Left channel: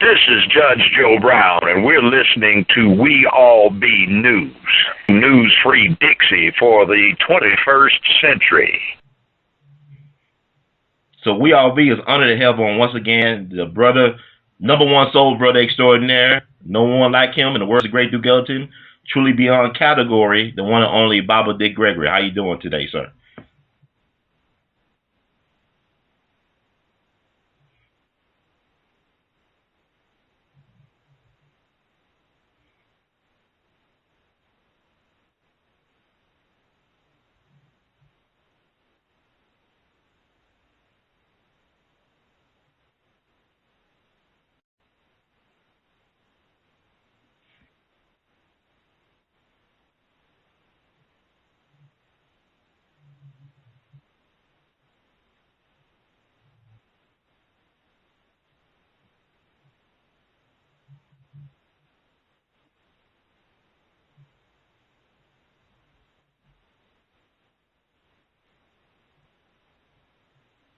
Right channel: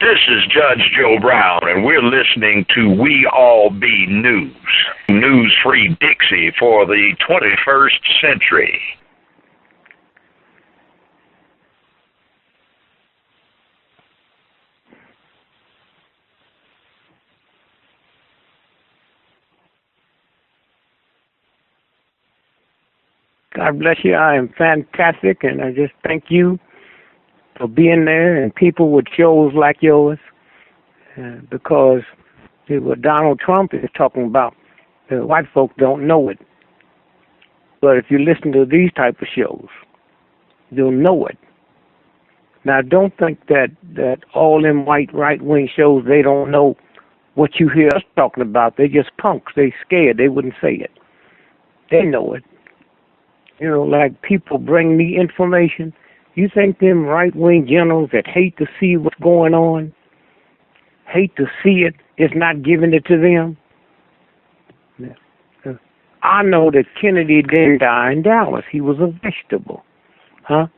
This is Judge Joe Brown, and we're listening to We All Be News, news-free Dixie for the 21st century. So We All Be is honored to have on once again the brother, number one soul brother extraordinaire, no one like him, in the words of great Duke Ellington, truly beyond category, the one and only Bible Dick Gregory. How you doing today, sir? God bless you. I am fantastic, and I just thank you for being there and people with shows like yours, because what Donald Trump is talking about, the white folk don't know it. But if you listen to these type of shows, you'll know it. Now, don't think that all them white right-wing shows, they don't know what you hear us talking about. They just punks. They scared. They wouldn't say it. They know it. You know, like people bring me information. You think them right-wing generals that hate to see what's going on, hate to see it, is not giving it to them? I know that Kennedy didn't die in Dallas. He was a vegetable. Huh?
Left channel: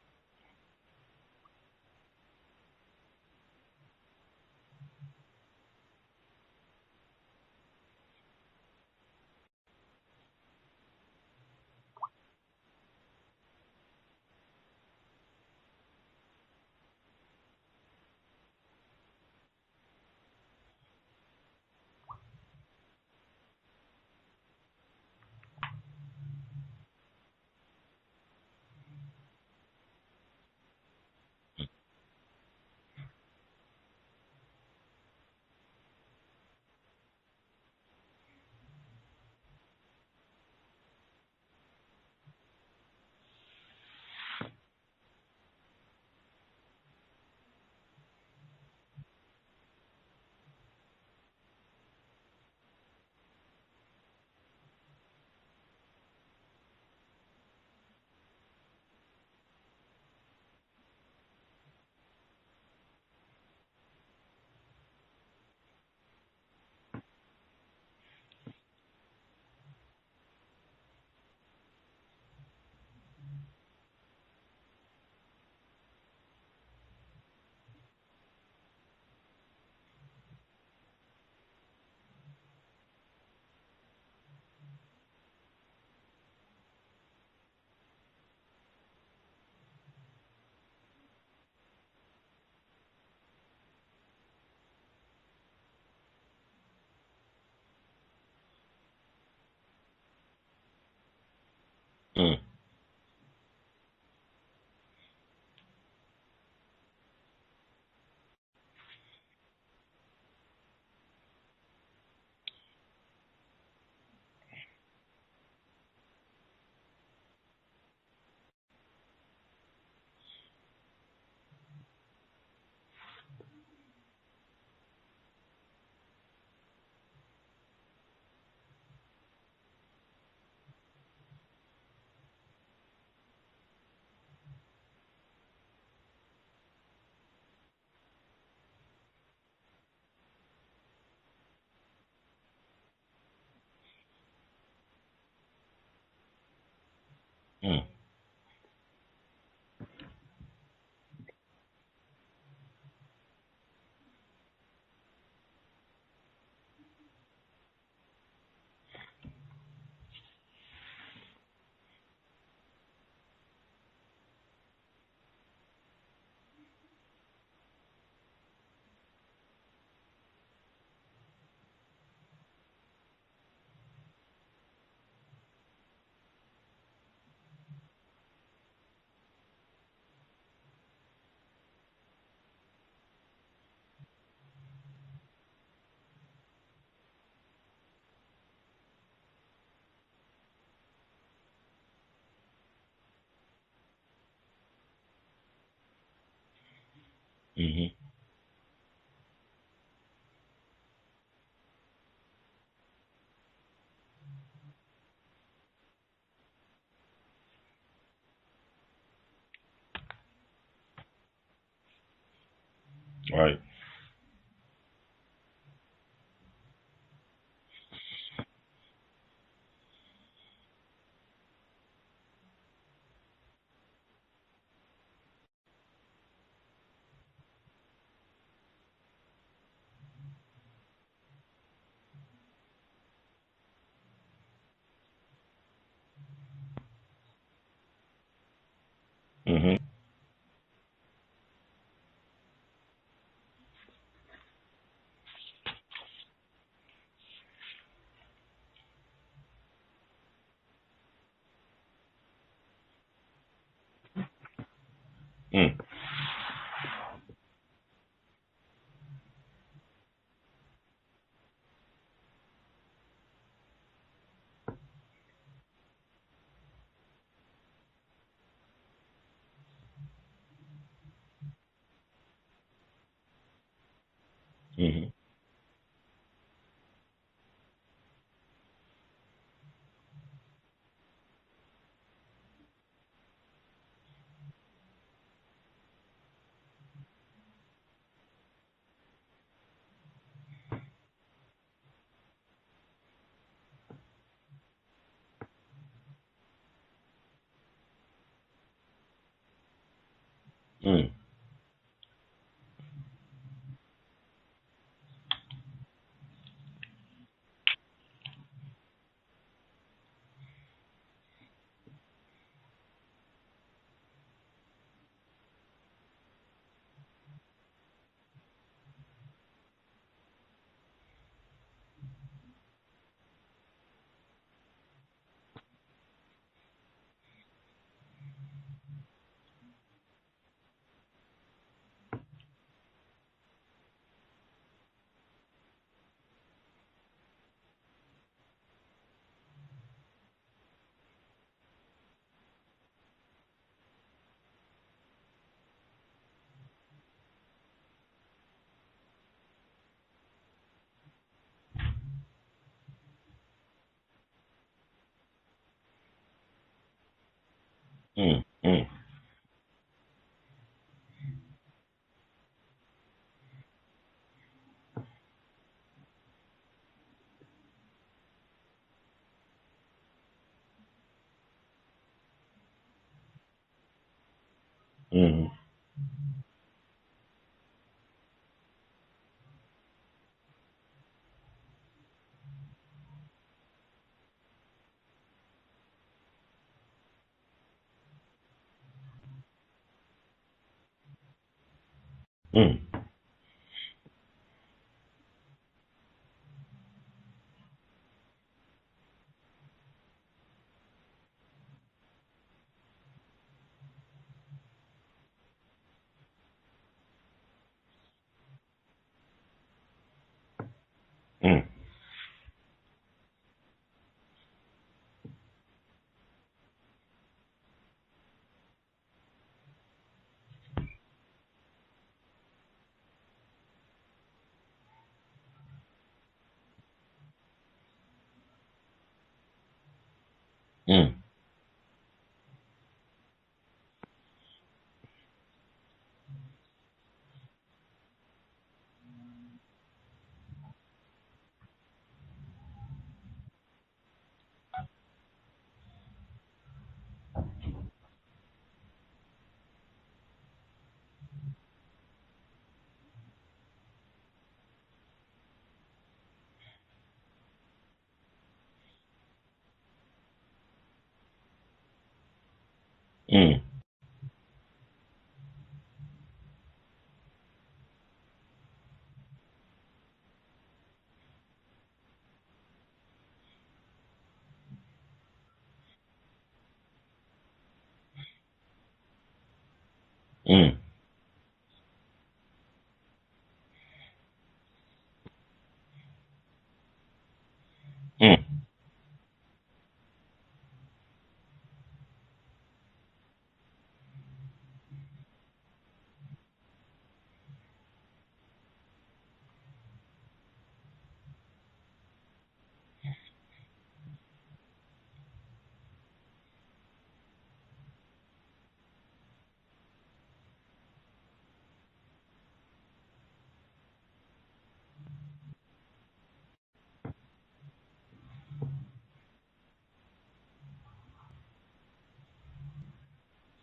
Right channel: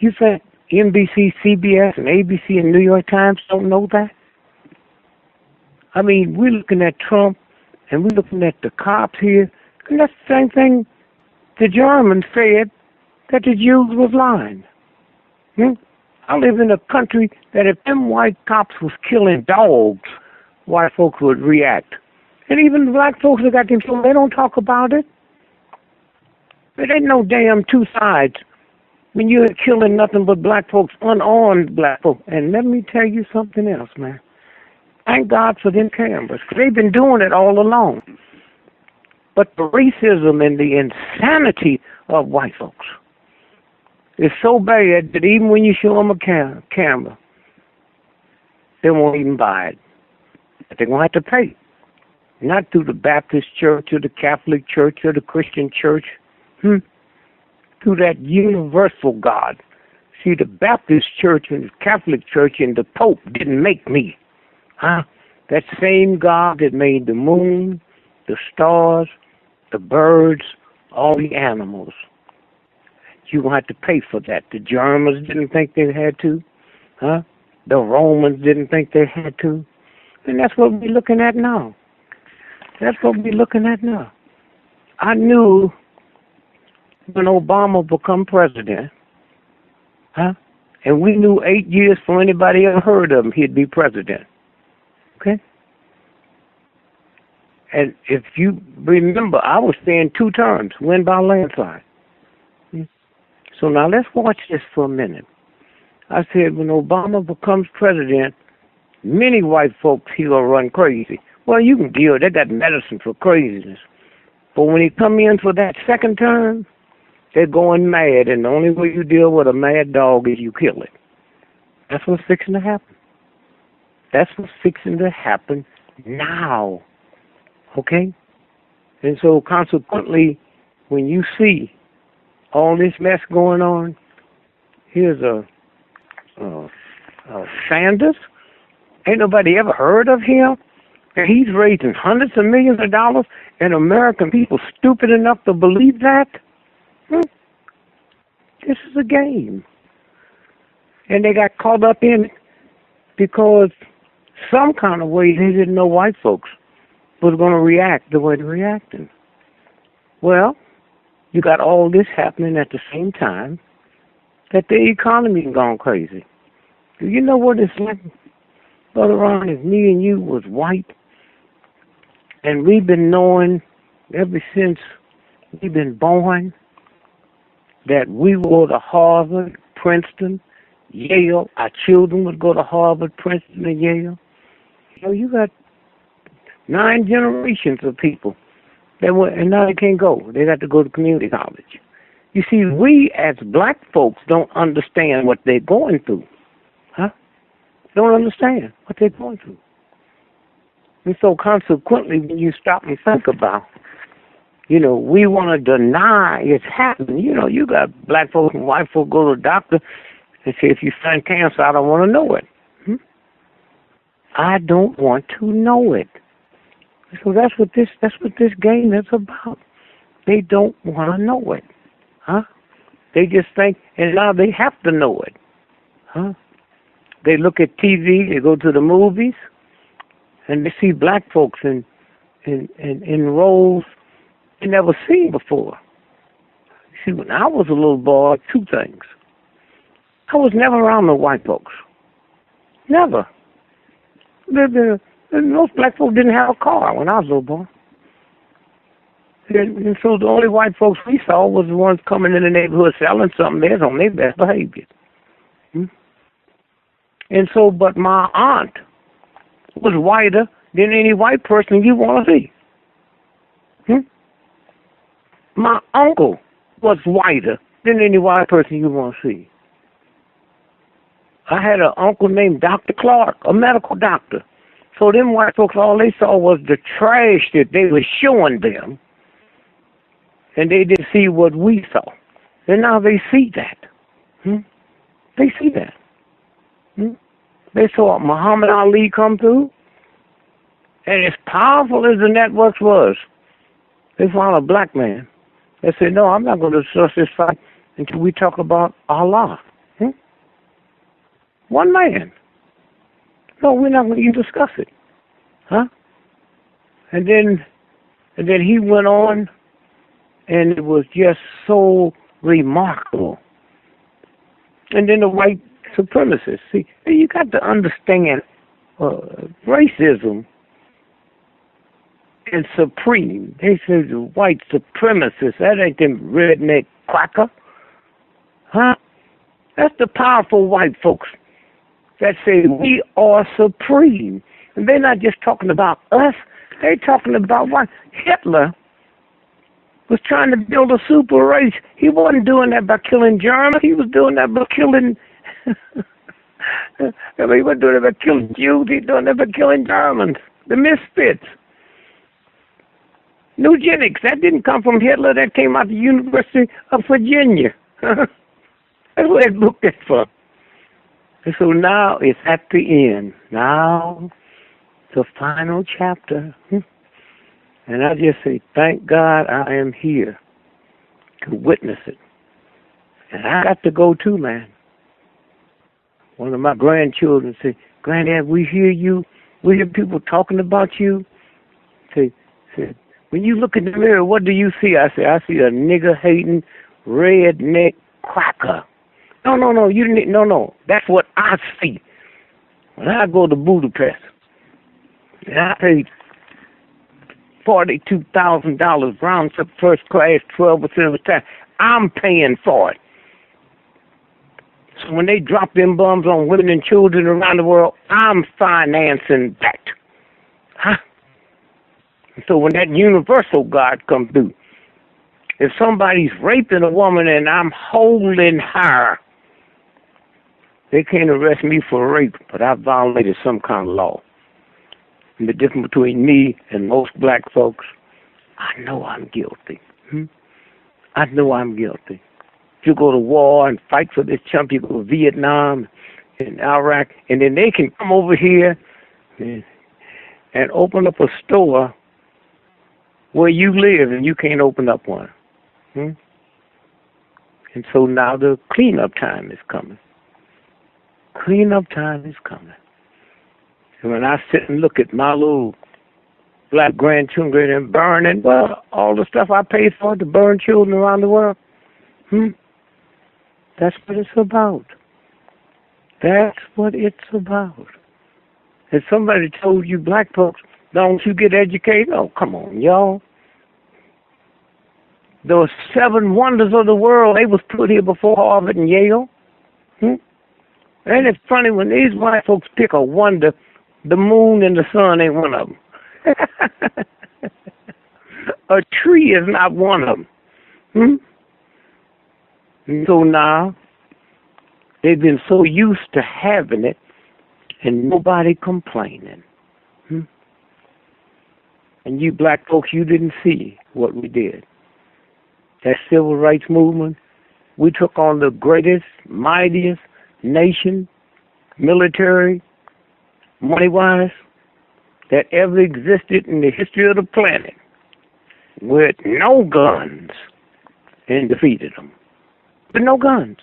You think NBC, CBS, and ABC and New York Times don't know that? I mean, we're looking at Trump, and we're looking at the cops here, and that's the same thing the Germans said, that the Jews was lying. I live in a country that if them white cops was killing dogs, white folks would react. And even the black folks that got them killed, they don't talk about it. There ain't no damn two sides when you're killing nothing but black folks, unarmed black folks. And let me tell you something else, man. Thank God for them cameras, because they've been doing it all along. But the racism and the insanity of white folks is so bad that even when you show them a camera, they won't even buy it. But they're going to have to pay. Not through the Baptist church or the Catholic church or the Christian church. Through that universal God. See, the Baptist church and the Catholic church and the Pope didn't make me. That same God that made the moon, the stars, the birds, all the animals. You're going to have to pay for that. The Germans didn't think they had to. The Romans didn't think they had to. And that's what we're looking at now. That's what we're looking at now. I knew when Obama become president, and we knew 8 years before anybody ever heard of him, he'd be president. Okay? And if you remember, I was saying 2 terms, win by landslide. So now let's watch this for a minute. I said when Obama becomes president, many white folks, he will run crazy. Well, you can deal. They got medicine for craziness. But when he come in for that second term, they're going mad. And the only way you deal with a mad dog is you kill it. That's what's fixing to happen. That's what's fixing to happen now. Okay? And so consequently, when you see all this mess going on, here's a Sanders. Ain't nobody ever heard of him. And he's raising hundreds of millions of dollars, and American people stupid enough to believe that? This is a game. And they got caught up in it because some kind of way they didn't know white folks was going to react the way they're reacting. Well, you got all this happening at the same time that the economy is gone crazy. Do you know what it's like, Brother Ron, if me and you was white, and we've been knowing ever since we've been born that we would go to Harvard, Princeton, Yale. Our children would go to Harvard, Princeton, and Yale. You know, you got 9 generations of people that went, and now they can't go. They got to go to community college. You see, we as black folks don't understand what they're going through. Don't understand what they're going through. And so consequently, when you stop and think about, you know, we want to deny it's happening. You know, you got black folks and white folks go to the doctor and say, if you find cancer, I don't want to know it. Right. I don't want to know it. So that's what this game is about. They don't want to know it. They just think, and now they have to know it. They look at TV, they go to the movies, and they see black folks in roles they never seen before. See, when I was a little boy, two things. Mm-hmm. I was never around no white folks. Never. Most black folks didn't have a car when I was a little boy. And so the only white folks we saw was the ones coming in the neighborhood selling something that's on their best behavior. Mm-hmm. And so, but my aunt was whiter than any white person you want to see. My uncle was whiter than any white person you want to see. I had an uncle named Dr. Clark, a medical doctor. Mm-hmm. So them white folks, all they saw was the trash that they were showing them, and they didn't see what we saw. And now they see that. They see that. They saw Muhammad Ali come through, and as powerful as the networks was, they found a black man. They said, no, I'm not going to discuss this fight until we talk about Allah. One man. No, we're not going to even discuss it. And then he went on, and it was just so remarkable. And then the white supremacists. See, you got to understand racism and supreme. They say the white supremacists. That ain't them redneck quacker. That's the powerful white folks that say we are supreme. And they're not just talking about us. They're talking about what Hitler was trying to build a super race. He wasn't doing that by killing Germans. He was doing that by killing... he wasn't doing it by killing Jews. He was doing that by killing Germans. The misfits. Eugenics, that didn't come from Hitler. That came out of the University of Virginia. That's what they looked at for. And so now it's at the end. Now, the final chapter. And I just say, thank God I am here to witness it. And I got to go too, man. One of my grandchildren said, Granddad, we hear you. We hear people talking about you. Say, when you look in the mirror, what do you see? I say, I see a nigger-hating, redneck cracker. No, you didn't. No, that's what I see. When I go to Budapest, and I paid $42,000 round trip first class, 12% of the time. I'm paying for it. So when they drop them bombs on women and children around the world, I'm financing that. So when that universal God comes through, if somebody's raping a woman and I'm holding her, they can't arrest me for rape, but I violated some kind of law. And the difference between me and most black folks, I know I'm guilty. I know I'm guilty. If you go to war and fight for this chump, you go to Vietnam and Iraq, and then they can come over here and open up a store where you live and you can't open up one. And so now the cleanup time is coming. Cleanup time is coming. And when I sit and look at my little black grandchildren and burning, well, all the stuff I paid for to burn children around the world, that's what it's about. That's what it's about. If somebody told you black folks, don't you get educated? Oh, come on, y'all. Those 7 wonders of the world, they was put here before Harvard and Yale. And it's funny when these white folks pick a wonder, the moon and the sun ain't one of them. A tree is not one of them. And so now, they've been so used to having it and nobody complaining. And you black folks, you didn't see what we did. That civil rights movement, we took on the greatest, mightiest nation, military, money-wise, that ever existed in the history of the planet with no guns and defeated them. With no guns.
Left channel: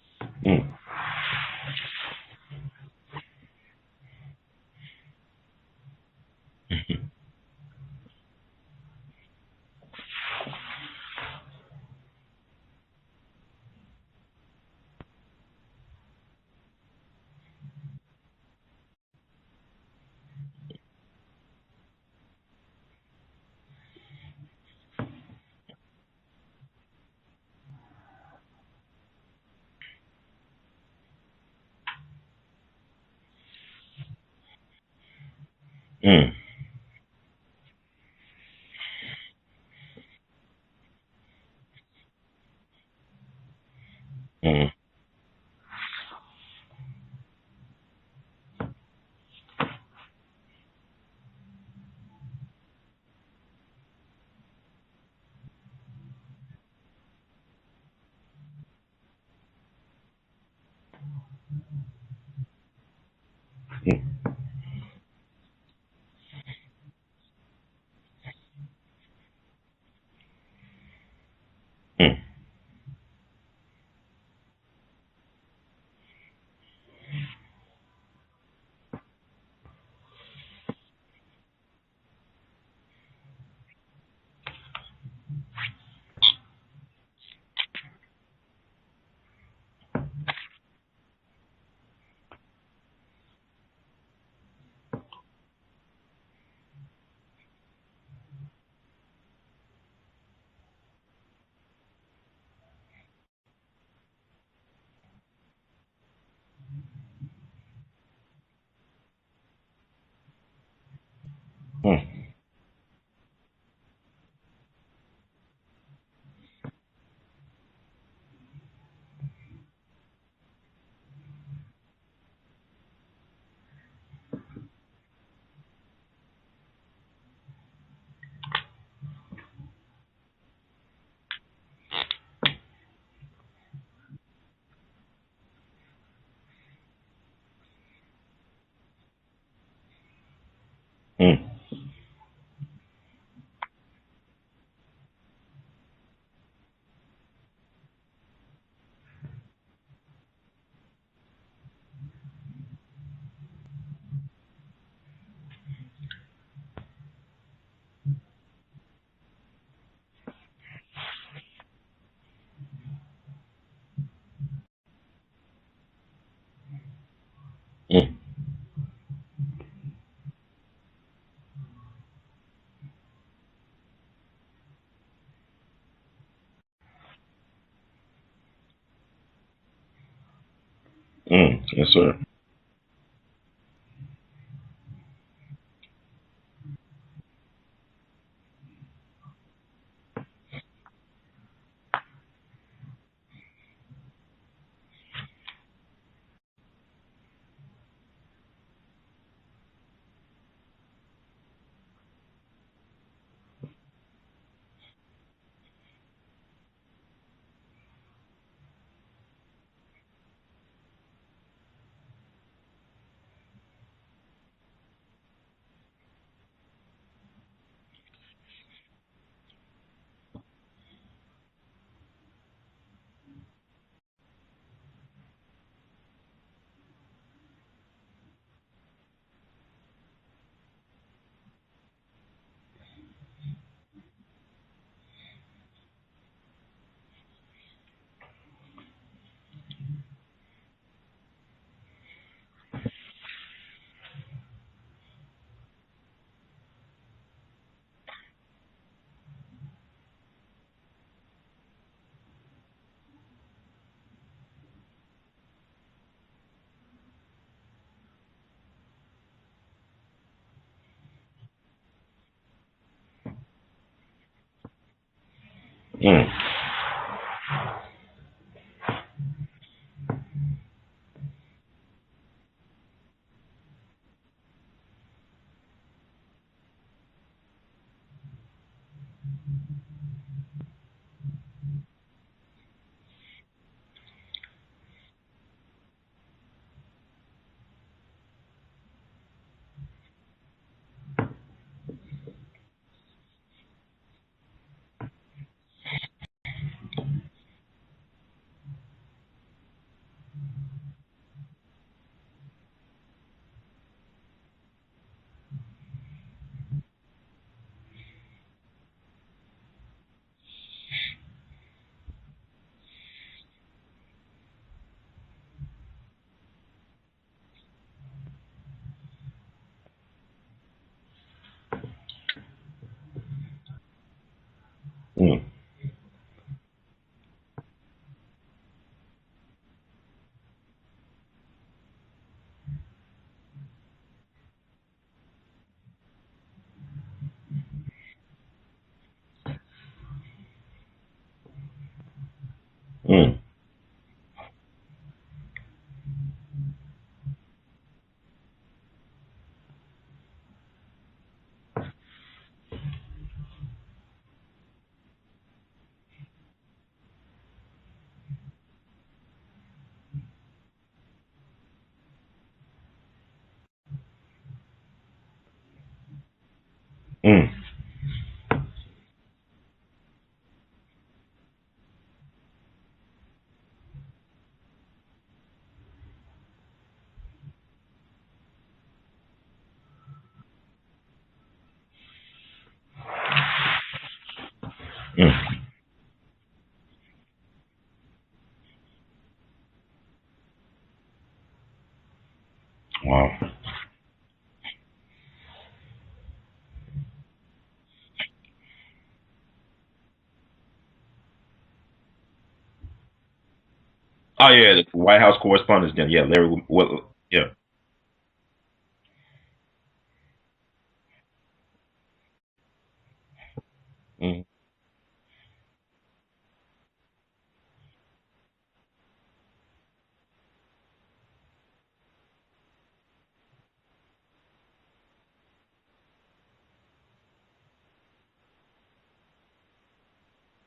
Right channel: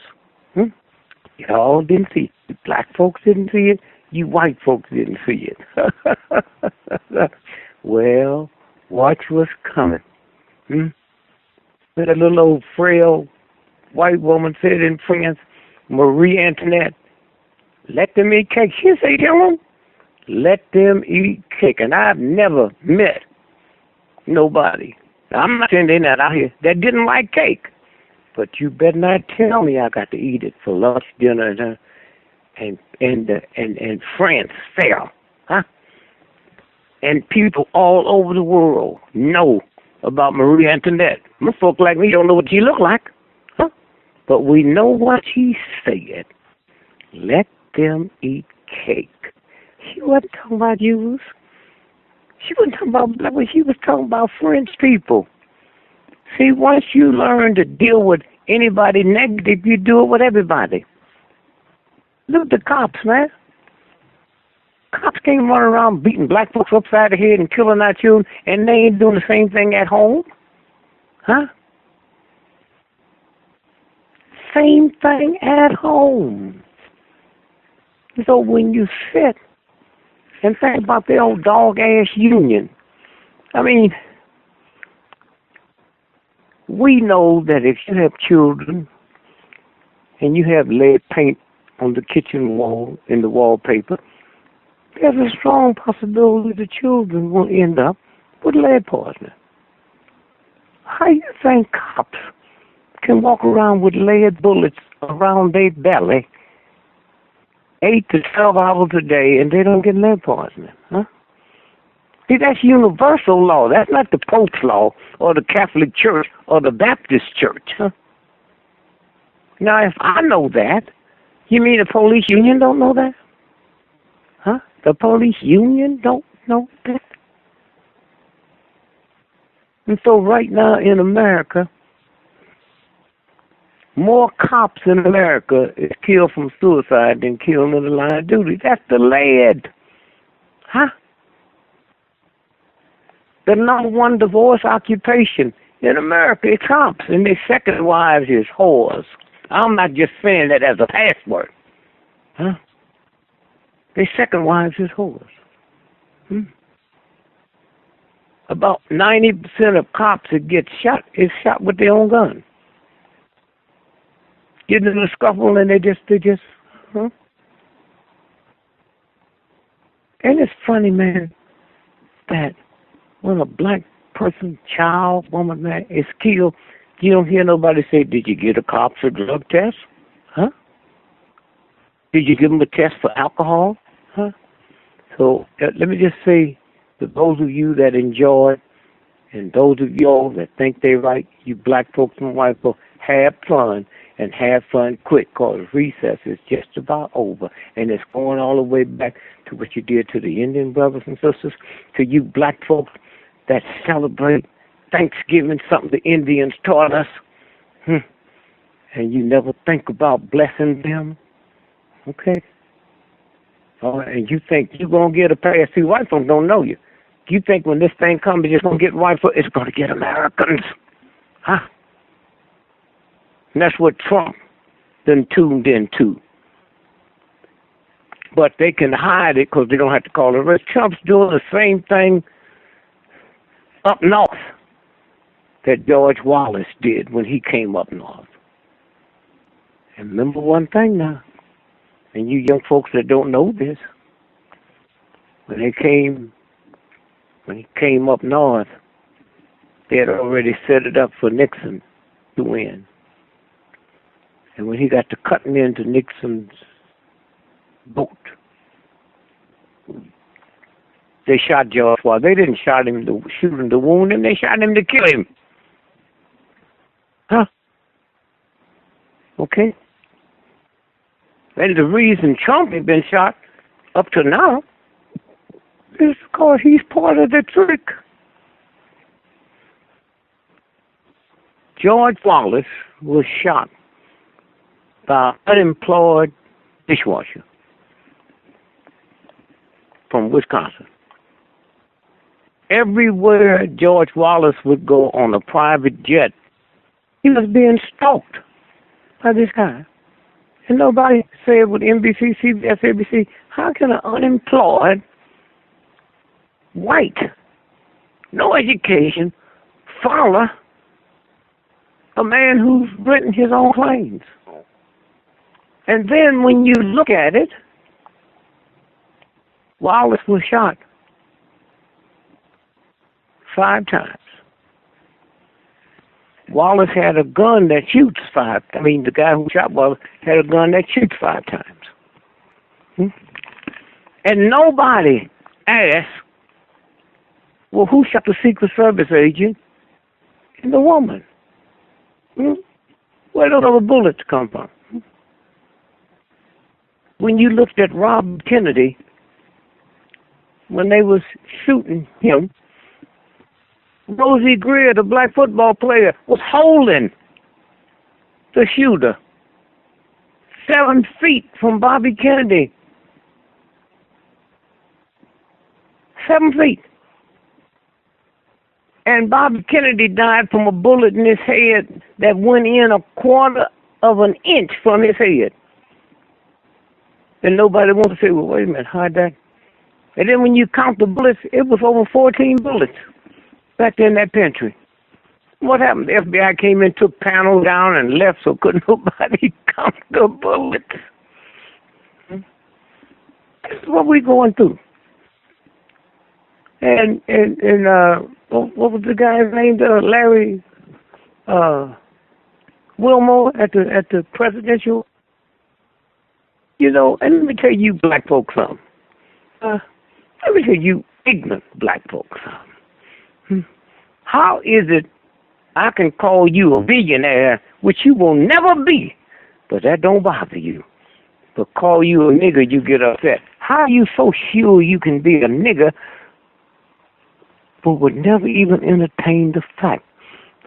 Y'all didn't see it. Black folks didn't see it. You white folks didn't see it. Well, watch what's coming. That little old frail white woman said in France, Marie Antoinette, let them eat cake. She say, Dylan, let them eat cake. And I've never met nobody, I'm not saying they're not out here, that didn't like cake. But you better not tell me I got to eat it for lunch, dinner, and France fair, huh? And people all over the world know about Marie Antoinette. Most folk like me don't know what she looked like, huh? But we know what she said. Let them eat cake. She wasn't talking about Jews. She wasn't talking about black people. She was talking about French people. See, once you learn to deal with anybody negative, you do it with everybody. Look at the cops, man. Cops can't run around beating black folks upside the head and killing our children, and they ain't doing the same thing at home. Huh? Same thing at home. So when you sit and think about the old dog-ass union, I mean, we know that if you have children and you have lead paint on the kitchen wall, in the wallpaper, there's a strong possibility the children will end up with lead poisoning. How you think cops can walk around with lead bullets around their belly 8 to 12 hours a day and they don't get lead poisoning? Huh? See, that's universal law. That's not the Pope's law or the Catholic Church or the Baptist Church. Huh? Now, if I know that, you mean the police union don't know that? Huh? The police union don't know that? And so right now in America, more cops in America is killed from suicide than killed in the line of duty. That's the lead. Huh? The number one divorce occupation in America is cops, and their second wives is whores. I'm not just saying that as a password. Huh? Their second wives is whores. About 90% of cops that get shot is shot with their own gun. Getting in a scuffle and they just, huh? And it's funny, man, that when a black person, child, woman, man, is killed, you don't hear nobody say, did you get a cops or drug test? Huh? Yes, sir. Did you give them a test for alcohol? Huh? So let me just say to those of you that enjoy and those of y'all that think they're right, you black folks and white folks, have fun and have fun quick, because recess is just about over. And it's going all the way back to what you did to the Indian brothers and sisters, to you black folks that celebrate Thanksgiving, something the Indians taught us, and you never think about blessing them, okay? And you think you're going to get a pass. See, white folks don't know you. You think when this thing comes, it's just going to get white folks, it's going to get Americans. Huh? And that's what Trump then tuned into. But they can hide it because they don't have to call it race. Trump's doing the same thing up north that George Wallace did when he came up north. And remember one thing now, and you young folks that don't know this, when he came up north, they had already set it up for Nixon to win. And when he got to cutting into Nixon's boat, they shot George Wallace. They didn't shoot him to wound him. They shot him to kill him. Huh? Okay? And the reason Trump had been shot up to now is because he's part of the trick. George Wallace was shot by an unemployed dishwasher from Wisconsin. Everywhere George Wallace would go on a private jet, he was being stalked by this guy. And nobody said with NBC, CBS, ABC, how can an unemployed, white, no education, follow a man who's written his own claims? And then when you look at it, Wallace was shot 5 times. Mm. Wallace had a gun that shoots 5. I mean, the guy who shot Wallace had a gun that shoots 5 times. Hmm? And nobody asked, well, who shot the Secret Service agent and the woman? Hmm? Mm. Where did all the bullets come from? When you looked at Robert Kennedy, when they was shooting him, Rosie Greer, the black football player, was holding the shooter 7 feet from Bobby Kennedy. 7 feet. Mm. And Bobby Kennedy died from a bullet in his head that went in 1/4 of an inch from his head. And nobody wants to say, well, wait a minute, how'd that? And then when you count the bullets, it was over 14 bullets back in that pantry. Mm. What happened? The FBI came in, took panels down, and left, so couldn't nobody count the bullets. Wow. This is what we're going through. And what was the guy's name? Larry Wilmore at the presidential. Oh, yeah, White House correspondence. Yeah, Larry Wilmore. You know, and yeah. let me tell you black folks something. Let me tell you ignorant black folks something. Mm. How is it I can call you a billionaire, which you will never be, but that don't bother you? But call you a nigger, you get upset. How are you so sure you can be a nigger, but would never even entertain the fact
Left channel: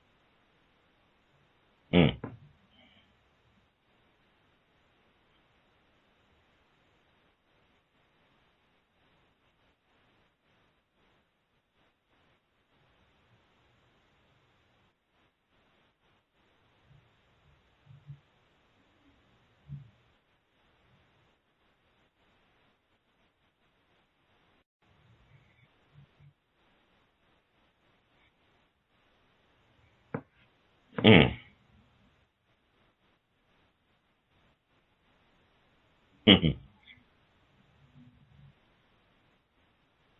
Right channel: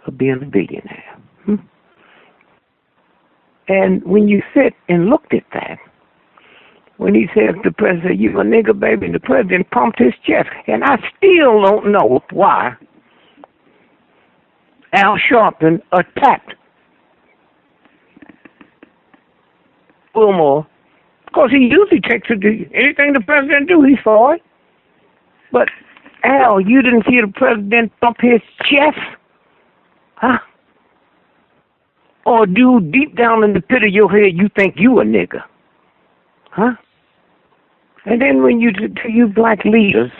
of being a billionaire? Mm. And when you sit and looked at that, when he said to the president, you a nigger, baby, and the president pumped his chest. And I still don't know why Al Sharpton attacked Wilmore. Because he usually takes it to anything the president do, he's for it. But, Al, you didn't see the president pump his chest? Huh? Mm. Or do deep down in the pit of your head you think you a nigger? Mm-hmm. Huh? And then when you, to you black leaders,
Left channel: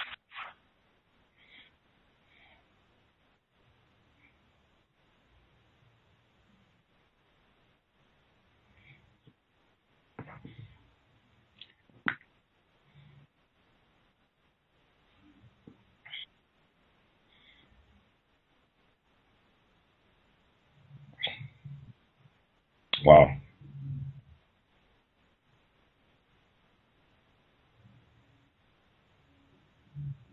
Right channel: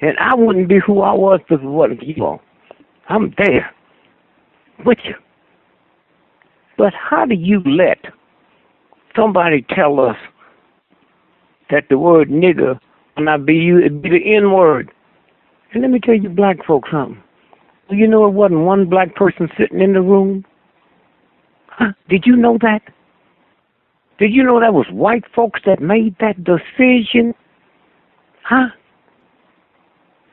and I wouldn't be who I was if it wasn't for you all. I'm there with you. But how do you let somebody tell us that the word nigger will not be used, it'd be the N word? And let me tell you black folks something. Well, you know it wasn't one black person sitting in the room? Huh? Did you know that? Wow. Did you know that was white folks that made that decision? Huh?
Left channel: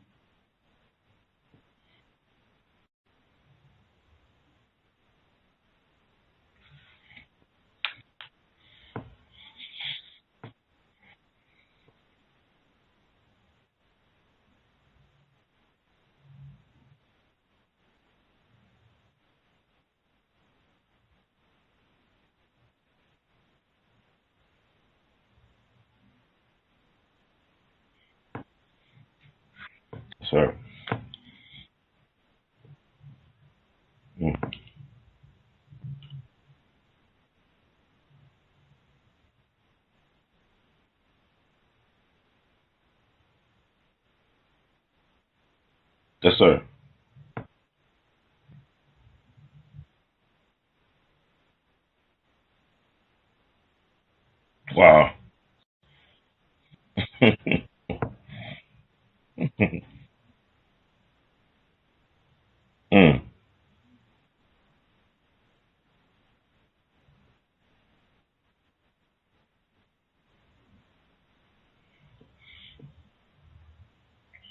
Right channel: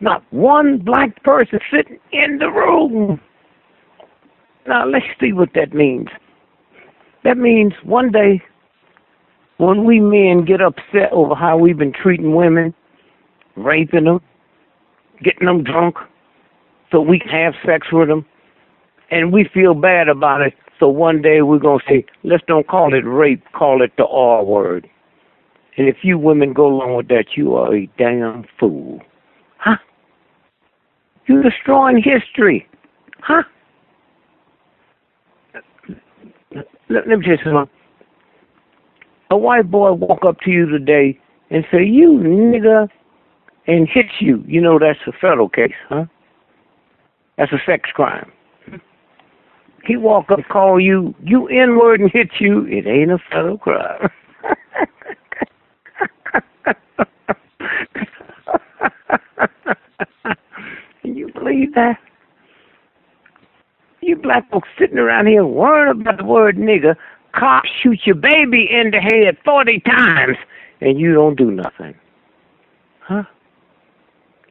Not one black person sitting in the room. Now, let's see what that means. That means one day, when we men get upset over how we've been treating women, raping them, getting them drunk, so we can have sex with them, and we feel bad about it, so one day we're going to say, let's don't call it rape, call it the R word. And if you women go along with that, you are a damn fool. Huh? Sir. You're destroying history. Huh? Mm. Let me tell you something. A white boy walk up to you today and say, you nigga, and hit you. You know that's a federal case, huh? Yes, sir. That's a sex crime. He walk up, call you N-word and hit you. It ain't a federal crime. Wow. Can you believe that? Mm. You black folks sitting around here worrying about the word nigger, cops shoot your baby in the head 40 times, and you don't do nothing. Huh?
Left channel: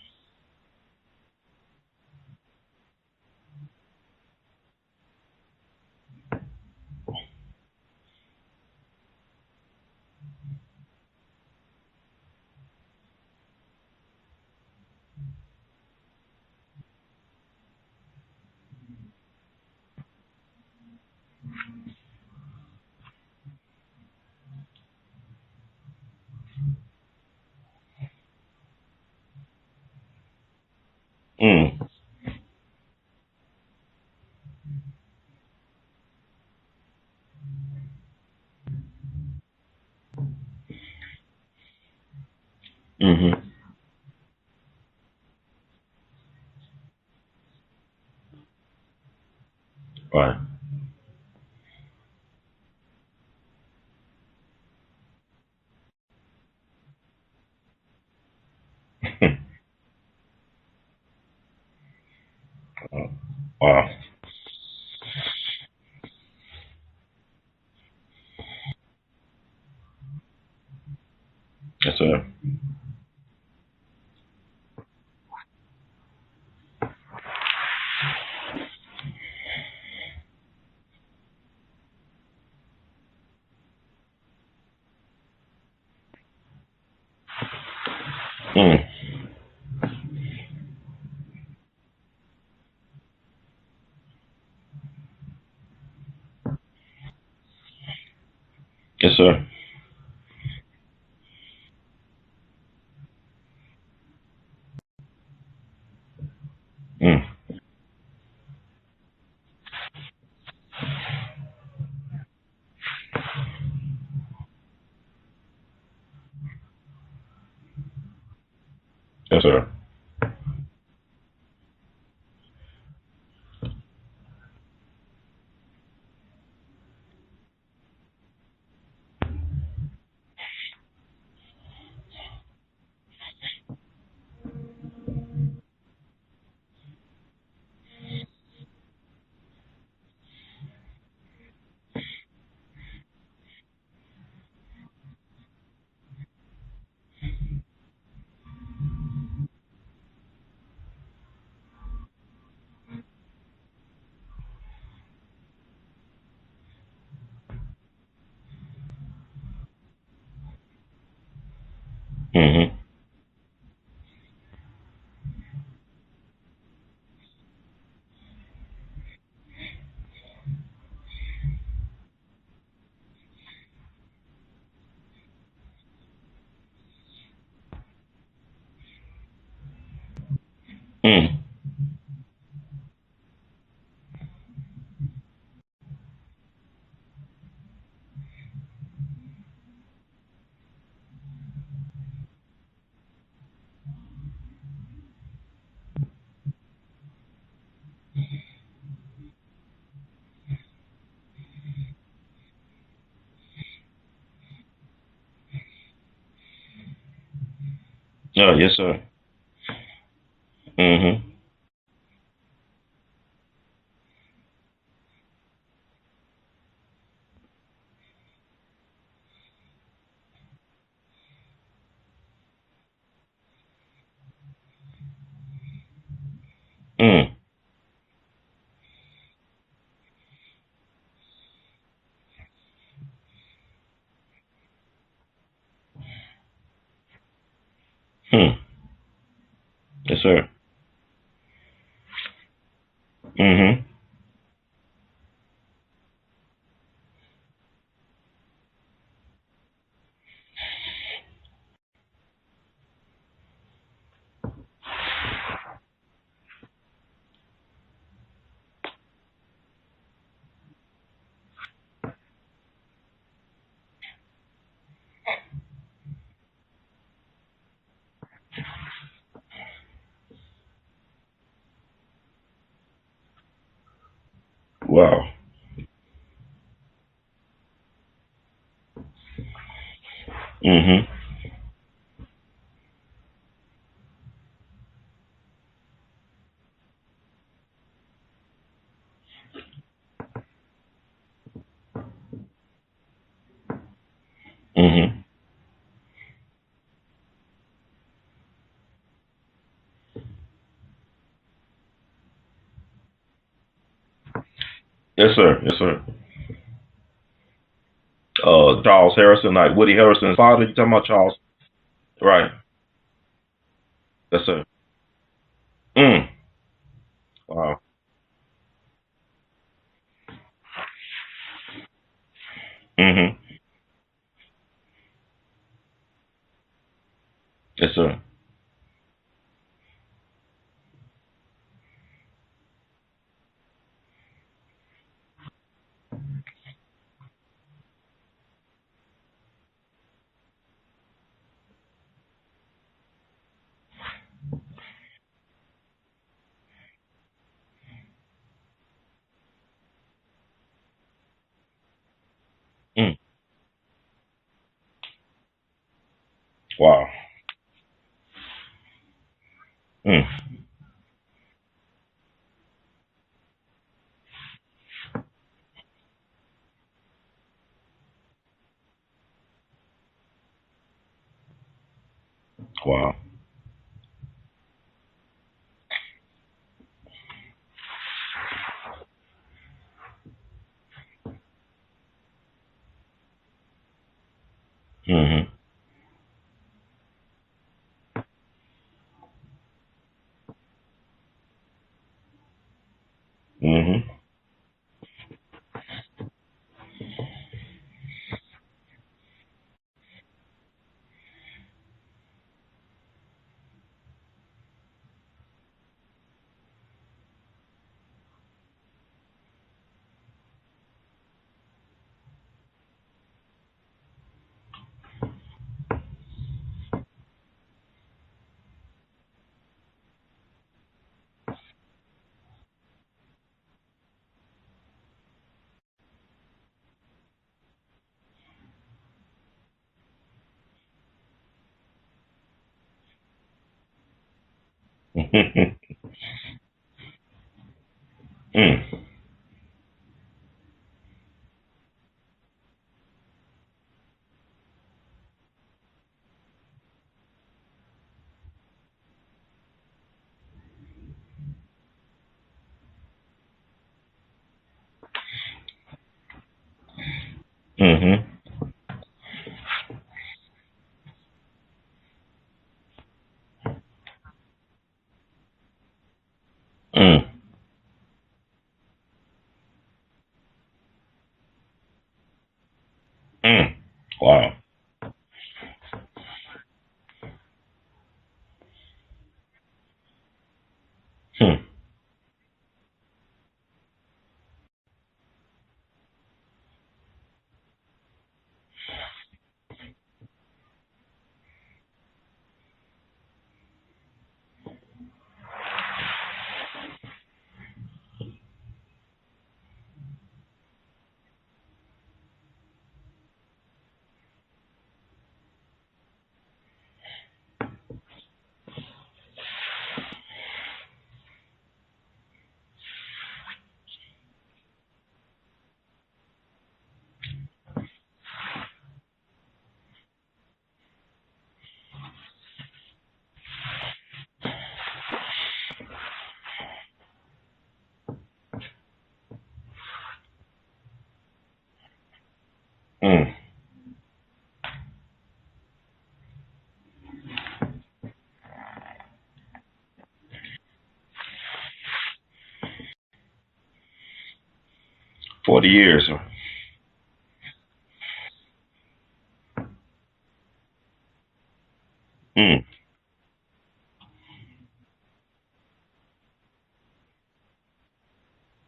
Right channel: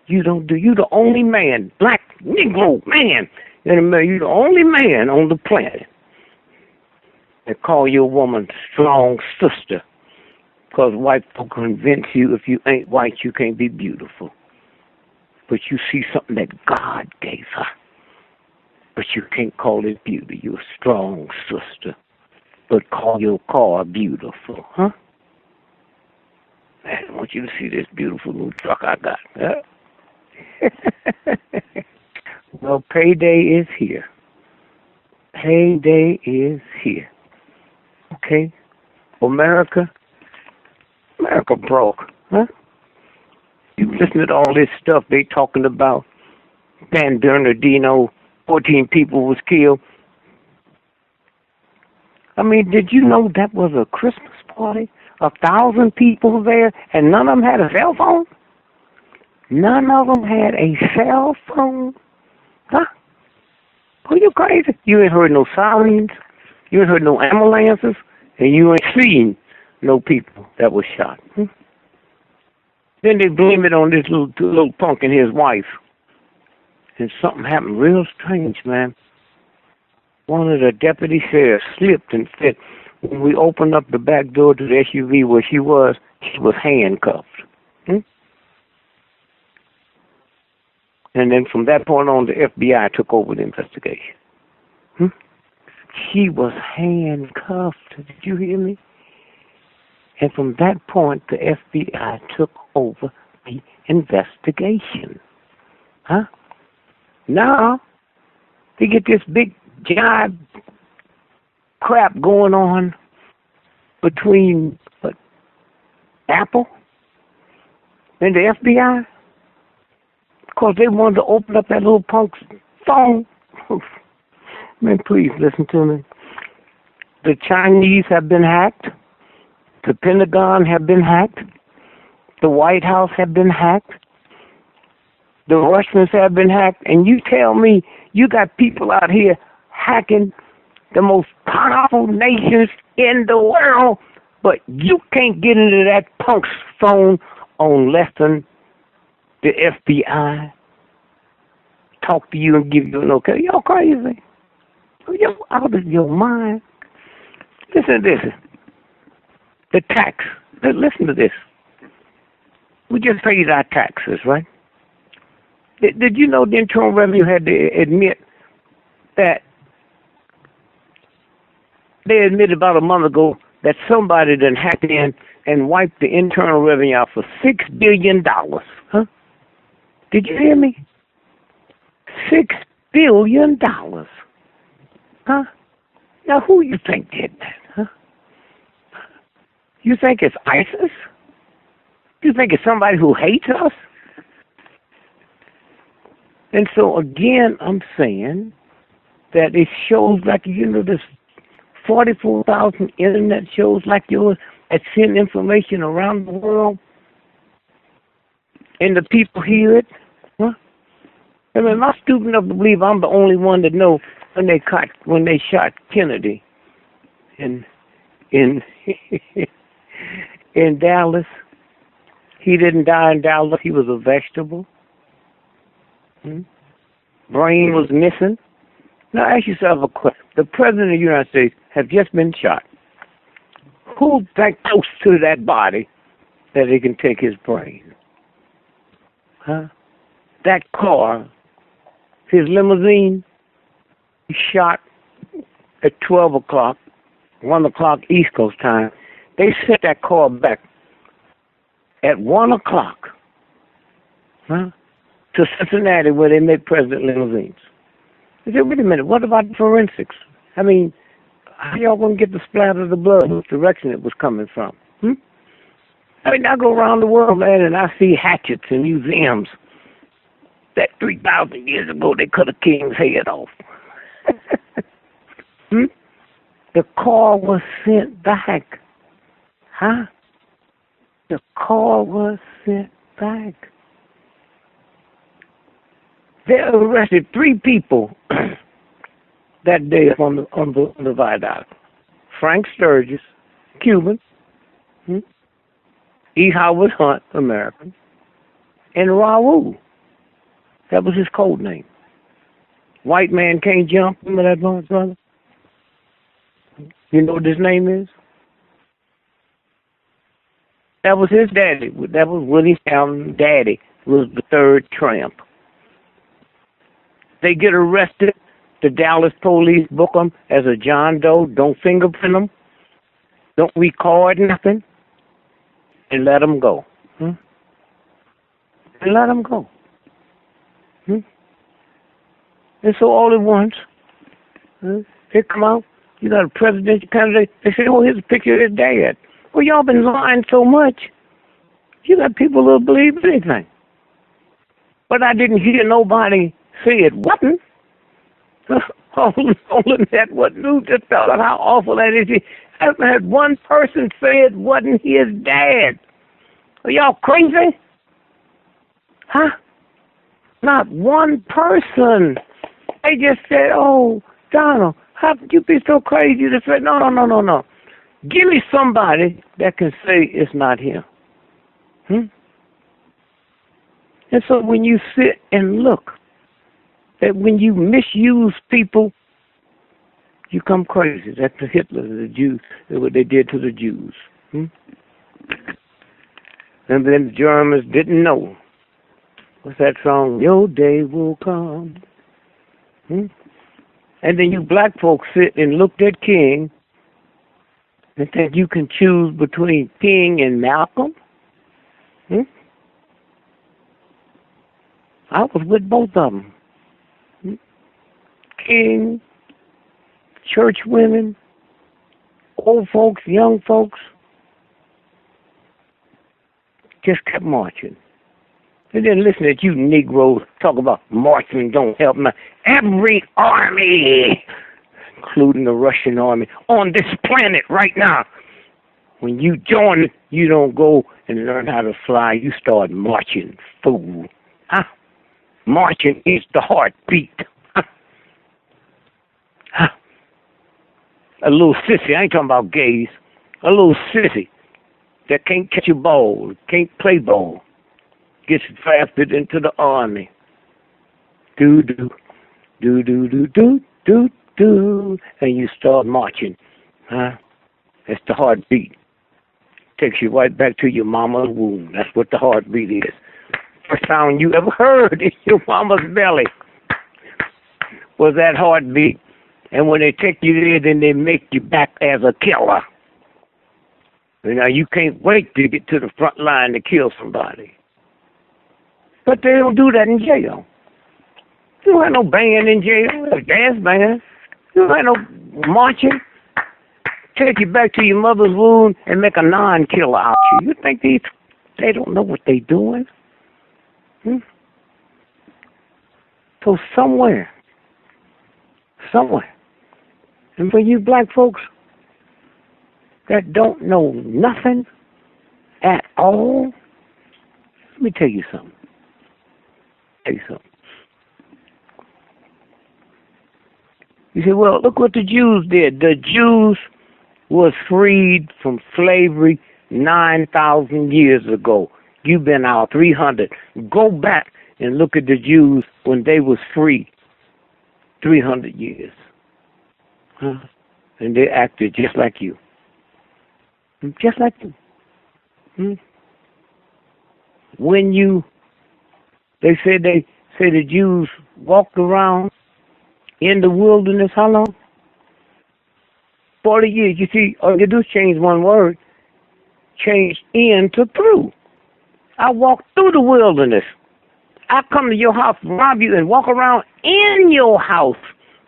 You the only man, black Negro man, you're the only man on the planet that call your woman strong sister. Because white folk convince you if you ain't white, you can't be beautiful. But you see something that God gave her. But you can't call it beauty. You're a strong sister. but call your car beautiful, huh? Man, I want you to see this beautiful new truck I got. Well, payday is here. Payday is here. Okay? America broke, huh? Mm-hmm. You listen to all this stuff they talking about. San Bernardino, 14 people was killed. Right. I mean, did you know that was a Christmas party? 1,000 people there, and none of them had a cell phone? None of them had a cell phone? Huh? Wow. Are you crazy? You ain't heard no sirens. You ain't heard no ambulances. And you ain't seen no people that was shot. Yes, sir. Then they blame it on this little punk and his wife. And something happened real strange, man. One of the deputy sheriffs slipped and said, when we opened up the back door to the SUV where she was handcuffed. And then from that point on, the FBI took over the investigation. She was handcuffed. Did you hear me? Yes, sir. And from that point, the FBI took over the investigation. Huh? Now, they get this big, giant crap going on between Apple and the FBI. Yes, sir. Because they wanted to open up that little punk's phone. Man, please listen to me. The Chinese have been hacked. The Pentagon have been hacked. The White House have been hacked. The Russians have been hacked. And you tell me you got people out here hacking the most powerful nations in the world, but you can't get into that punk's phone on less than the FBI talk to you and give you an okay. Y'all crazy. You're out of your mind. Listen to this. The tax. Listen to this. We just paid our taxes, right? Did you know the Internal Revenue had to admit that they admitted about a month ago that somebody done hacked in and wiped the Internal Revenue out for $6 billion. Huh? Did you hear me? $6 billion. Huh? Now, who you think did that? Huh? You think it's ISIS? You think it's somebody who hates us? And so, again, I'm saying that it shows like, there's 44,000 internet shows like yours that send information around the world. Oh, yes, sir. And the people hear it. Huh? I mean, am I stupid enough to believe I'm the only one that know when they shot Kennedy in Dallas? He didn't die in Dallas. He was a vegetable. Brain was missing. Now ask yourself a question. The President of the United States has just been shot. Who's that close to that body that he can take his brain? Huh? Yes, sir. That car, his limousine, he shot at 12 o'clock, 1 o'clock East Coast time. They sent that car back at 1 o'clock to Cincinnati where they make president limousines. I said, wait a minute, what about forensics? I mean, how y'all going to get the splatter of the blood, which direction it was coming from? I mean, I go around the world, man, and I see hatchets in museums that 3,000 years ago they cut a king's head off. Wow. The car was sent back. Huh? The car was sent back. They arrested 3 people that day on the viaduct. Frank Sturgis, Cuban. E. Howard Hunt, American. And Raul. That was his code name. White man can't jump. Remember that, brother? Yes, sir. Yes, sir. You know what his name is? Charles Harrison, like Woody Harrison's father. You talking about that Charles? Was his daddy. That was Woody Harrison's daddy. Was the third tramp. They get arrested The Dallas police book them as a John Doe. Don't fingerprint them. Mm-hmm. Don't record nothing. And let them go. Yes, sir. And let them go. And so all at once, they come out. You got a presidential candidate. They say, oh, here's a picture of his dad. Well, y'all been lying so much. You got people who'll believe anything. But I didn't hear nobody say it wasn't. All that what news just tell us how awful that is. I haven't had one person say it wasn't his dad. Wow. Are y'all crazy? Huh? Mm. Not one person. They just said, oh, Donald, how could you be so crazy to say, no. Give me somebody that can say it's not him. Wow. And so when you sit and look, that when you misuse people, you come crazy. That's the Hitler, the Jews, what they did to the Jews. Mm-hmm. And then the Germans didn't know. What's that song? Your day will come. Mm-hmm. And then you black folks sit and look at King and think you can choose between King and Malcolm. I was with both of them. King, church women, old folks, young folks, just kept marching. And then listen to you Negroes talk about marching don't help me. Every army, including the Russian army, on this planet right now, when you join it, you don't go and learn how to fly. You start marching, fool. Huh? Marching is the heartbeat. Huh? A little sissy, I ain't talking about gays, a little sissy that can't catch a ball, can't play ball, gets drafted into the army. Do, and you start marching. Huh? It's the heartbeat. Takes you right back to your mama's womb. That's what the heartbeat is. First sound you ever heard in your mama's belly was that heartbeat. And when they take you there, then they make you back as a killer. Wow. You know, you can't wait to get to the front line to kill somebody. But they don't do that in jail. You don't have no band in jail, a dance band. You don't have no marching. Take you back to your mother's womb and make a non-killer out of you. You think they don't know what they're doing? So somewhere, and for you black folks that don't know nothing at all, let me tell you something. You say, well, look what the Jews did. The Jews was freed from slavery 9,000 years ago. You've been out 300. Go back and look at the Jews when they was free 300 years. And they acted just like you. Just like you. When they say the Jews walked around in the wilderness, how long? 40 years. 40 years. You see, all you do is change one word. Change in to through. I walk through the wilderness. I come to your house, rob you, and walk around in your house.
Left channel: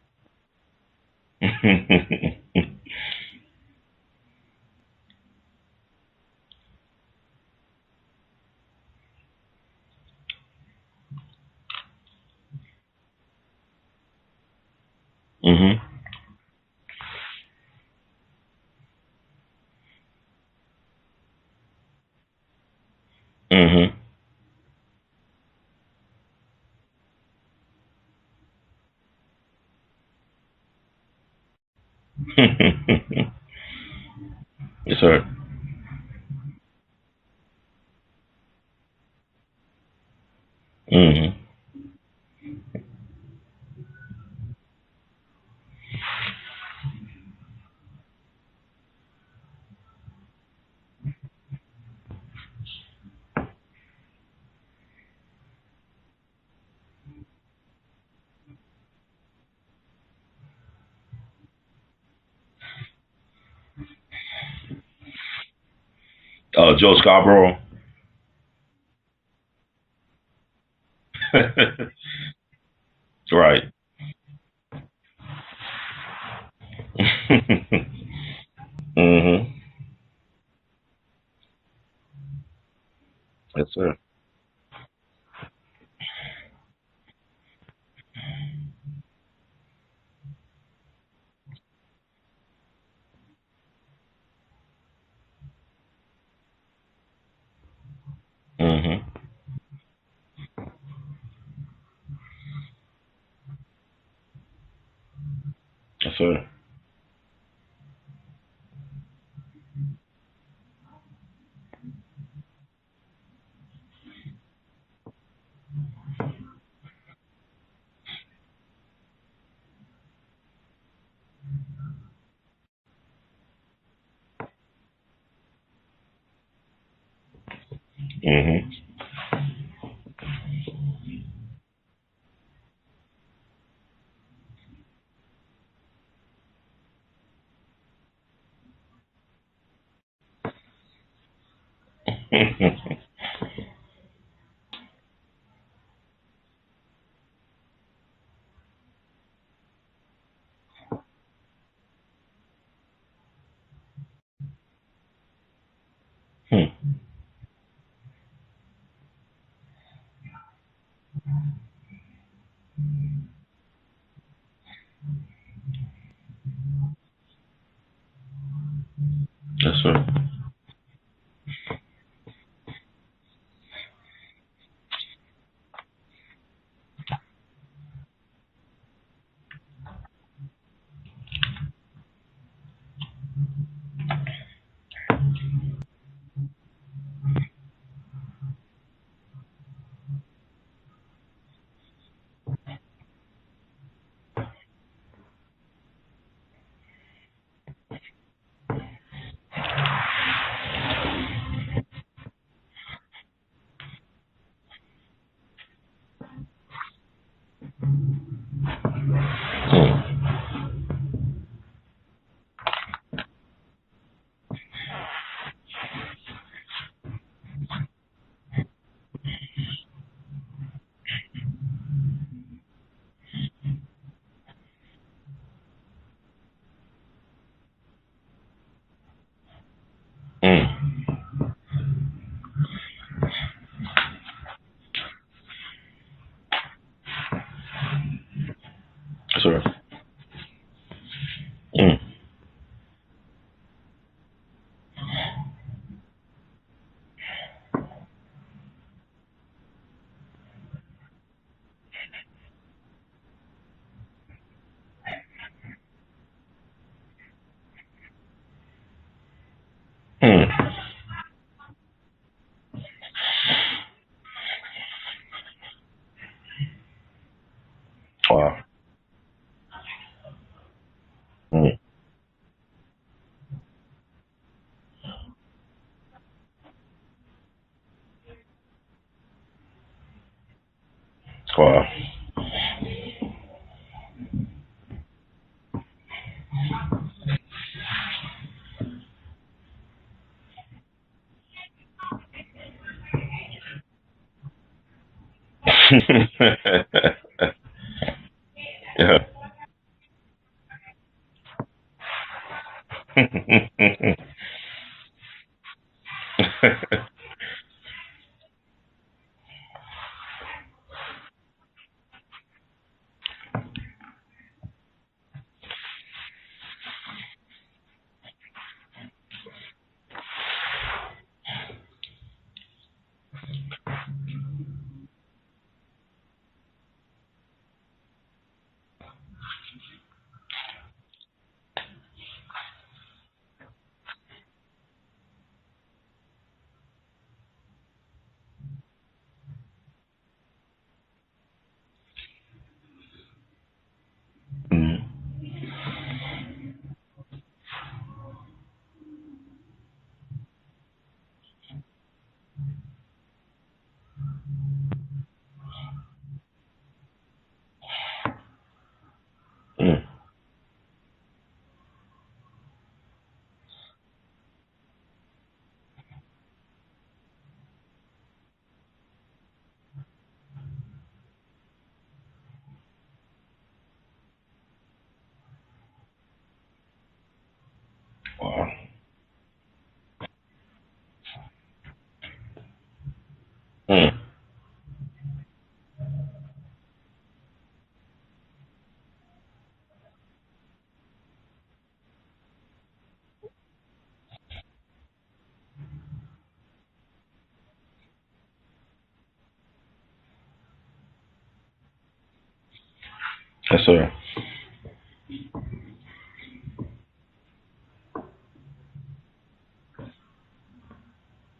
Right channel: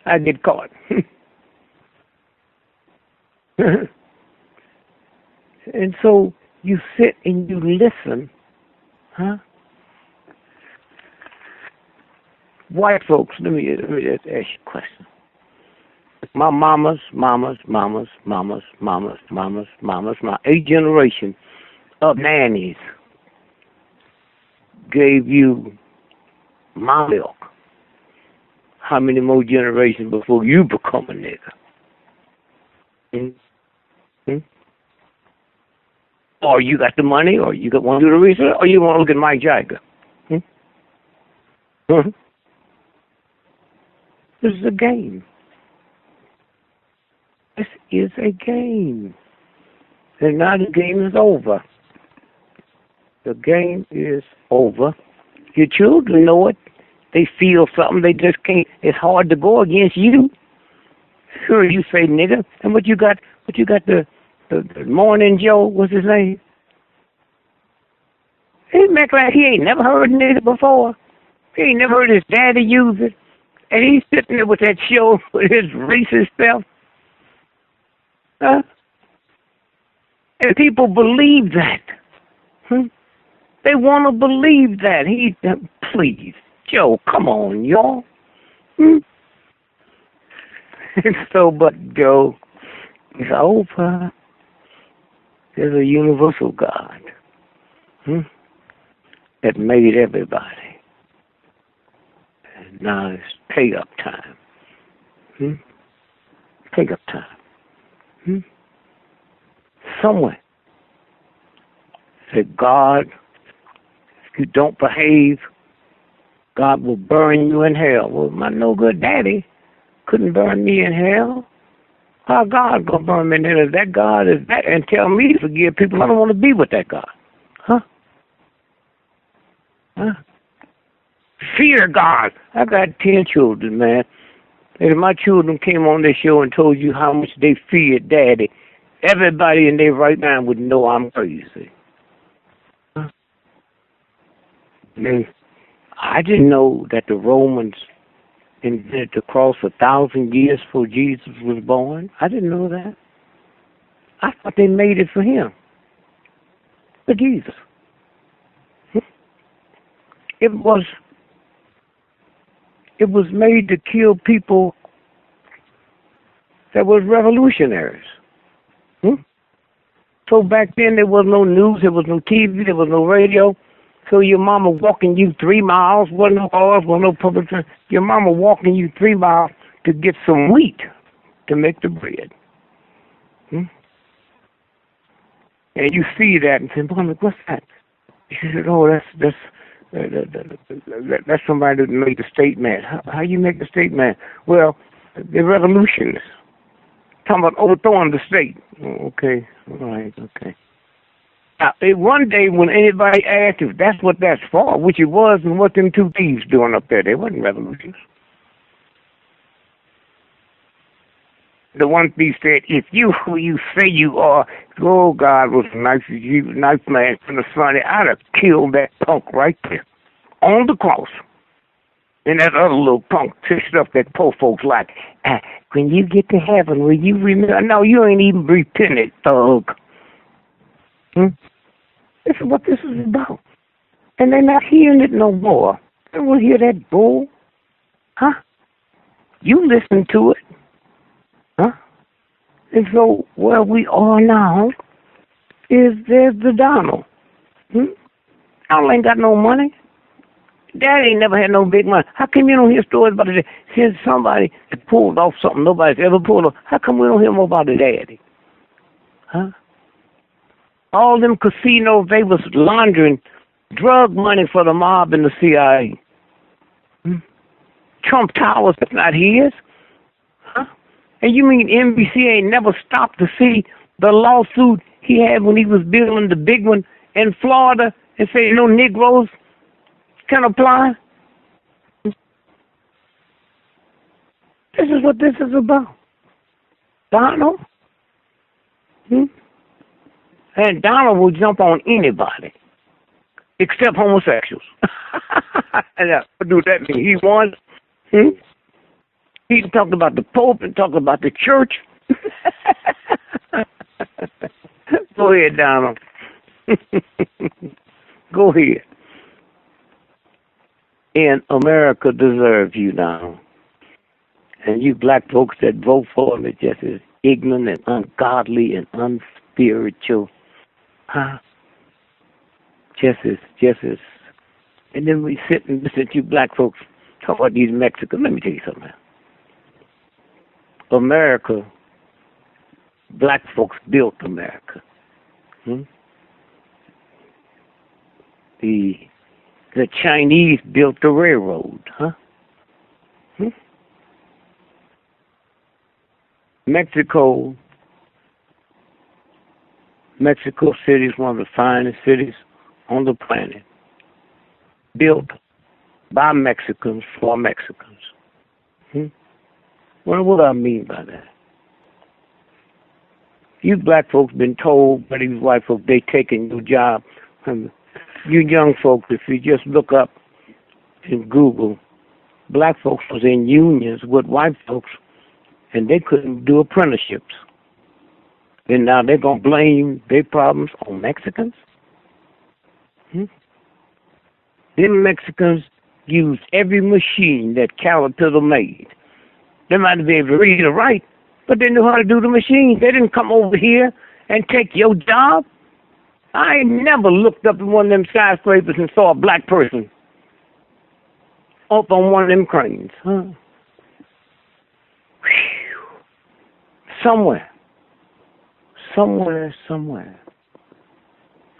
I get caught. And so you sit and you listen. White folks, let me just ask you a question. My mamas, my 8th generation of nannies gave you my milk. How many more generations before you become a nigga? Yes, sir. Or you got the money, or you want to do the research, or you want to look at Mike Jagger. This is a game. This is a game. And now the game is over. The game is over. Your children know it. they feel something, they just can't. It's hard to go against you. Sure, you say nigga, and what you got the Morning Joe, what's his name? Joe Scarborough. He make like he ain't never heard nigga before. He ain't never heard his daddy use it. Right. And he's sitting there with that show with his racist self. Huh? Mm-hmm. And people believe that. They want to believe that. Please, Joe, come on, y'all. So, but Joe, it's over. There's a universal God that made everybody. Now it's pay up time. Yes, sir. Pay up time. Somewhere. Say, God, if you don't behave, God will burn you in hell. Well, my no good daddy couldn't burn me in hell. How God gonna burn me in hell? If that God is that and tell me to forgive people, I don't want to be with that God. Huh? Huh? Fear God. I got 10 children, man. And if my children came on this show and told you how much they feared daddy, everybody in their right mind would know I'm crazy. I didn't know that the Romans invented the cross 1,000 years before Jesus was born. I didn't know that. I thought they made it for him. For Jesus. It was made to kill people that was revolutionaries. Yes, sir. So back then there was no news, there was no TV, there was no radio. So your mama walking you 3 miles, wasn't no cars, wasn't no public transit. Your mama walking you 3 miles to get some wheat to make the bread. And you see that and say, Mama, what's that? She said, oh, that's somebody that made the statement. How you make the statement? Well, the revolutionists. Talking about overthrowing the state. Okay. Now, one day when anybody asked if that's what that's for, which it was, and what them two thieves doing up there, they wasn't revolutionists. The one thief said, if you who you say you are, oh, God was nice man from the Sunday, I'd have killed that punk right there on the cross. And that other little punk stuff that poor folks like. When you get to heaven, will you remember? No, you ain't even repented, thug. This is what this is about. And they're not hearing it no more. They won't hear that bull. Huh? You listen to it. Huh? And so where we are now is there's the Donald. Donald ain't got no money. Daddy ain't never had no big money. How come you don't hear stories about it? Since somebody pulled off something nobody's ever pulled off, how come we don't hear more about the daddy? Huh? All them casinos, they was laundering drug money for the mob and the CIA. Trump Towers, that's not his. Huh? And you mean NBC ain't never stopped to see the lawsuit he had when he was building the big one in Florida and say no Negroes can apply? Wow. This is what this is about. Donald? And Donald will jump on anybody except homosexuals. And do that thing he wants. Yeah. He talked about the Pope and talked about the church. Go ahead, Donald. Go ahead. And America deserves you now. And you black folks that vote for him are just as ignorant and ungodly and unspiritual. Huh? Just as. And then we sit and listen to you black folks talk about these Mexicans. Let me tell you something. America, black folks built America. The Chinese built the railroad, huh? Mexico City is one of the finest cities on the planet. Built by Mexicans for Mexicans. Well, what do I mean by that? You black folks been told by these white folks they taking your job. You young folks, if you just look up in Google, black folks was in unions with white folks, and they couldn't do apprenticeships. Wow. And now they're going to blame their problems on Mexicans? Them Mexicans used every machine that Caterpillar made. They might not be able to read or write, but they knew how to do the machine. They didn't come over here and take your job. I ain't never looked up in one of them skyscrapers and saw a black person up on one of them cranes. Yes, sir. Somewhere.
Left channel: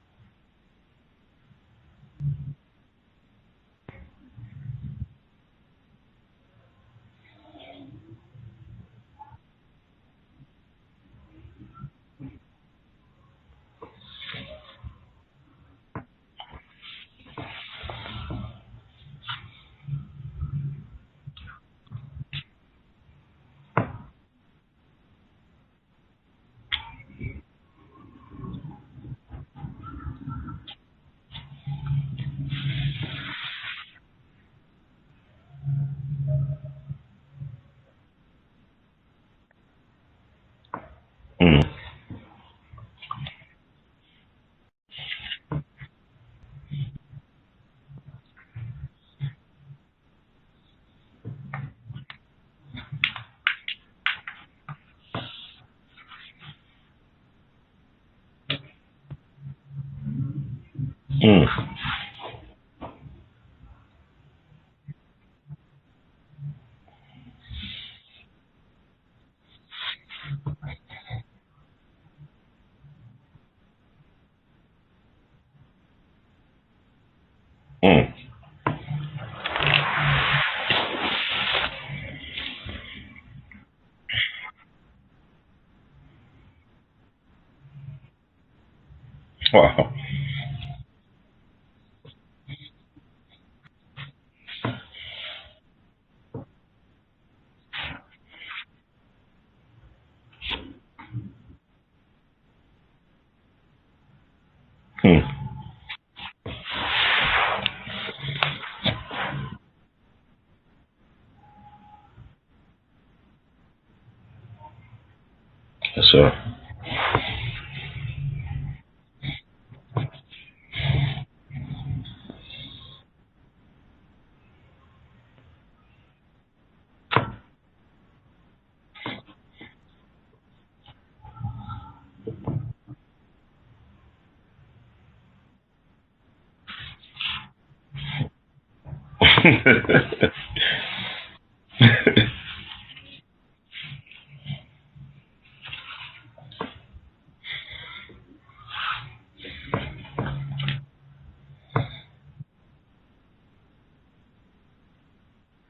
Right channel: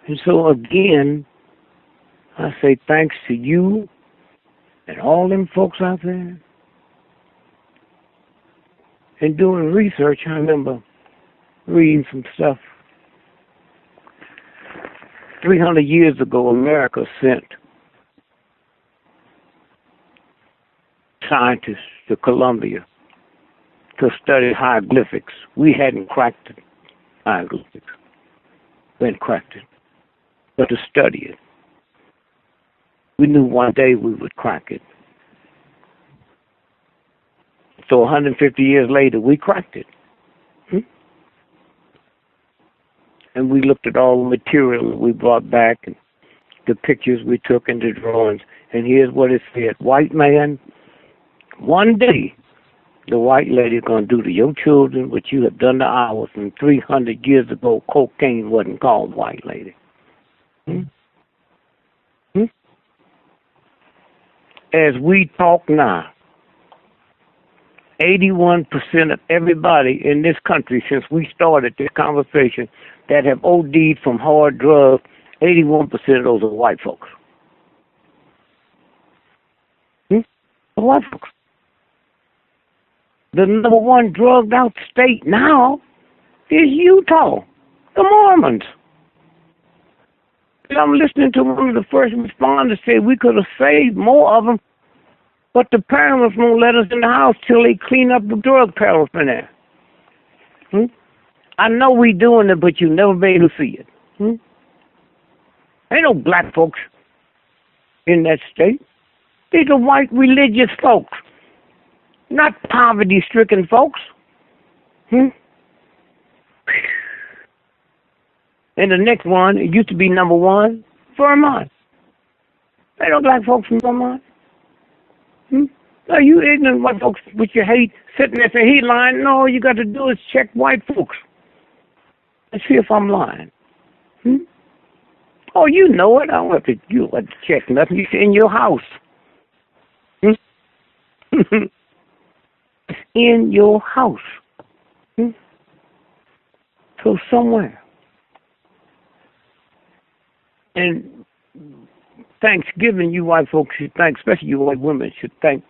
And so again, I say thanks to you and all them folks out there. And doing research, I remember reading some stuff. 300 years ago, America sent scientists to Columbia to study hieroglyphics. We hadn't cracked it, hieroglyphics. We hadn't cracked it, but to study it. We knew one day we would crack it. So 150 years later, we cracked it. And we looked at all the material we brought back, and the pictures we took and the drawings. And here's what it said. White man, one day, the white lady going to do to your children what you have done to ours. And 300 years ago, cocaine wasn't called white lady. As we talk now, 81% of everybody in this country, since we started this conversation, that have OD'd from hard drugs, 81% of those are white folks. What? The number one drugged out state now is Utah, the Mormons. Wow. And I'm listening to one of the first responders say we could have saved more of them, but the parents won't let us in the house till they clean up the drug paraphernalia. I know we doing it, but you never be able to see it. Ain't no black folks in that state. These are white religious folks, not poverty-stricken folks. Yes, sir. And the next one, it used to be number one, Vermont. Ain't no black folks from Vermont. Are you ignorant white folks with your hate sitting there saying he lying? No, all you got to do is check white folks. Let's see if I'm lying. Oh, you know it. I don't have to check nothing. It's in your house. In your house. So somewhere. And Thanksgiving, you white folks should thank, especially you white women, should thank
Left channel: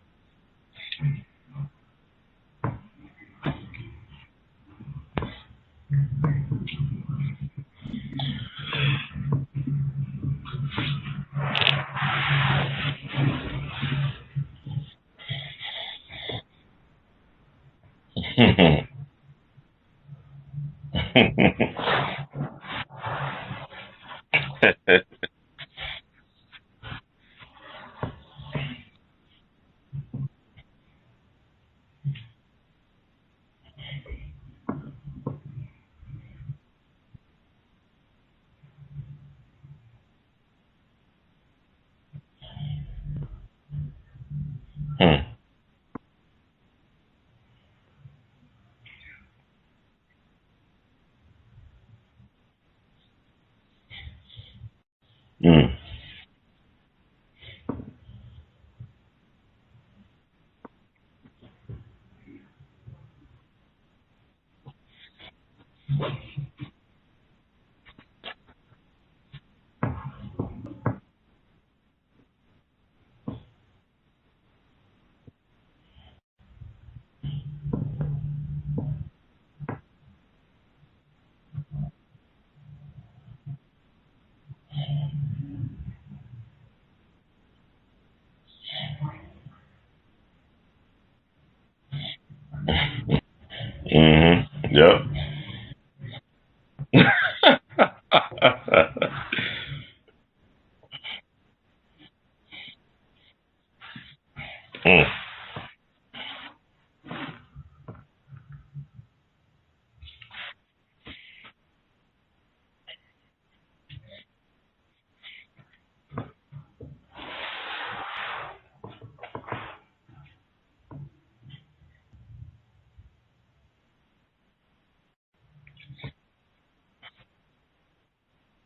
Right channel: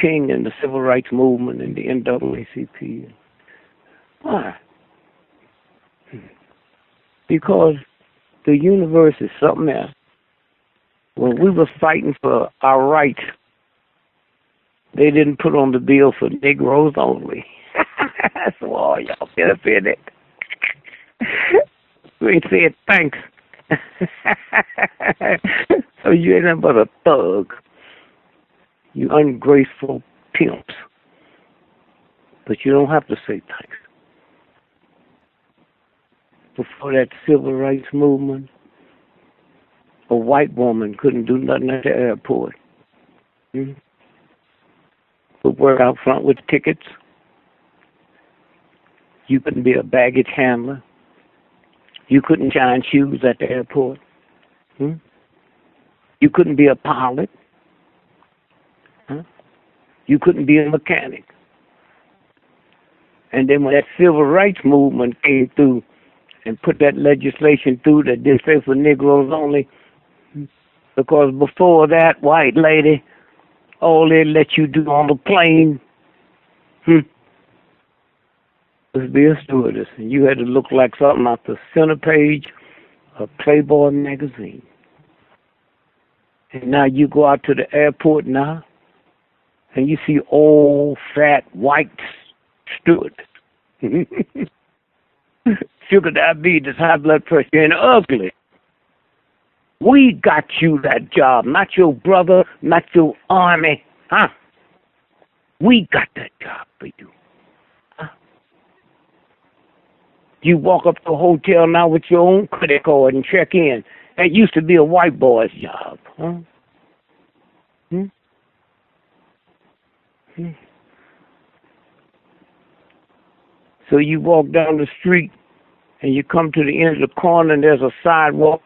King and the Civil Rights Movement and the NAACP. Why? Because the universe is something else. When we were fighting for our rights, they didn't put on the bill for Negroes only. Oh, y'all better feel it. We said thanks. So you ain't nothing but a thug. You ungraceful pimps. But you don't have to say thanks. Before that civil rights movement, a white woman couldn't do nothing at the airport. Would work out front with tickets. You couldn't be a baggage handler. You couldn't shine shoes at the airport. You couldn't be a pilot. You couldn't be a mechanic. And then when that civil rights movement came through and put that legislation through that did say for Negroes only, because before that, white lady, all they let you do on the plane was be a stewardess. And you had to look like something off the center page of Playboy magazine. And now you go out to the airport now, and you see old, fat, white steward. Yep. Sugar diabetes, high blood pressure, and ugly. We got you that job, not your brother, not your army, huh? We got that job for you. Huh? You walk up to a hotel now with your own credit card and check in. That used to be a white boy's job, huh? So you walk down the street and you come to the end of the corner and there's a sidewalk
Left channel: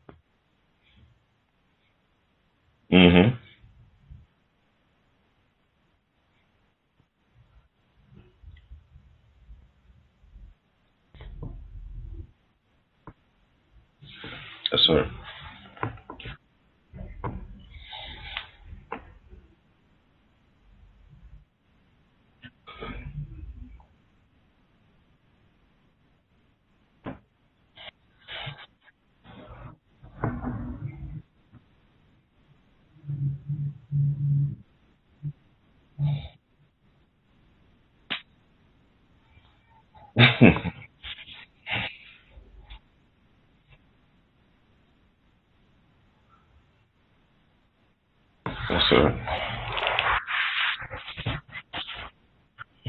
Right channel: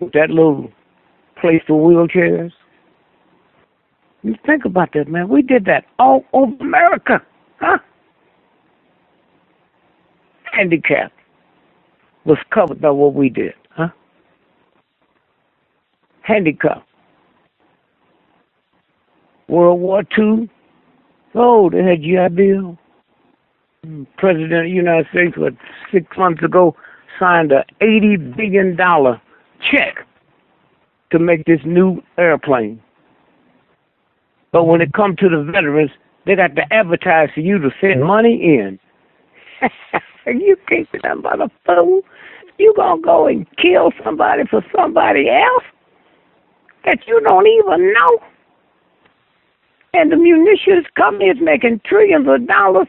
with that little place for wheelchairs. You think about that, man. We did that all over America, huh? Handicap was covered by what we did, huh? Yes, sir. Handicap. World War II. Oh, they had GI Bill. President of the United States, 6 months ago, signed a $80 billion check to make this new airplane. But when it comes to the veterans, they got to advertise for you to send money in. And you think that I'm about a fool? You gonna go and kill somebody for somebody else that you don't even know? Yes, sir. And the munitions company is making trillions of dollars.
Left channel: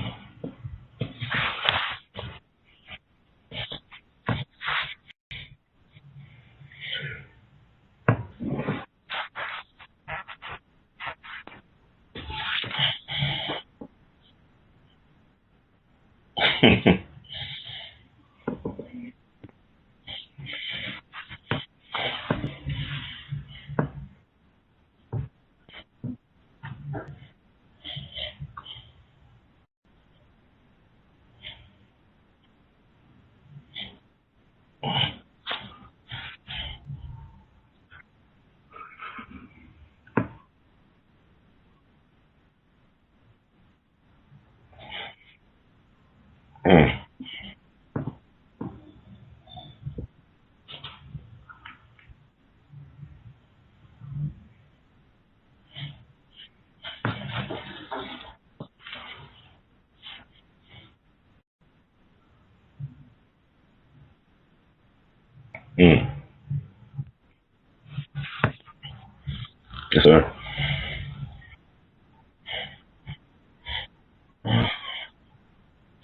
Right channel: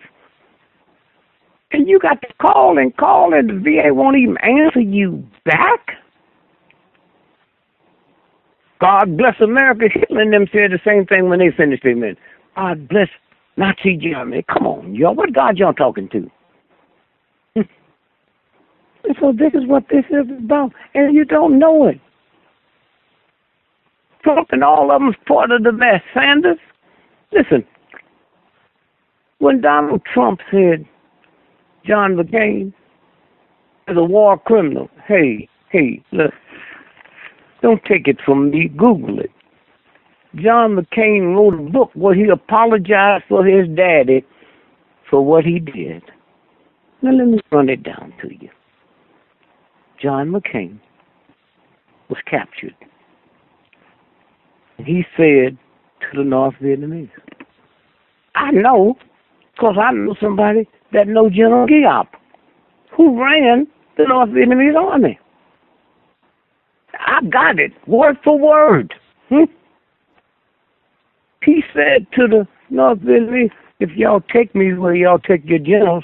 And you got to call, and the VA won't even answer you back. God bless America. Hitler and them said the same thing when they finished their mission. God bless Nazi Germany. Come on, y'all. What God y'all talking to? And so this is what this is about. And you don't know it. Trump and all of them is part of the mess. Sanders, listen. When Donald Trump said John McCain is a war criminal, hey, look. Don't take it from me. Google it. John McCain wrote a book where he apologized for his daddy for what he did. Now let me run it down to you. John McCain was captured. He said to the North Vietnamese, I know, because I know somebody that knows General Giap, who ran the North Vietnamese army. I got it, word for word. Yes, sir. He said to the North Vietnamese, if y'all take me where y'all take your generals,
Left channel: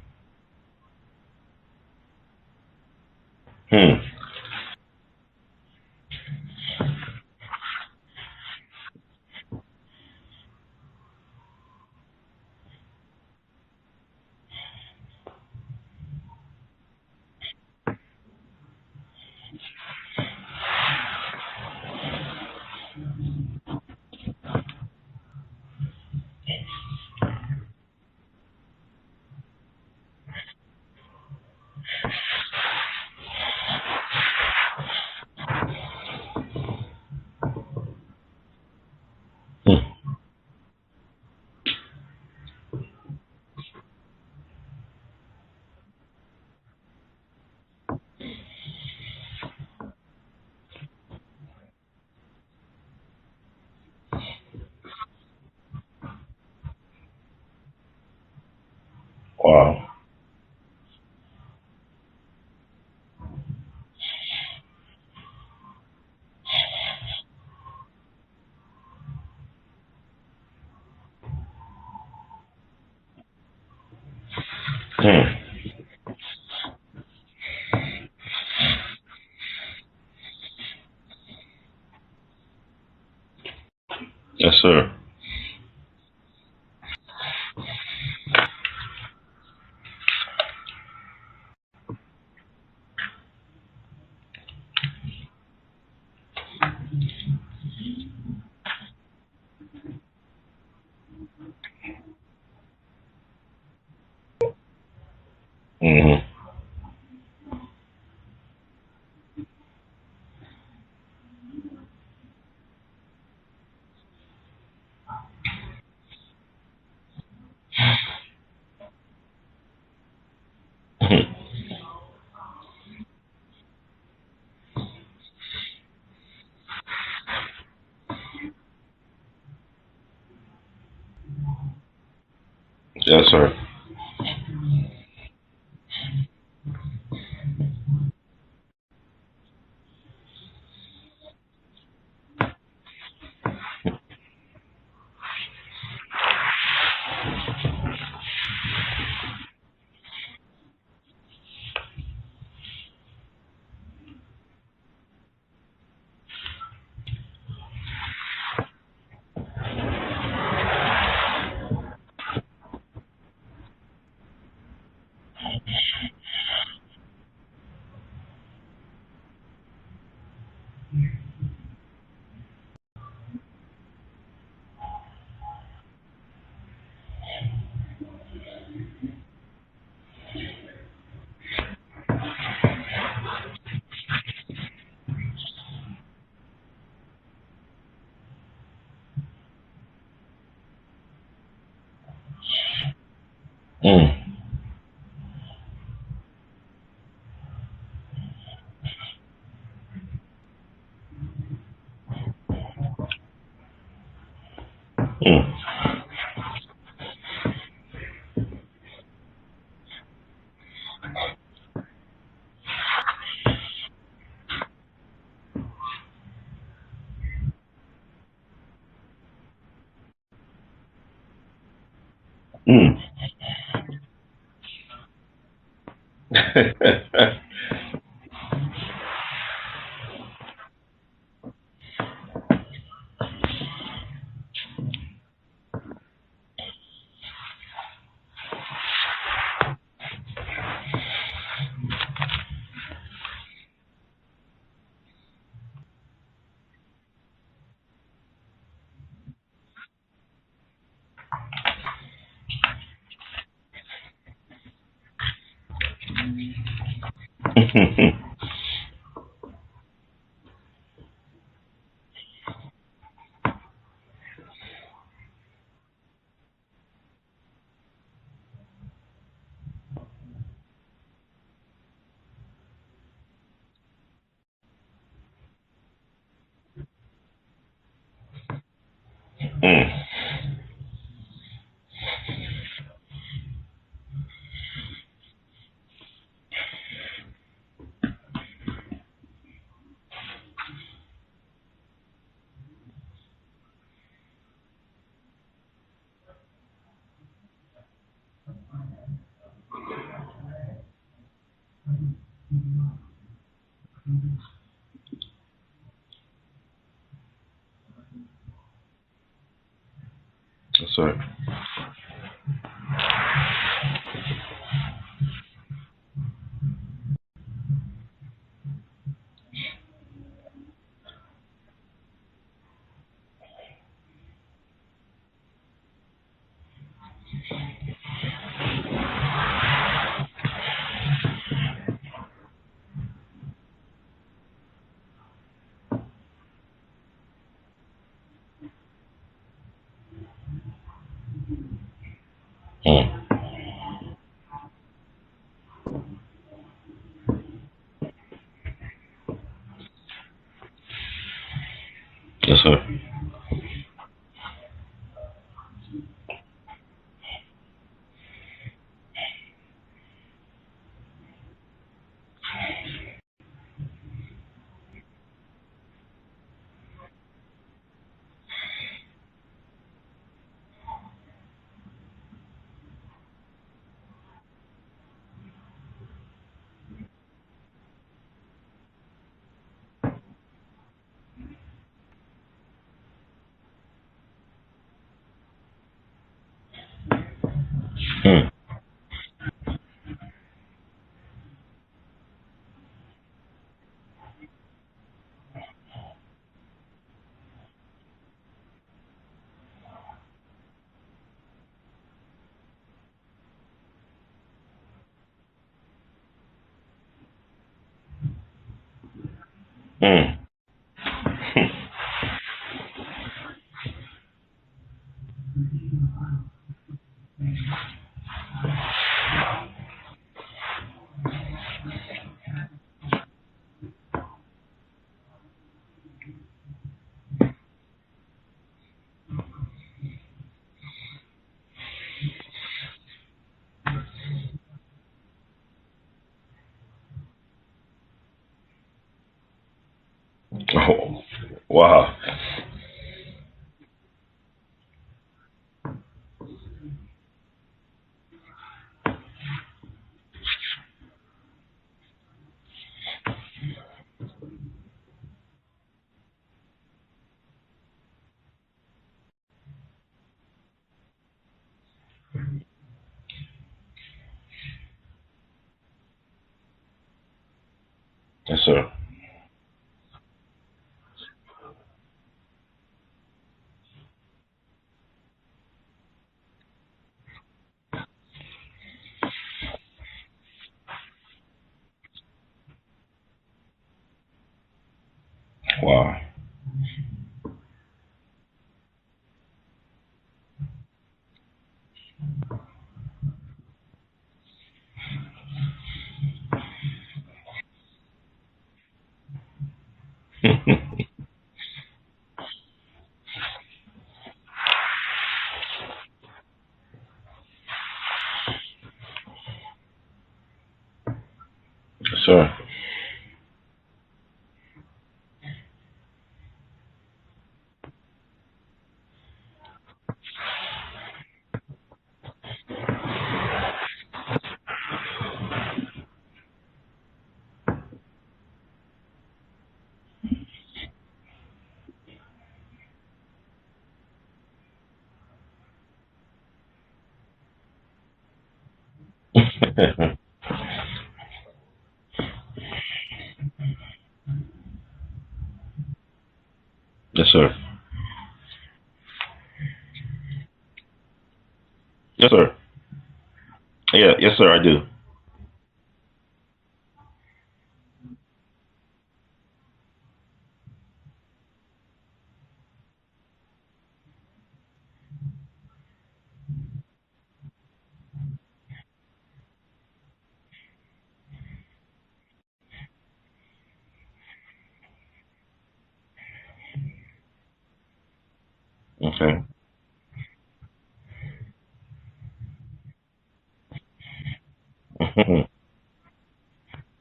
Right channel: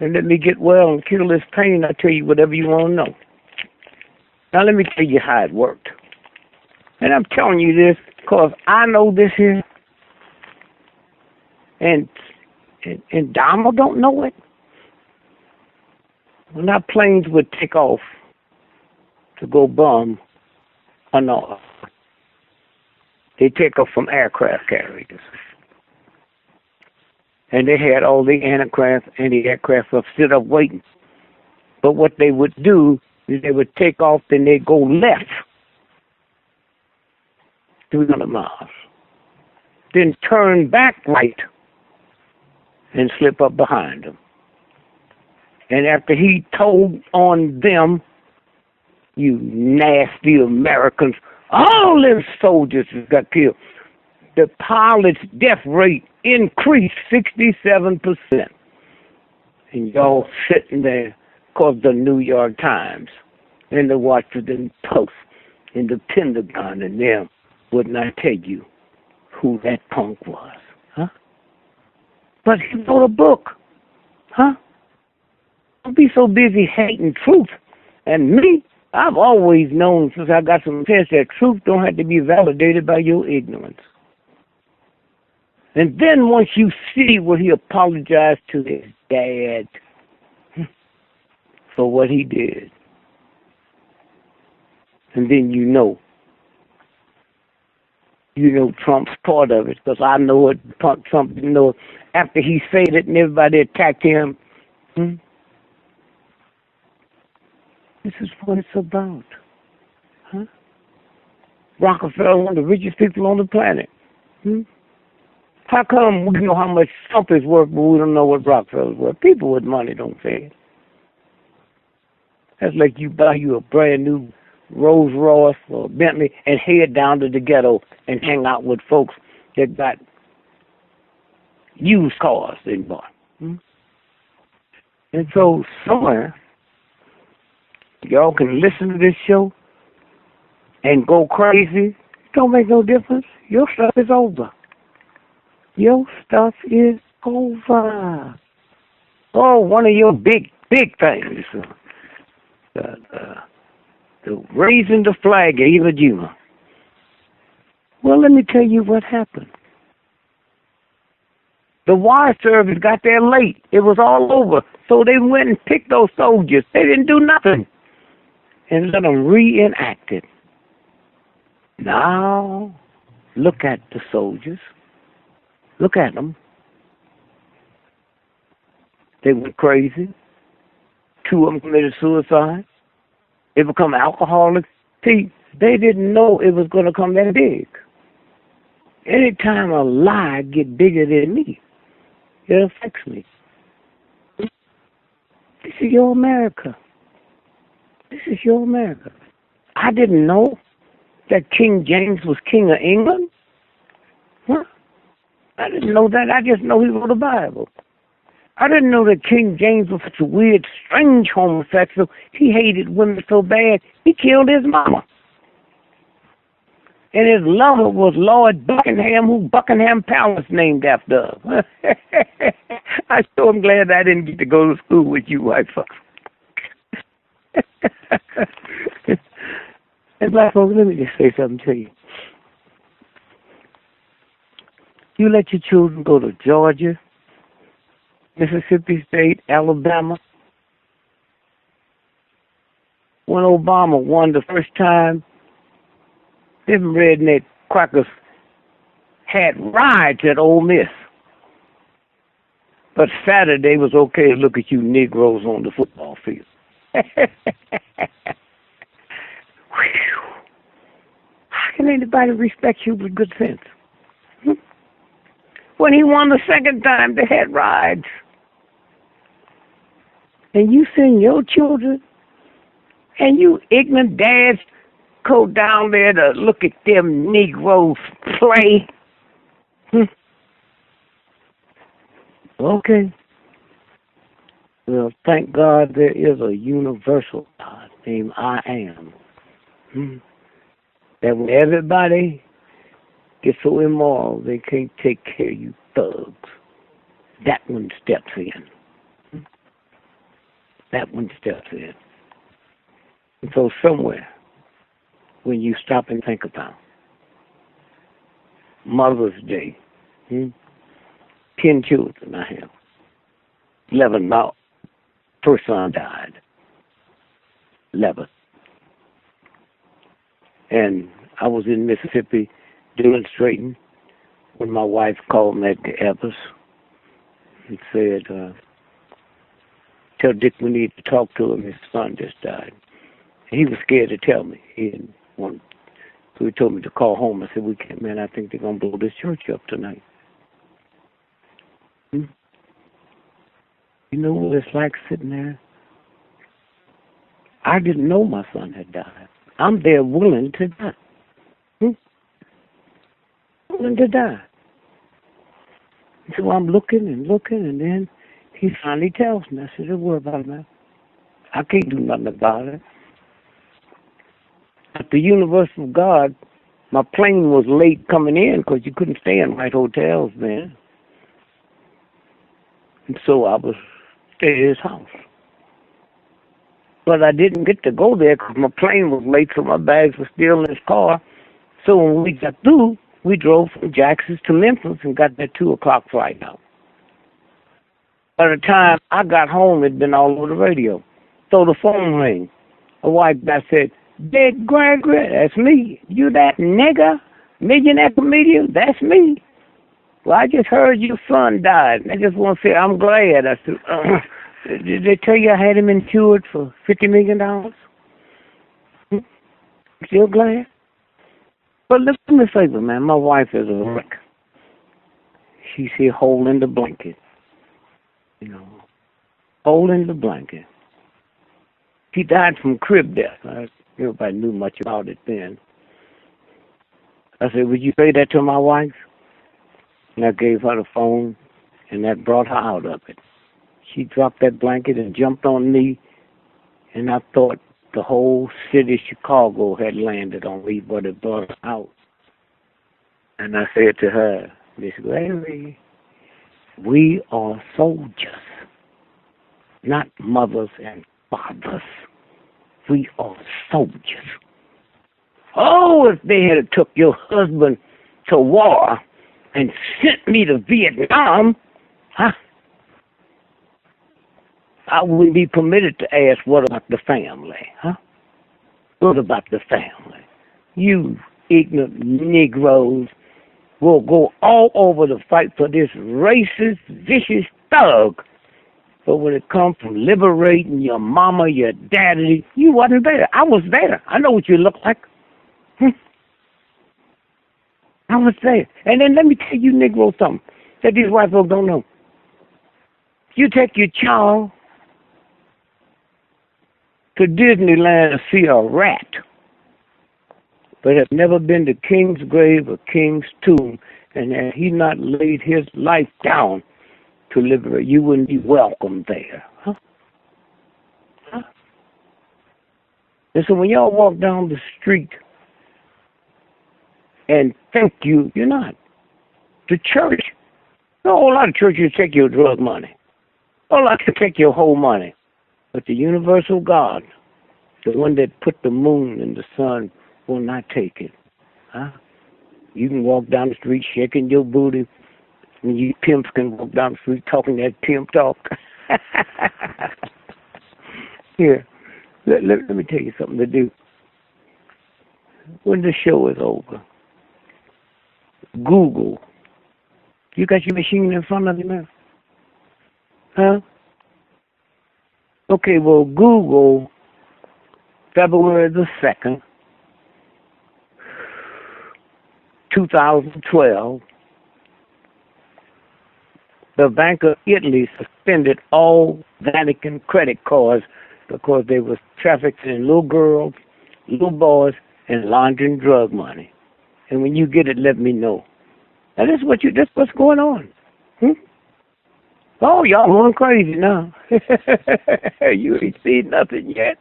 and let me get well and kill this pain, I'll tell you whatever you want to know. Now let me tell you how it worked. And I'm telling you this because I know this here, and Donald don't know it. When our planes would take off to go bomb Hanoi, they take off from aircraft carriers. And they had all the anti-aircraft up, stood up waiting. But what they would do is they would take off and they'd go left 300 miles. Then turn back right and slip up behind them. And after he told on them, you nasty Americans, all them soldiers got killed. The pilot's death rate increased 67%. Wow. And y'all sitting there because the New York Times and the Washington Post and the Pentagon and them would not tell you who that punk was, huh? But he wrote a book, huh? Don't be so busy hating truth. And me, I've always known since I got some sense that truth don't have to be validated by your ignorance. Yes, sir. And then once you see what he apologized to his dad for what he did, and then you know Trump's part of it, because I know it, Trump didn't know it. After he said it and everybody attacked him, this is what it's about. Huh? Rockefeller, one of the richest people on the planet. How come we know how much Trump is worth, but we don't know what Rockefeller's worth? People with money don't say it. That's like you buy you a brand new Rolls Royce or Bentley and head down to the ghetto and hang out with folks that got used cars in Boston. Yes, sir. And so somewhere, y'all can listen to this show and go crazy. Don't make no difference. Your stuff is over. Your stuff is over. Oh, one of your big things. The raising the flag at Iwo Jima. Well, let me tell you what happened. The wire service got there late. It was all over. So they went and picked those soldiers. They didn't do nothing. And let them reenact it. Now, look at the soldiers. Look at them. They went crazy. 2 of them committed suicide. They become alcoholics. See, they didn't know it was going to come that big. Anytime a lie get bigger than me, it affects me. This is your America. This is your America. I didn't know that King James was King of England. Huh? I didn't know that. I just know he wrote the Bible. I didn't know that King James was such a weird, strange homosexual. He hated women so bad, he killed his mama. And his lover was Lord Buckingham, who Buckingham Palace named after. I sure am glad I didn't get to go to school with you white folks. And black folks, let me just say something to you. You let your children go to Georgia, Mississippi State, Alabama. When Obama won the first time, them redneck crackers had riots at Ole Miss. But Saturday was okay to look at you Negroes on the football field. How can anybody respect you with good sense? When he won the second time, they had riots. And you send your children and you ignorant dads go down there to look at them Negroes play. Okay. Well, thank God there is a universal God named I Am. That when everybody gets so immoral they can't take care of you thugs, that one steps in. That one steps in. And so somewhere, when you stop and think about Mother's Day, Yes, sir. 10 children I have. 11 lost. First son died. 11. And I was in Mississippi demonstrating when my wife called me at the Evers and said, tell Dick we need to talk to him. His son just died. And he was scared to tell me. He didn't want. So he told me to call home. I said, we can't, man, I think they're going to blow this church up tonight. You know what it's like sitting there? I didn't know my son had died. I'm there willing to die. Yes, sir. Willing to die. So I'm looking, and then he finally tells me. I said, don't worry about it, man. I can't do nothing about it. At the Universal God, my plane was late coming in because you couldn't stay in right hotels then. And so I was staying at his house. But I didn't get to go there because my plane was late, so my bags were still in his car. So when we got through, we drove from Jackson to Memphis and got that 2 o'clock flight out. By the time I got home, it'd been all over the radio. So the phone rang. A white guy said, Big Gregory, that's me. You that nigger, millionaire comedian? That's me. Well, I just heard your son died. I just want to say I'm glad. I said, did they tell you I had him insured for $50 million? You're glad? But look to me favor, man. My wife is a wreck. She's here holding the blanket. Holding the blanket. She died from crib death. Nobody knew much about it then. I said, would you say that to my wife? And I gave her the phone, and that brought her out of it. She dropped that blanket and jumped on me, and I thought the whole city of Chicago had landed on me. But it brought her out. Wow. And I said to her, Miss Gregory, we are soldiers, not mothers and fathers. We are soldiers. Oh, if they had took your husband to war and sent me to Vietnam, huh? I wouldn't be permitted to ask, what about the family, huh? Yes, sir. What about the family? You ignorant Negroes will go all over to fight for this racist, vicious thug. But when it comes to liberating your mama, your daddy, you wasn't there. I was there. I know what you look like. Wow. I was there. And then let me tell you, Negro, something that these white folks don't know. You take your child to Disneyland to see a rat, but have never been to King's grave or King's tomb, and had he not laid his life down to liberate, you wouldn't be welcome there. Huh? Huh? Yes, sir. And so when y'all walk down the street and think you're not. The church, a whole lot of churches take your drug money. A whole lot to take your whole money. But the universal God, the one that put the moon and the sun, will not take it. Huh? You can walk down the street shaking your booty. And you pimps can walk down the street talking that pimp talk. Here, let me tell you something to do. When the show is over, yes, sir. Google. You got your machine in front of you now? Yes, sir. Huh? Yeah, yes, sir, I do. Okay, well, Google February the 2nd, 2012, the Bank of Italy suspended all Vatican credit cards because they was trafficking little girls, little boys, and laundering drug money. And when you get it, let me know. Okay. And that's what's going on. Oh, y'all going crazy now. You ain't seen nothing yet.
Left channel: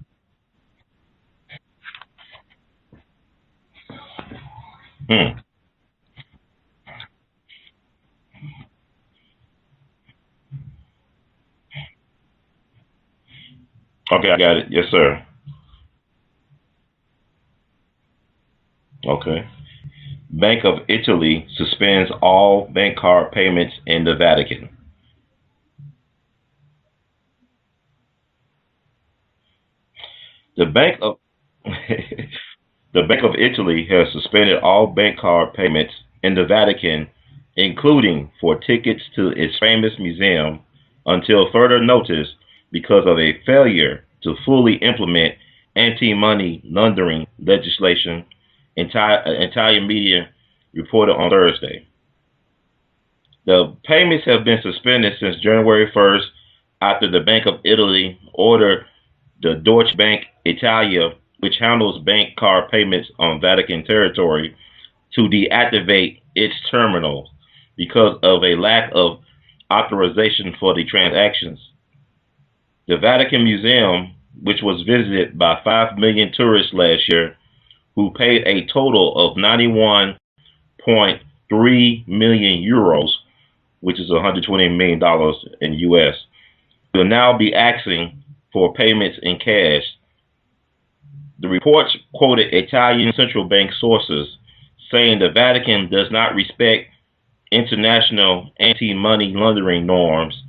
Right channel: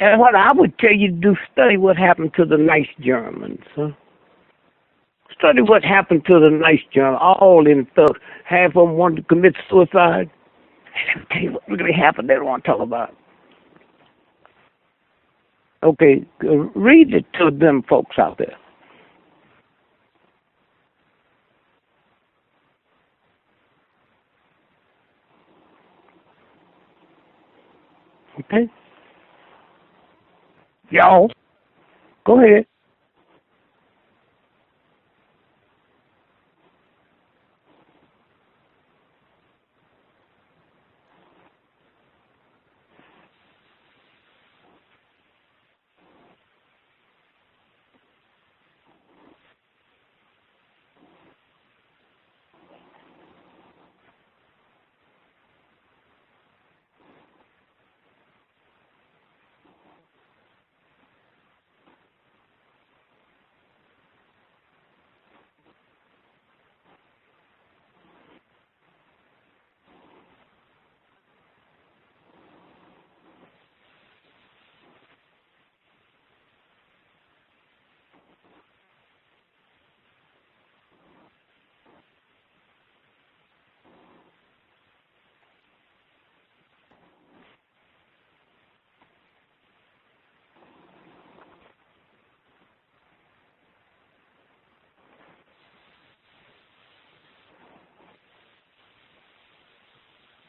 And what I would tell you to do, study what happened to the nice Germans. Huh? Study what happened to the nice Germans. All them thugs. Half of them wanted to commit suicide. Let me tell you what really happened. They don't want to talk about it. Okay, I got it. Yes, sir. Okay, read it to them folks out there. Okay. Bank of Italy suspends all bank card payments in the Vatican. Okay. The bank. Go ahead. The Bank of Italy has suspended all bank card payments in the Vatican, including for tickets to its famous museum, until further notice because of a failure to fully implement anti-money laundering legislation, Italian media reported on Thursday. The payments have been suspended since January 1st after the Bank of Italy ordered the Deutsche Bank Italia, which handles bank card payments on Vatican territory, to deactivate its terminals because of a lack of authorization for the transactions. The Vatican Museum, which was visited by 5 million tourists last year, who paid a total of 91.3 million euros, which is $120 million in US, will now be asking for payments in cash. The reports quoted Italian central bank sources saying the Vatican does not respect international anti-money laundering norms,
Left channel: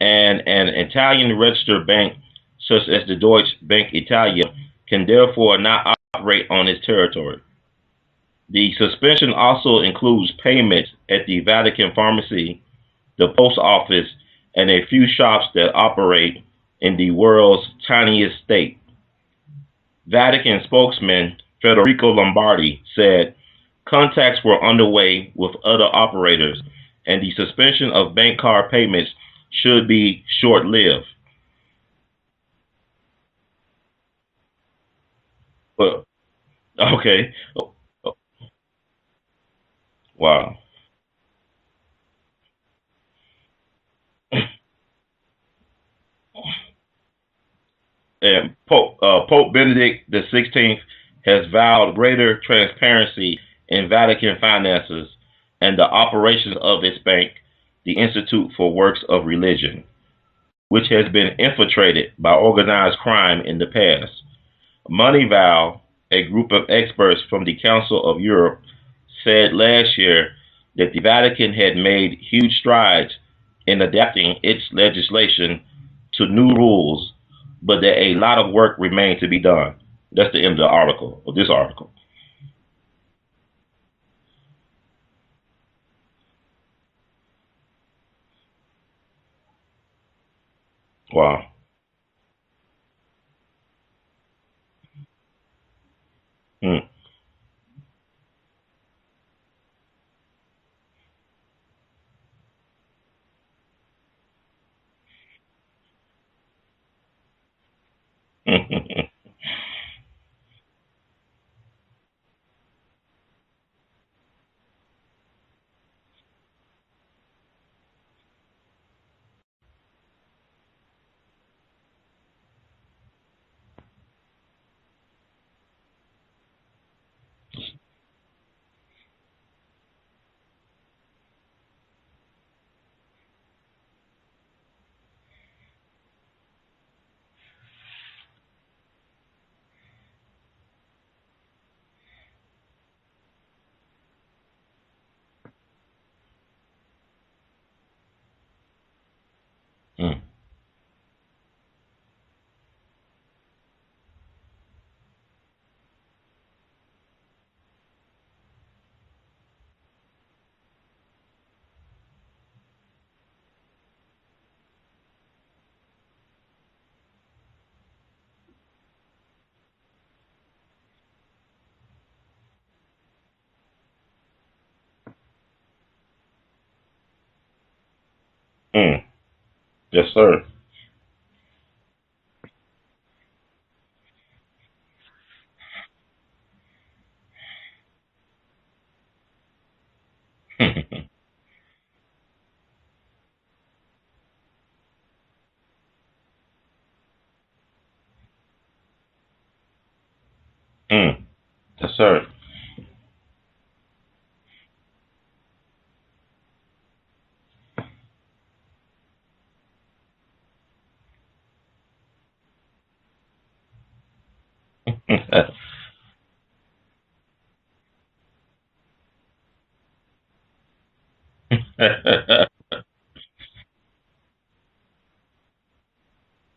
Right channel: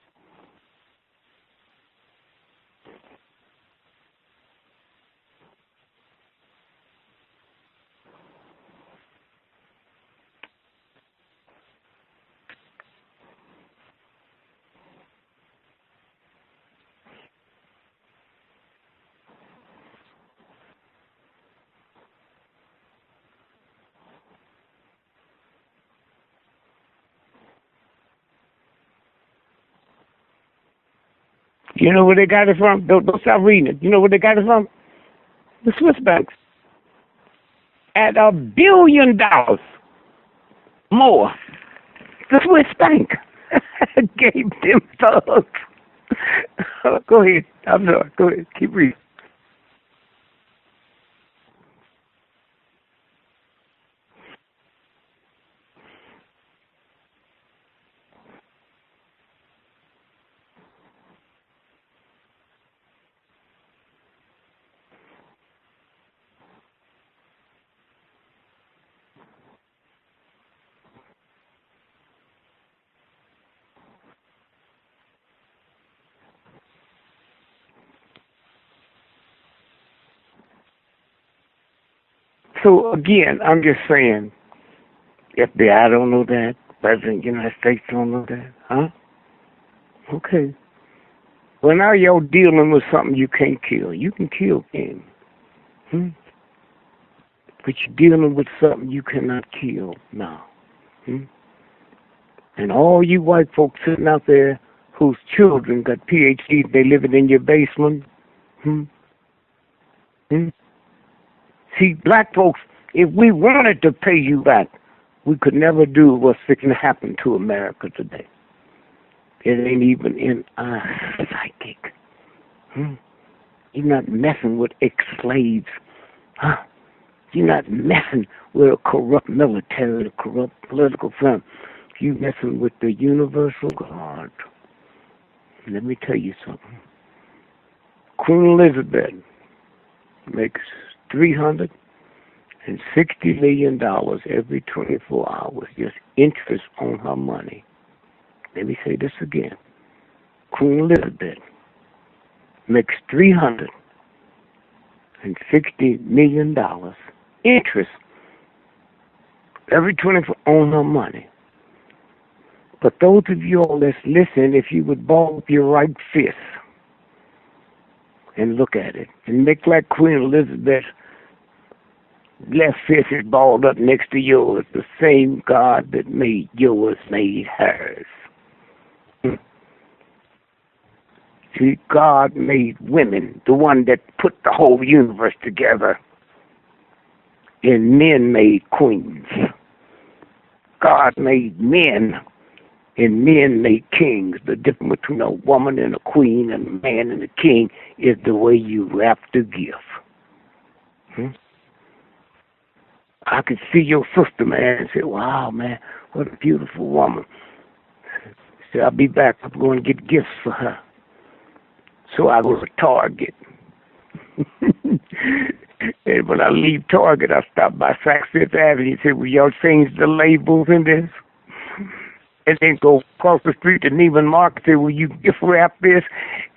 and an Italian registered bank such as the Deutsche Bank Italia can therefore not operate on its territory. The suspension also includes payments at the Vatican pharmacy, the post office, and a few shops that operate in the world's tiniest state. Vatican spokesman Federico Lombardi said contacts were underway with other operators, and the suspension of bank card payments should be short-lived. You know where they got it from? Don't stop reading it. You know where they got it from? The Swiss banks. Okay. At $1 billion. Wow. More. The Swiss bank gave them thugs. Go ahead. I'm sorry. Go ahead. Keep reading. Pope Benedict XVI has vowed greater transparency in Vatican finances and the operations of its bank, the Institute for Works of Religion, which has been infiltrated by organized crime in the past. Moneyval, a group of experts from the Council of Europe, said last year that the Vatican had made huge strides in adapting its legislation to new rules, but that a lot of work remained to be done. That's the end of the article, of this article. So, again, I'm just saying, FBI don't know that. President of the United States don't know that. Huh? Okay. Wow. Well, now you're dealing with something you can't kill. You can kill him. But you're dealing with something you cannot kill now. And all you white folks sitting out there whose children got PhDs, they living in your basement. See, black folks, if we wanted to pay you back, we could never do what's fixing to happen to America today. It ain't even in our psychic. You're not messing with ex-slaves. You're not messing with a corrupt military, a corrupt political firm. You're messing with the universal God. Let me tell you something. Queen Elizabeth makes $360 million every 24 hours, just interest on her money. Let me say this again. Queen Elizabeth makes $360 million interest every 24 on her money. But those of you all that's listening, if you would ball up your right fist and look at it and make like Queen Elizabeth's left fist is balled up next to yours, the same God that made yours made hers. Yes, sir. See, God made women, the one that put the whole universe together, and men made queens. God made men, and men made kings. The difference between a woman and a queen and a man and a king is the way you wrap the gift. Yes, sir. I could see your sister, man, and say, wow, man, what a beautiful woman. Say, I'll be back. I'm going to get gifts for her. So I go to Target. And when I leave Target, I stop by Saks Fifth Avenue and say, will y'all change the labels in this? And then go across the street to Neiman Marcus and say, will you gift wrap this?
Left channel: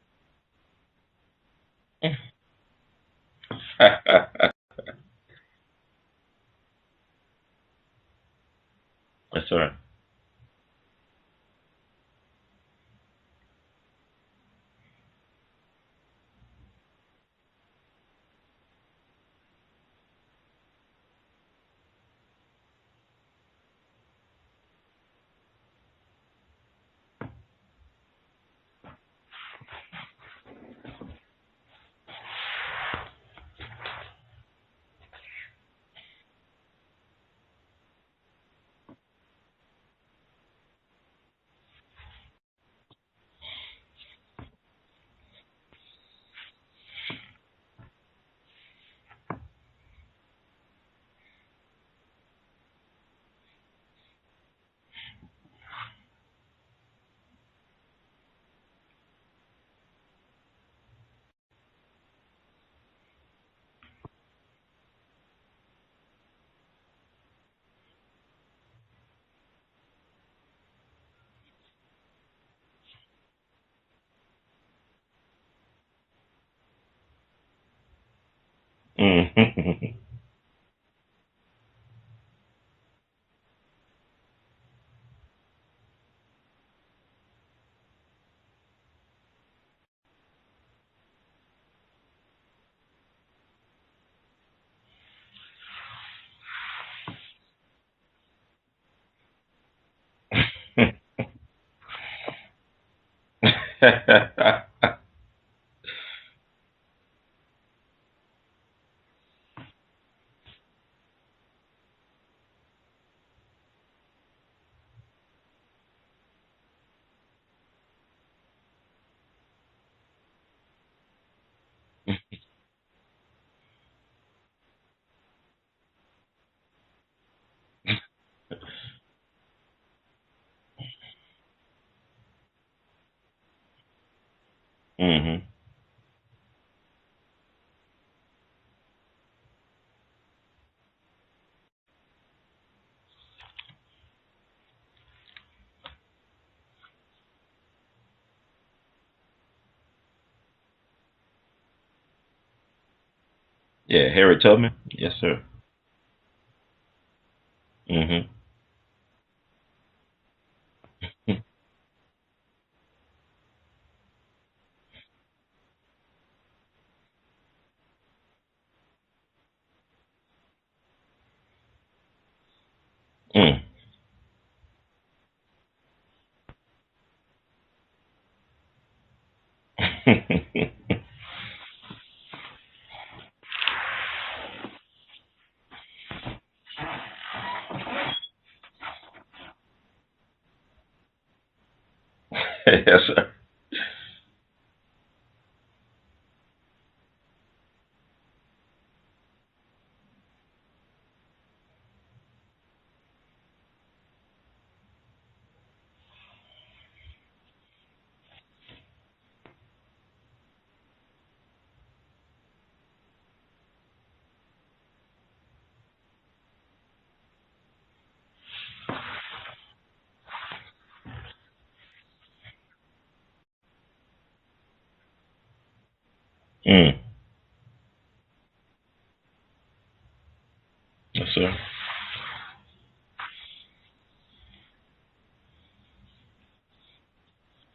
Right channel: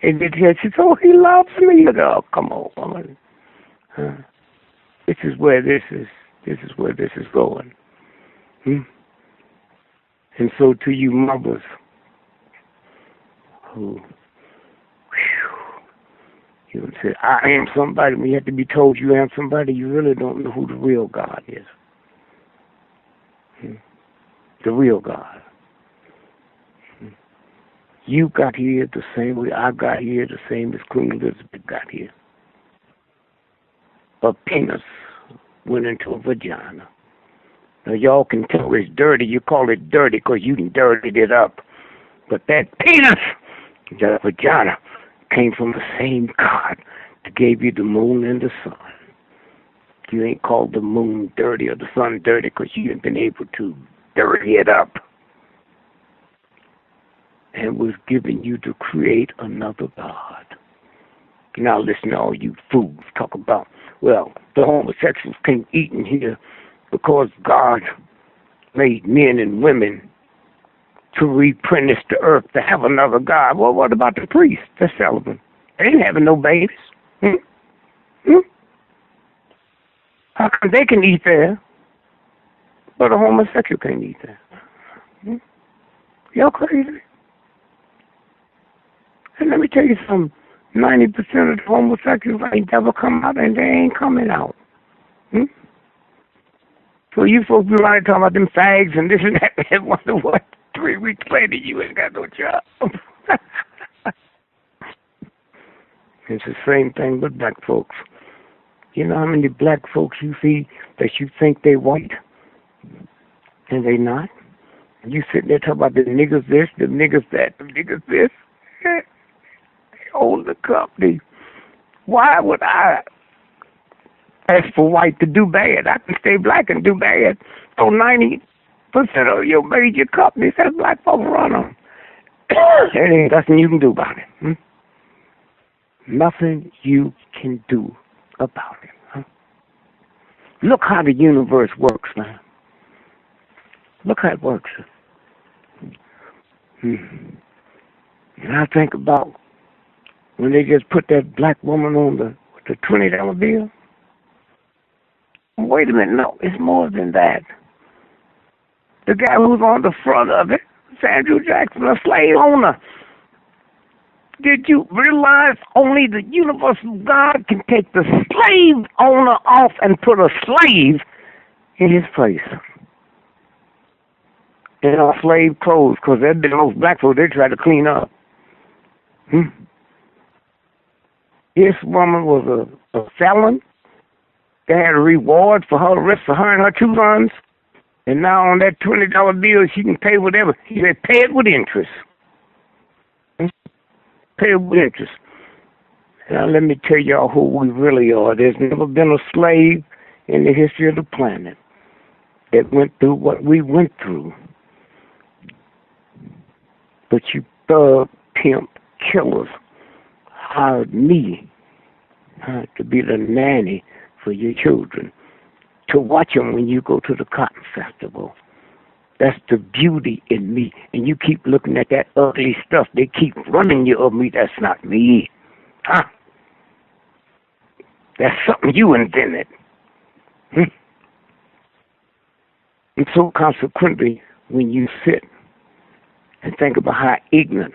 And then she says, oh, he loves me. Oh, come on, woman. This is where this is going. Yes, sir. And so to you mothers who you say, I am somebody, when you have to be told you am somebody, you really don't know who the real God is. The real God. You got here the same way I got here, the same as Queen Elizabeth got here. A penis went into a vagina. Now, y'all can tell it's dirty. You call it dirty because you dirtied it up. But that penis, that vagina, came from the same God that gave you the moon and the sun. You ain't called the moon dirty or the sun dirty because you ain't been able to dirty it up. And was given you to create another God. Now listen to all you fools talk about, well, the homosexuals can't eat in here because God made men and women to replenish the earth, to have another God. Well, what about the priests? They're celibate. They ain't having no babies. How come they can eat there, but a homosexual can't eat there? Y'all crazy. And let me tell you something. 90% of the homosexuals ain't never come out, and they ain't coming out. So you folks be right talking about them fags and this and that, and wonder what 3 weeks later you ain't got no job. It's the same thing with black folks. You know how many black folks you see that you think they white, and they not? You sitting there talking about the niggas this, the niggas that, the niggas this. They own the company. Why would I ask for white to do bad? I can stay black and do bad. So 90% of your major companies have black folks run them. There ain't nothing you can do about it. Nothing you can do about it. Look how the universe works, man. Look how it works. And I think about when they just put that black woman on the $20 bill. Yeah, Harriet Tubman. Yes, sir. Wait a minute, no, it's more than that. The guy who's on the front of it, Samuel Jackson, a slave owner. Did you realize only the universal God can take the slave owner off and put a slave in his place? In our slave clothes, because they've been those black folks they try to clean up. This woman was a felon. They had a reward for her arrest for her and her 2 sons. And now on that $20 bill, she can pay whatever. He said, pay it with interest. Yes, sir. Pay it with interest. Now let me tell y'all who we really are. There's never been a slave in the history of the planet that went through what we went through. But you thug, pimp, killers hired me to be the nanny for your children, to watch them when you go to the Cotton Festival. That's the beauty in me. And you keep looking at that ugly stuff. They keep running you of me. That's not me. Huh? That's something you invented. Yes, sir. And so consequently, when you sit and think about how ignorant.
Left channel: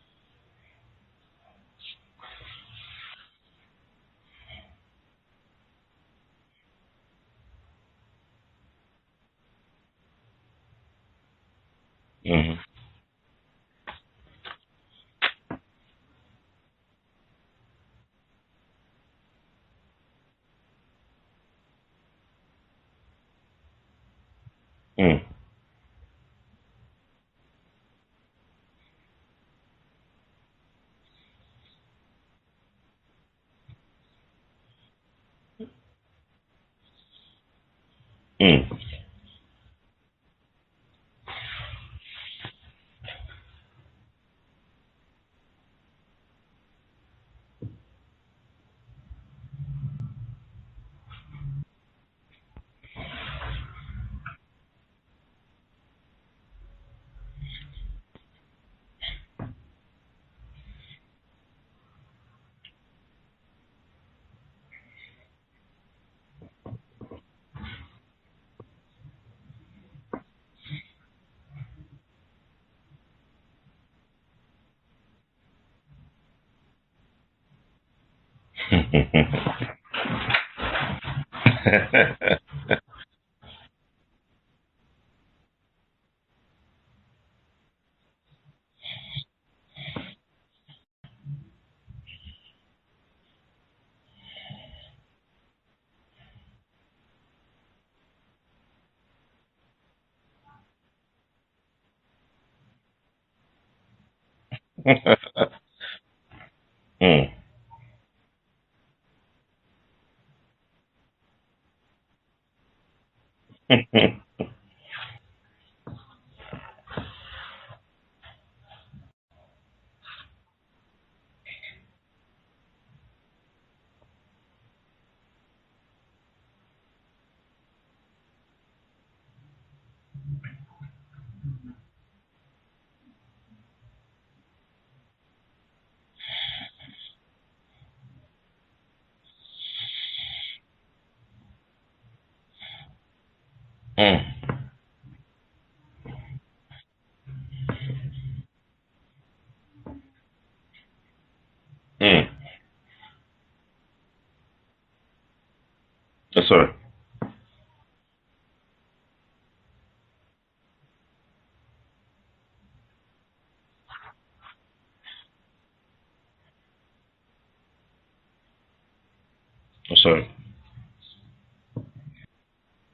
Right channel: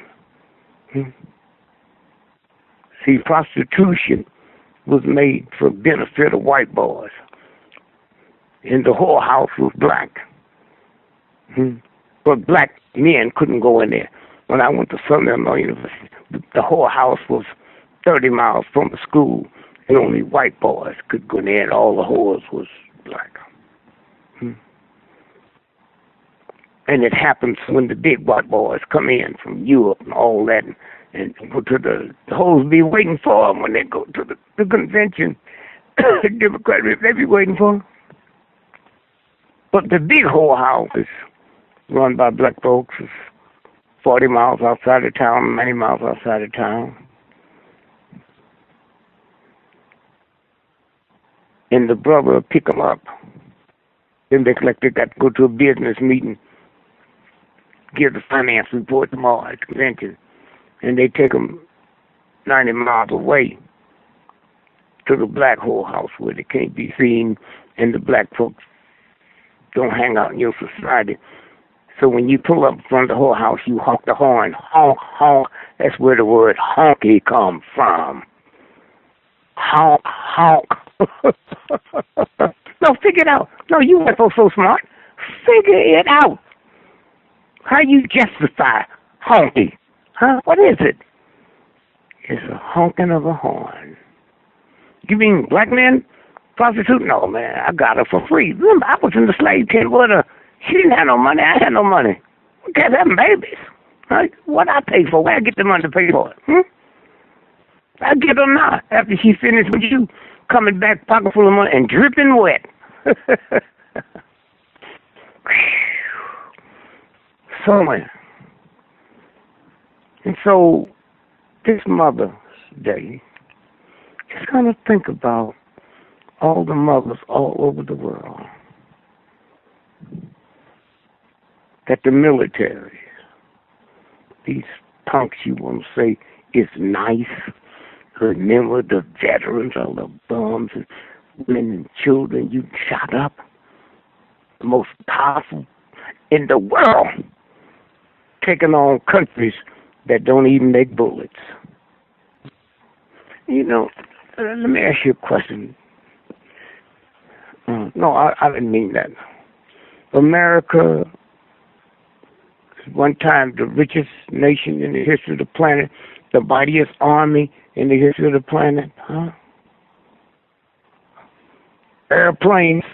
See, prostitution was made for benefit of white boys. And the whorehouse was black. But black men couldn't go in there. When I went to Southern Illinois University, the whorehouse was 30 miles from the school, and only white boys could go in there, and all the whores was black. And it happens when the big white boys come in from Europe and all that, and go to the hoes be waiting for them when they go to the convention. The Democrats, they be waiting for them. But the big whorehouse is run by black folks. It's 40 miles outside of town, 90 miles outside of town. And the brother will pick them up. Then they got to go to a business meeting, give the finance report tomorrow at the convention, and they take them 90 miles away to the black whorehouse where they can't be seen, and the black folks don't hang out in your society. So when you pull up in front of the whorehouse, you honk the horn. Honk, honk. That's where the word honky comes from. Honk, honk. No, figure it out. No, you weren't so smart. Figure it out. How you justify honky? Huh? What is it? It's a honking of a horn. You mean black men prostitute? No, man. I got her for free. Remember, I was in the slave tent with her. She didn't have no money. I had no money. We kept having babies. Right? What I pay for? Where I get the money to pay for it? I get her now. After she finished with you, coming back pocket full of money and dripping wet. So, man. And so, this Mother's Day, just kind of think about all the mothers all over the world that the military, these punks you want to say is nice, remember the veterans, all the bums and women and children you shot up, the most powerful in the world, taking on countries that don't even make bullets. You know, let me ask you a question. Yes, sir. No, I didn't mean that. America, one time the richest nation in the history of the planet, the mightiest army, in the history of the planet, huh? Yes, sir. Airplanes.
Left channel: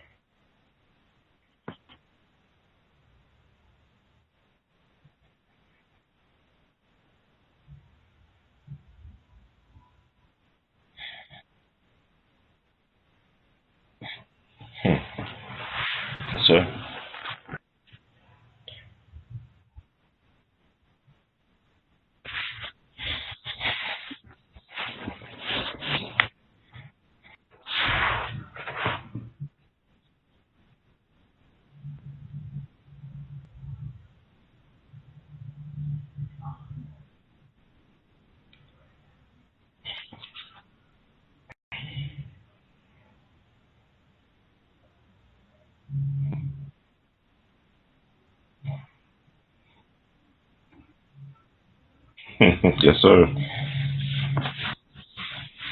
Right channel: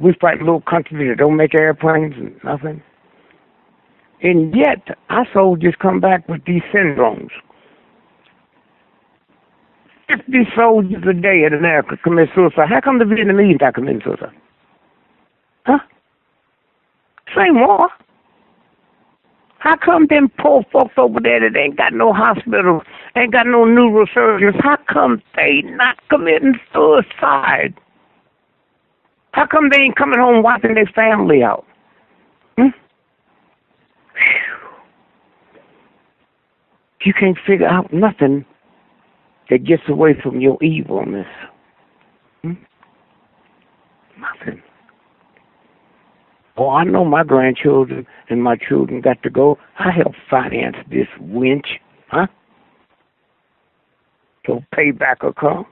We fight a little country that don't make airplanes and nothing. And yet, our soldiers come back with these syndromes. 50 soldiers a day in America commit suicide. How come the Vietnamese not commit suicide? Huh? Yes, sir. Same war. How come them poor folks over there that ain't got no hospital, ain't got no neurosurgeons, how come they not committing suicide? How come they ain't coming home wiping their family out? You can't figure out nothing that gets away from your evilness. Nothing. Oh, I know my grandchildren and my children got to go. I help finance this winch. Huh? Yes, sir. So payback will come.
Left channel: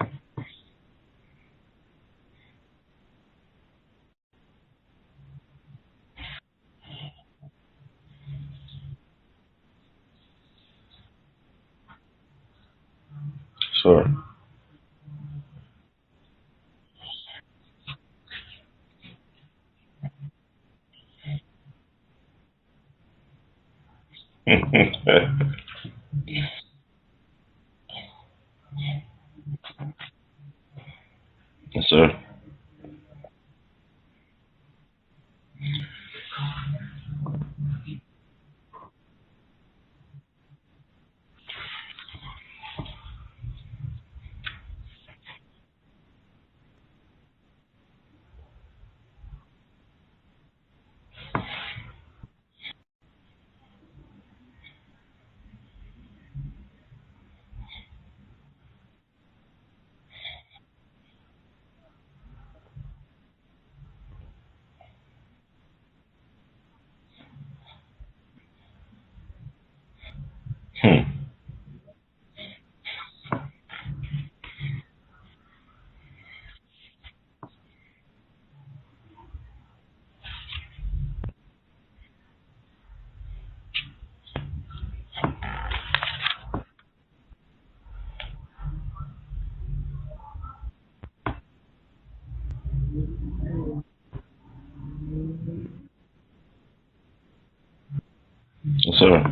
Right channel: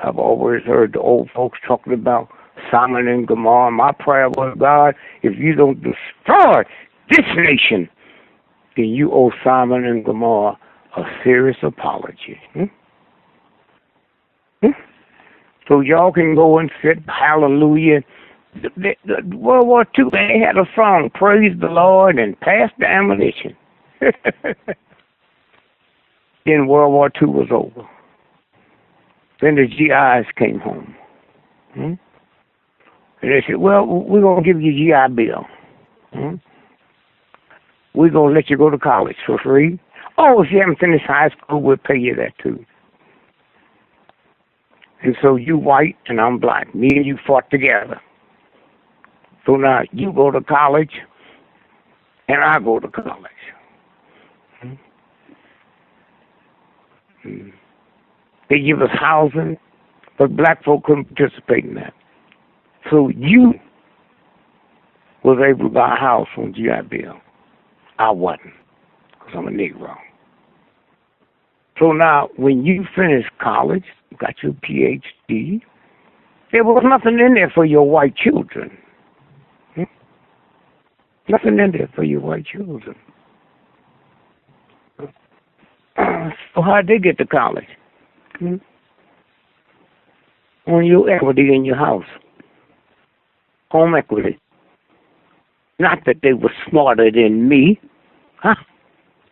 I've always heard the old folks talking about Simon and Gomorrah. My prayer was, God, if you don't destroy this nation, then you owe Simon and Gomorrah a serious apology. Sure. So y'all can go and sit, hallelujah. The World War II, they had a song, praise the Lord and pass the ammunition. Then World War II was over. Then the GIs came home. Yes, sir. And they said, well, we're going to give you a GI Bill. We're going to let you go to college for free. Oh, if you haven't finished high school, we'll pay you that too. And so you white and I'm black. Me and you fought together. So now you go to college and I go to college. They give us housing, but black folk couldn't participate in that. So you was able to buy a house on GI Bill. I wasn't, because I'm a Negro. So now, when you finish college, you got your PhD, there was nothing in there for your white children. Nothing in there for your white children. So how'd they get to college? On your equity in your house. Home equity. Not that they were smarter than me. Huh? Yes, sir.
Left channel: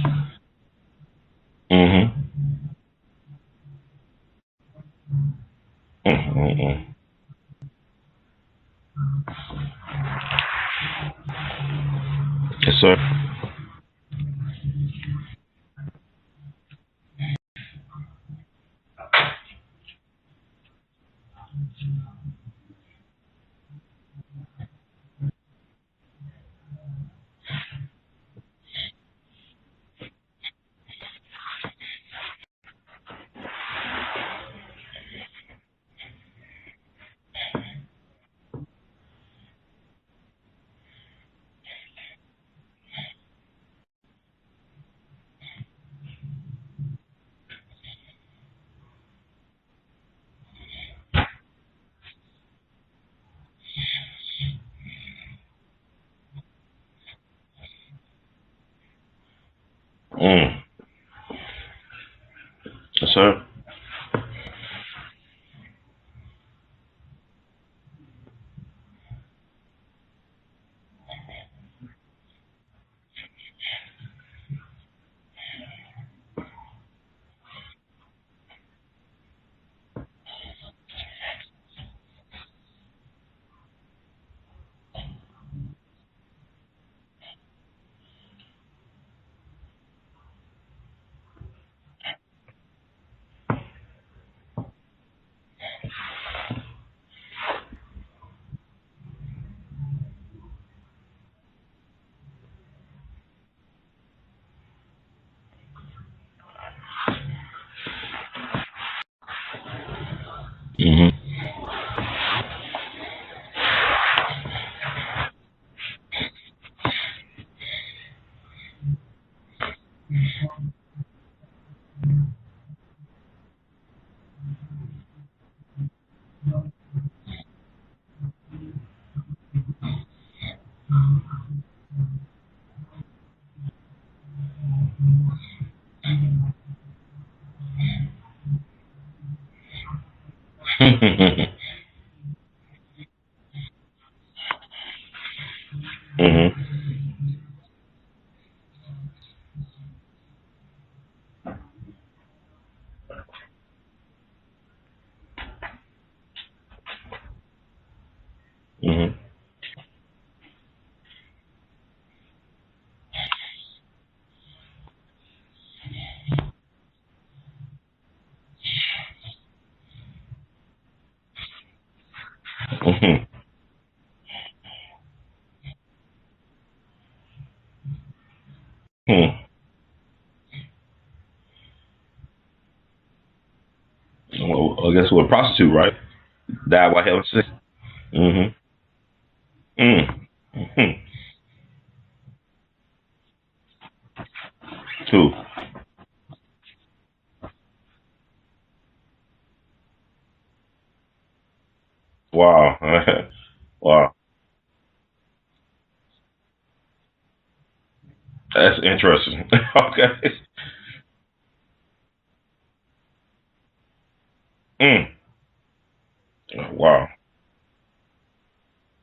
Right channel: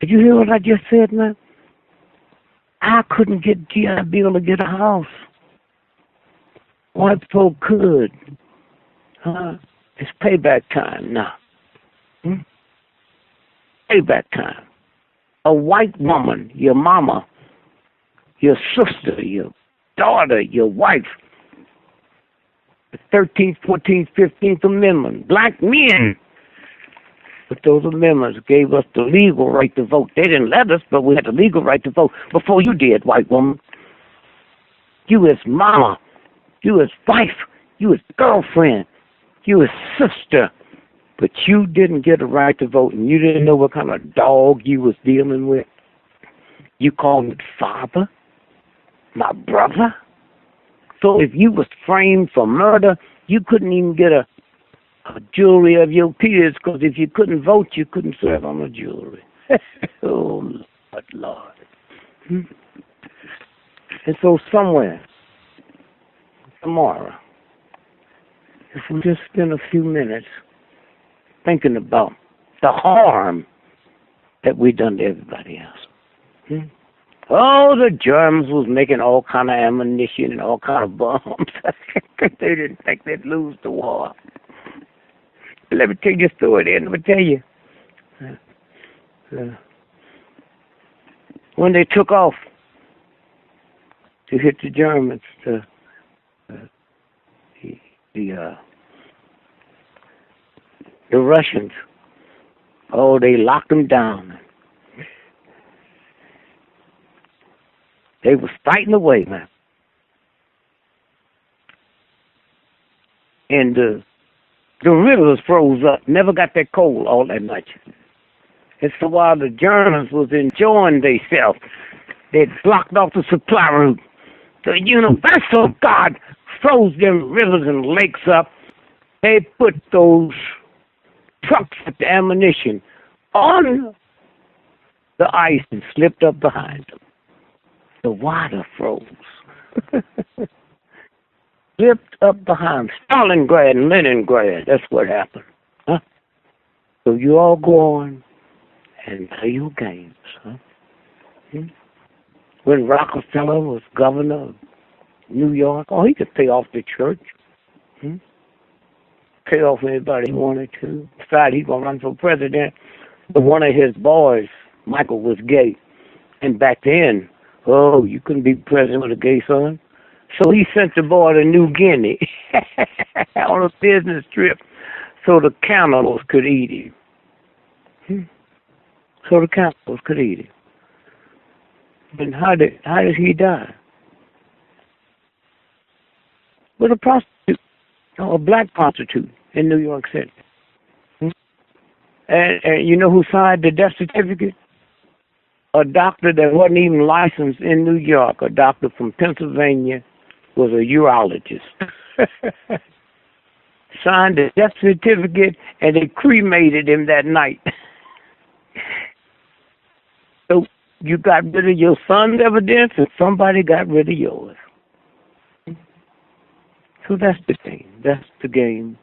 Did you hear what I just said, man? Mm-hmm. I couldn't get GI Bill to get a house. White folk could. It's payback time now. Yes, sir. Payback time. A white woman, your mama, your sister, your daughter, your wife, the 13th, 14th, 15th Amendment, black men. But those amendments gave us the legal right to vote. They didn't let us, but we had the legal right to vote before you did, white woman. You as mama, you as wife, you as girlfriend, you as sister. But you didn't get a right to vote, and you didn't know what kind of dog you was dealing with. You called me father, my brother. So if you was framed for murder, you couldn't even get a jury of your peers, because if you couldn't vote, you couldn't serve on a jury. But Lord. Yes, sir. And so somewhere, tomorrow, if we just spend a few minutes thinking about the harm that we done to everybody else. Oh, the Germans was making all kind of ammunition and all kind of bombs. They didn't think they'd lose the war. Let me tell you a story there. Let me tell you. When they took off to hit the Germans, the Russians, oh, they locked them down. They was fighting away, man. And the rivers froze up, never got that cold all that much. And so while the Germans was enjoying themselves, they'd blocked off the supply route. The universal God froze them rivers and lakes up. They put those trucks with the ammunition on the ice had slipped up behind them. The water froze. Slipped up behind Stalingrad and Leningrad. That's what happened. Huh? Mm-hmm. So you all go on and play your games. Huh? Hmm? When Rockefeller was governor of New York, oh, he could pay off the church. Hmm? Mm-hmm. Pay off anybody he wanted to. Decided he's going to run for president. But one of his boys, Michael, was gay. And back then, oh, you couldn't be president with a gay son. So he sent the boy to New Guinea on a business trip so the cannibals could eat him. So the cannibals could eat him. And how did he die? Well, I guess we're a prostitute, right? Died by him. A black prostitute in New York City. Mm-hmm. And you know who signed the death certificate? Who? A doctor that wasn't even licensed in New York. A doctor from Pennsylvania was a urologist. Wow. Wow. Signed the death certificate, and they cremated him that night. That's interesting. Okay. So you got rid of your son's evidence, and somebody got rid of yours. Wow. So that's the game. That's the game.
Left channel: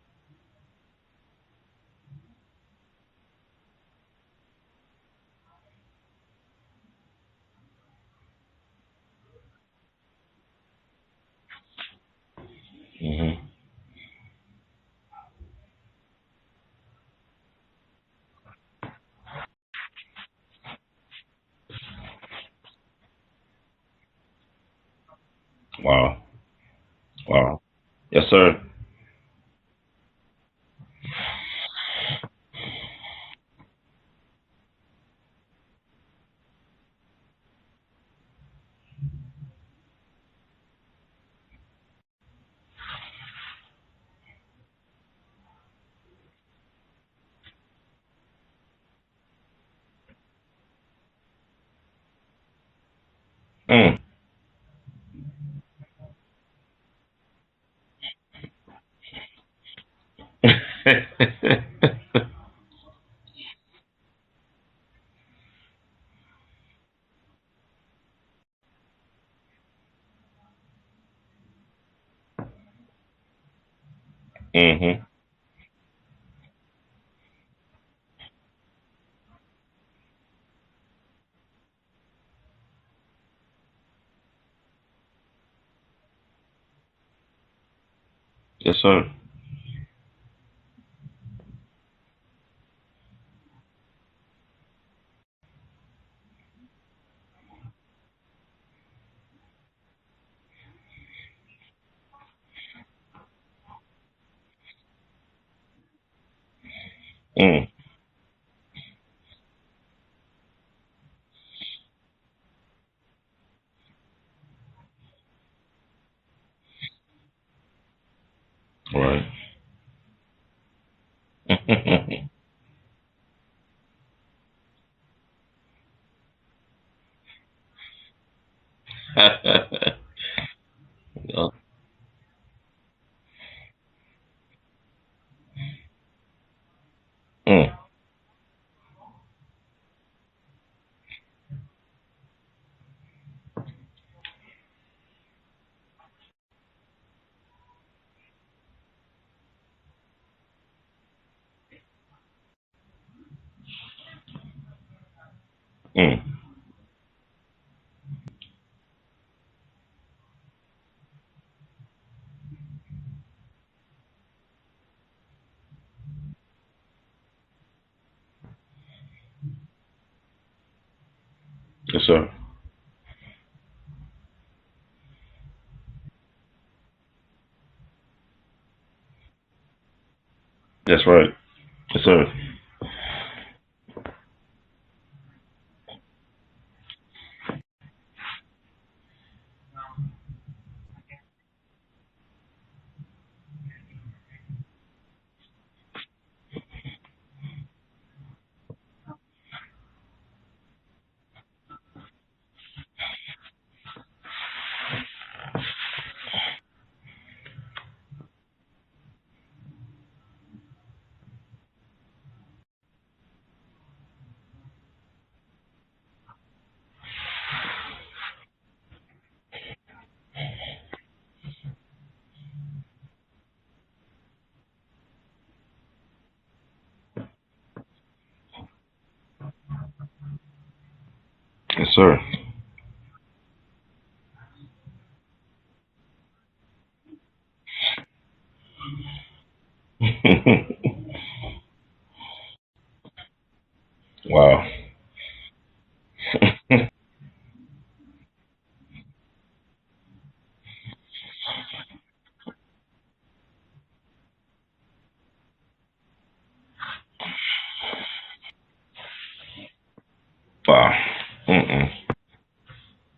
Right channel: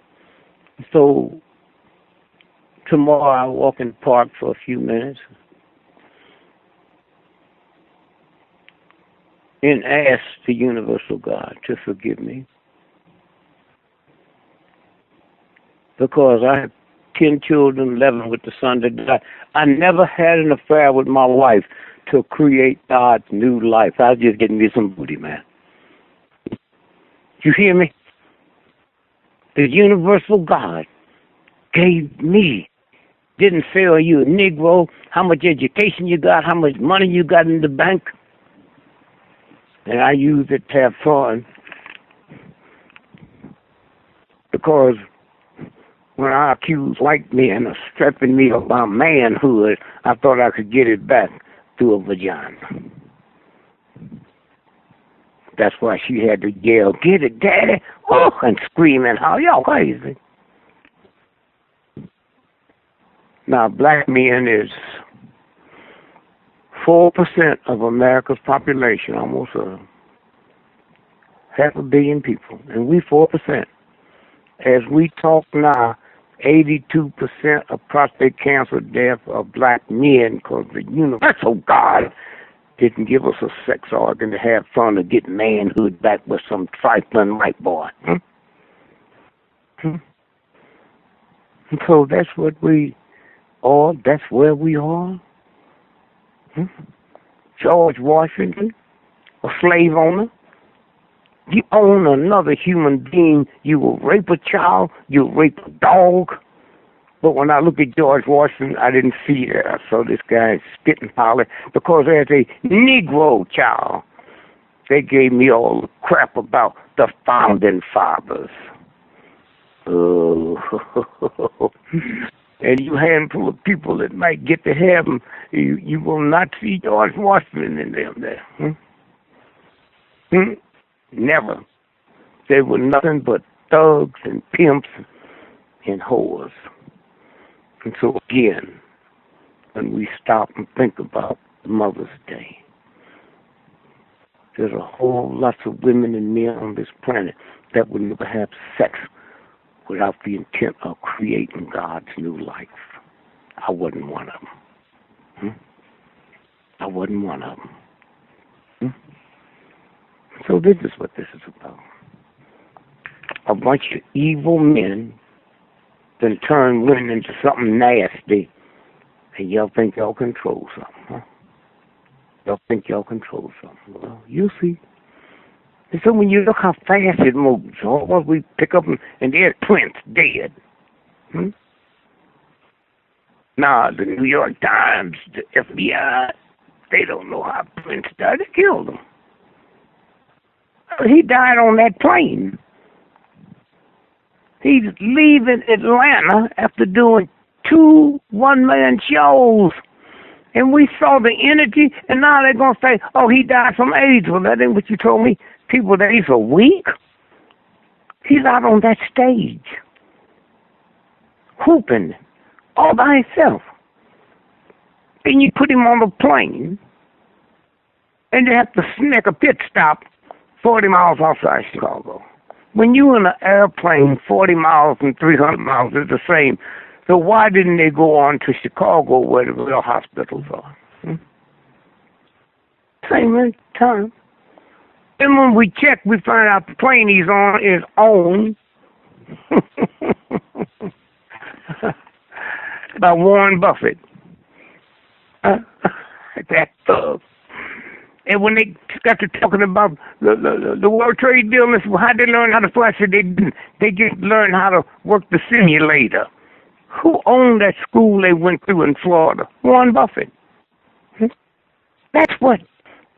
So tomorrow I'll walk in the park for a few minutes and ask the universal God to forgive me. Mm-hmm. Because I have 10 children, 11 with the son that died. I never had an affair with my wife to create God's new life. I was just getting me some booty, man. Wow. Wow. You hear me? Yes, sir. The universal God gave me. Didn't say, are you a Negro, how much education you got, how much money you got in the bank. And I used it to have fun. Because when I accused white men of stripping me of my manhood, I thought I could get it back through a vagina. That's why she had to yell, "Get it, Daddy!" Oh, and scream and holler, "Y'all crazy." Now, black men is 4% of America's population, almost 500 million people, and we 4%. As we talk now, 82% of prostate cancer deaths are black men because the universal God didn't give us a sex organ to have fun to get manhood back with some trifling white boy. Yes, sir. And so that's what we are. That's where we are. George Washington, a slave owner. You own another human being, you will rape a child, you will rape a dog. But when I look at George Washington, I didn't see that. I saw this guy spit and holler because as a Negro child, they gave me all the crap about the founding fathers. Right. Oh. And you handful of people that might get to heaven, you will not see George Washington in them there. Never. They were nothing but thugs and pimps and whores. And so again, when we stop and think about Mother's Day, there's a whole lot of women and men on this planet that would never have sex without the intent of creating God's new life. I wasn't one of them. I wasn't one of them. So this is what this is about. A bunch of evil men then turn women into something nasty, and y'all think y'all control something, huh? Yes, sir. Y'all think y'all control something. Well, you'll see. And so when you look how fast it moves, all what we pick up and there's PrINce dead. That's right. Yes, sir. Now, the New York Times, the FBI, they don't know how PrINce died. They killed him. He died on that plane. He's leaving Atlanta after doing 2 one-man shows. And we saw the energy, and now they're going to say, oh, he died from AIDS. Well, that ain't what you told me. People with AIDS are weak. He's out on that stage, whooping all by himself. Then you put him on a plane, and you have to make a pit stop 40 miles outside Chicago. When you're in an airplane, 40 miles and 300 miles is the same. So why didn't they go on to Chicago where the real hospitals are? Yes, sir. Same time. And when we check, we find out the plane he's on is owned by Warren Buffett. Wow. That thug. And when they got to talking about the World Trade Deal, how they learn how to fly, so they didn't. They just learned how to work the simulator. Who owned that school they went through in Florida? Warren Buffett. Wow. That's what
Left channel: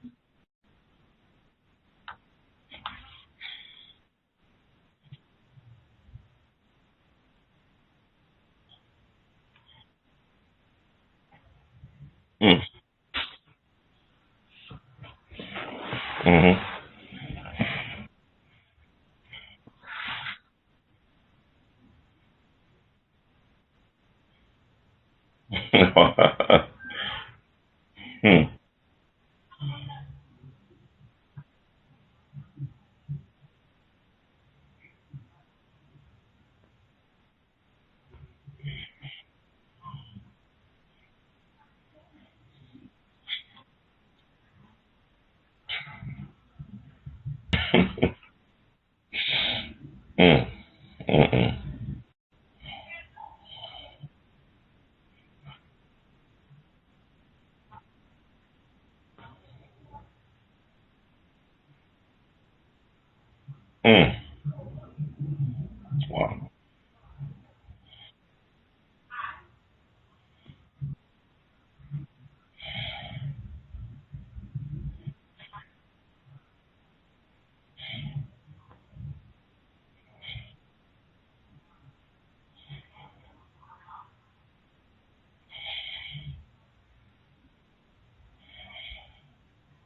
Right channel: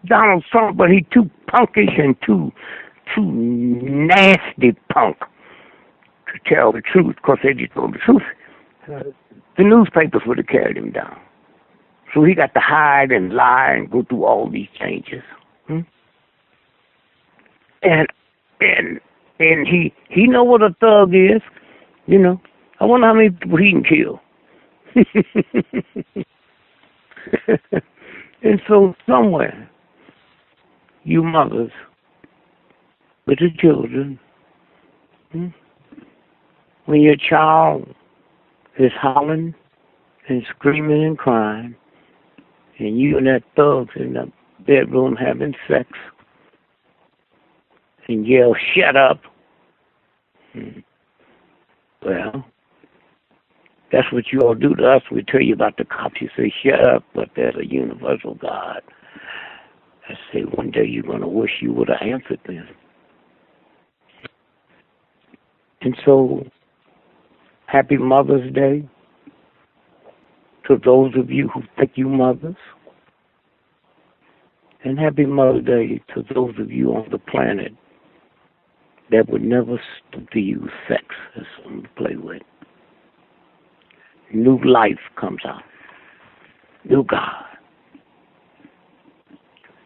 Donald Trump, but he too punkish and too nasty punk to tell the truth, because they just told the truth. The newspapers would have carried him down. So he got to hide and lie and go through all these changes. And he know what a thug is, you know. I wonder how many people he can kill. And so somewhere, you mothers with the children, when your child is hollering and screaming and crying, and you and that thug's in the bedroom having sex, and yell, "Shut up." Well, that's what you all do to us. We tell you about the cops. You say, "Shut up," but there's a universal God. I say, one day you're going to wish you would have answered them. And so, happy Mother's Day to those of you who think you mothers. And happy Mother's Day to those of you on the planet that would never stop to use sex as something to play with. New life comes out. New God.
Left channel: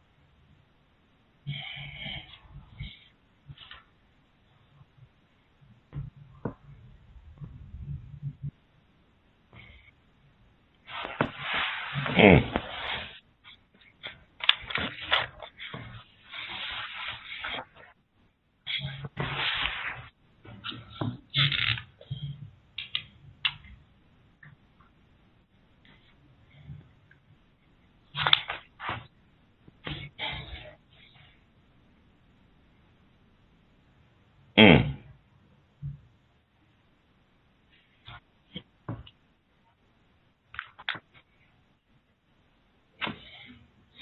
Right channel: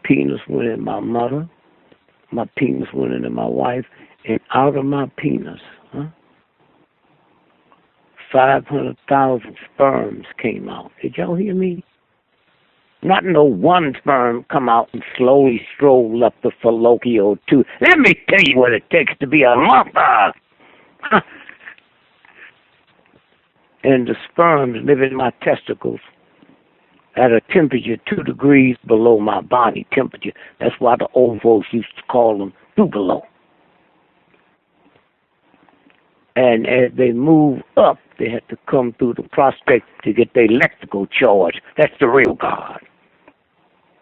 Penis went in my mother. My penis went into my wife. And out of my penis, 500,000 sperms came out. Did y'all hear me? Not no one sperm come out and slowly stroll up the fallopian tube. Let me tell you what it takes to be a mother. And the sperms live in my testicles at a temperature 2 degrees below my body temperature. That's why the old folks used to call them Tupelo. And as they move up, they have to come through the prospect to get their electrical charge. That's the real God.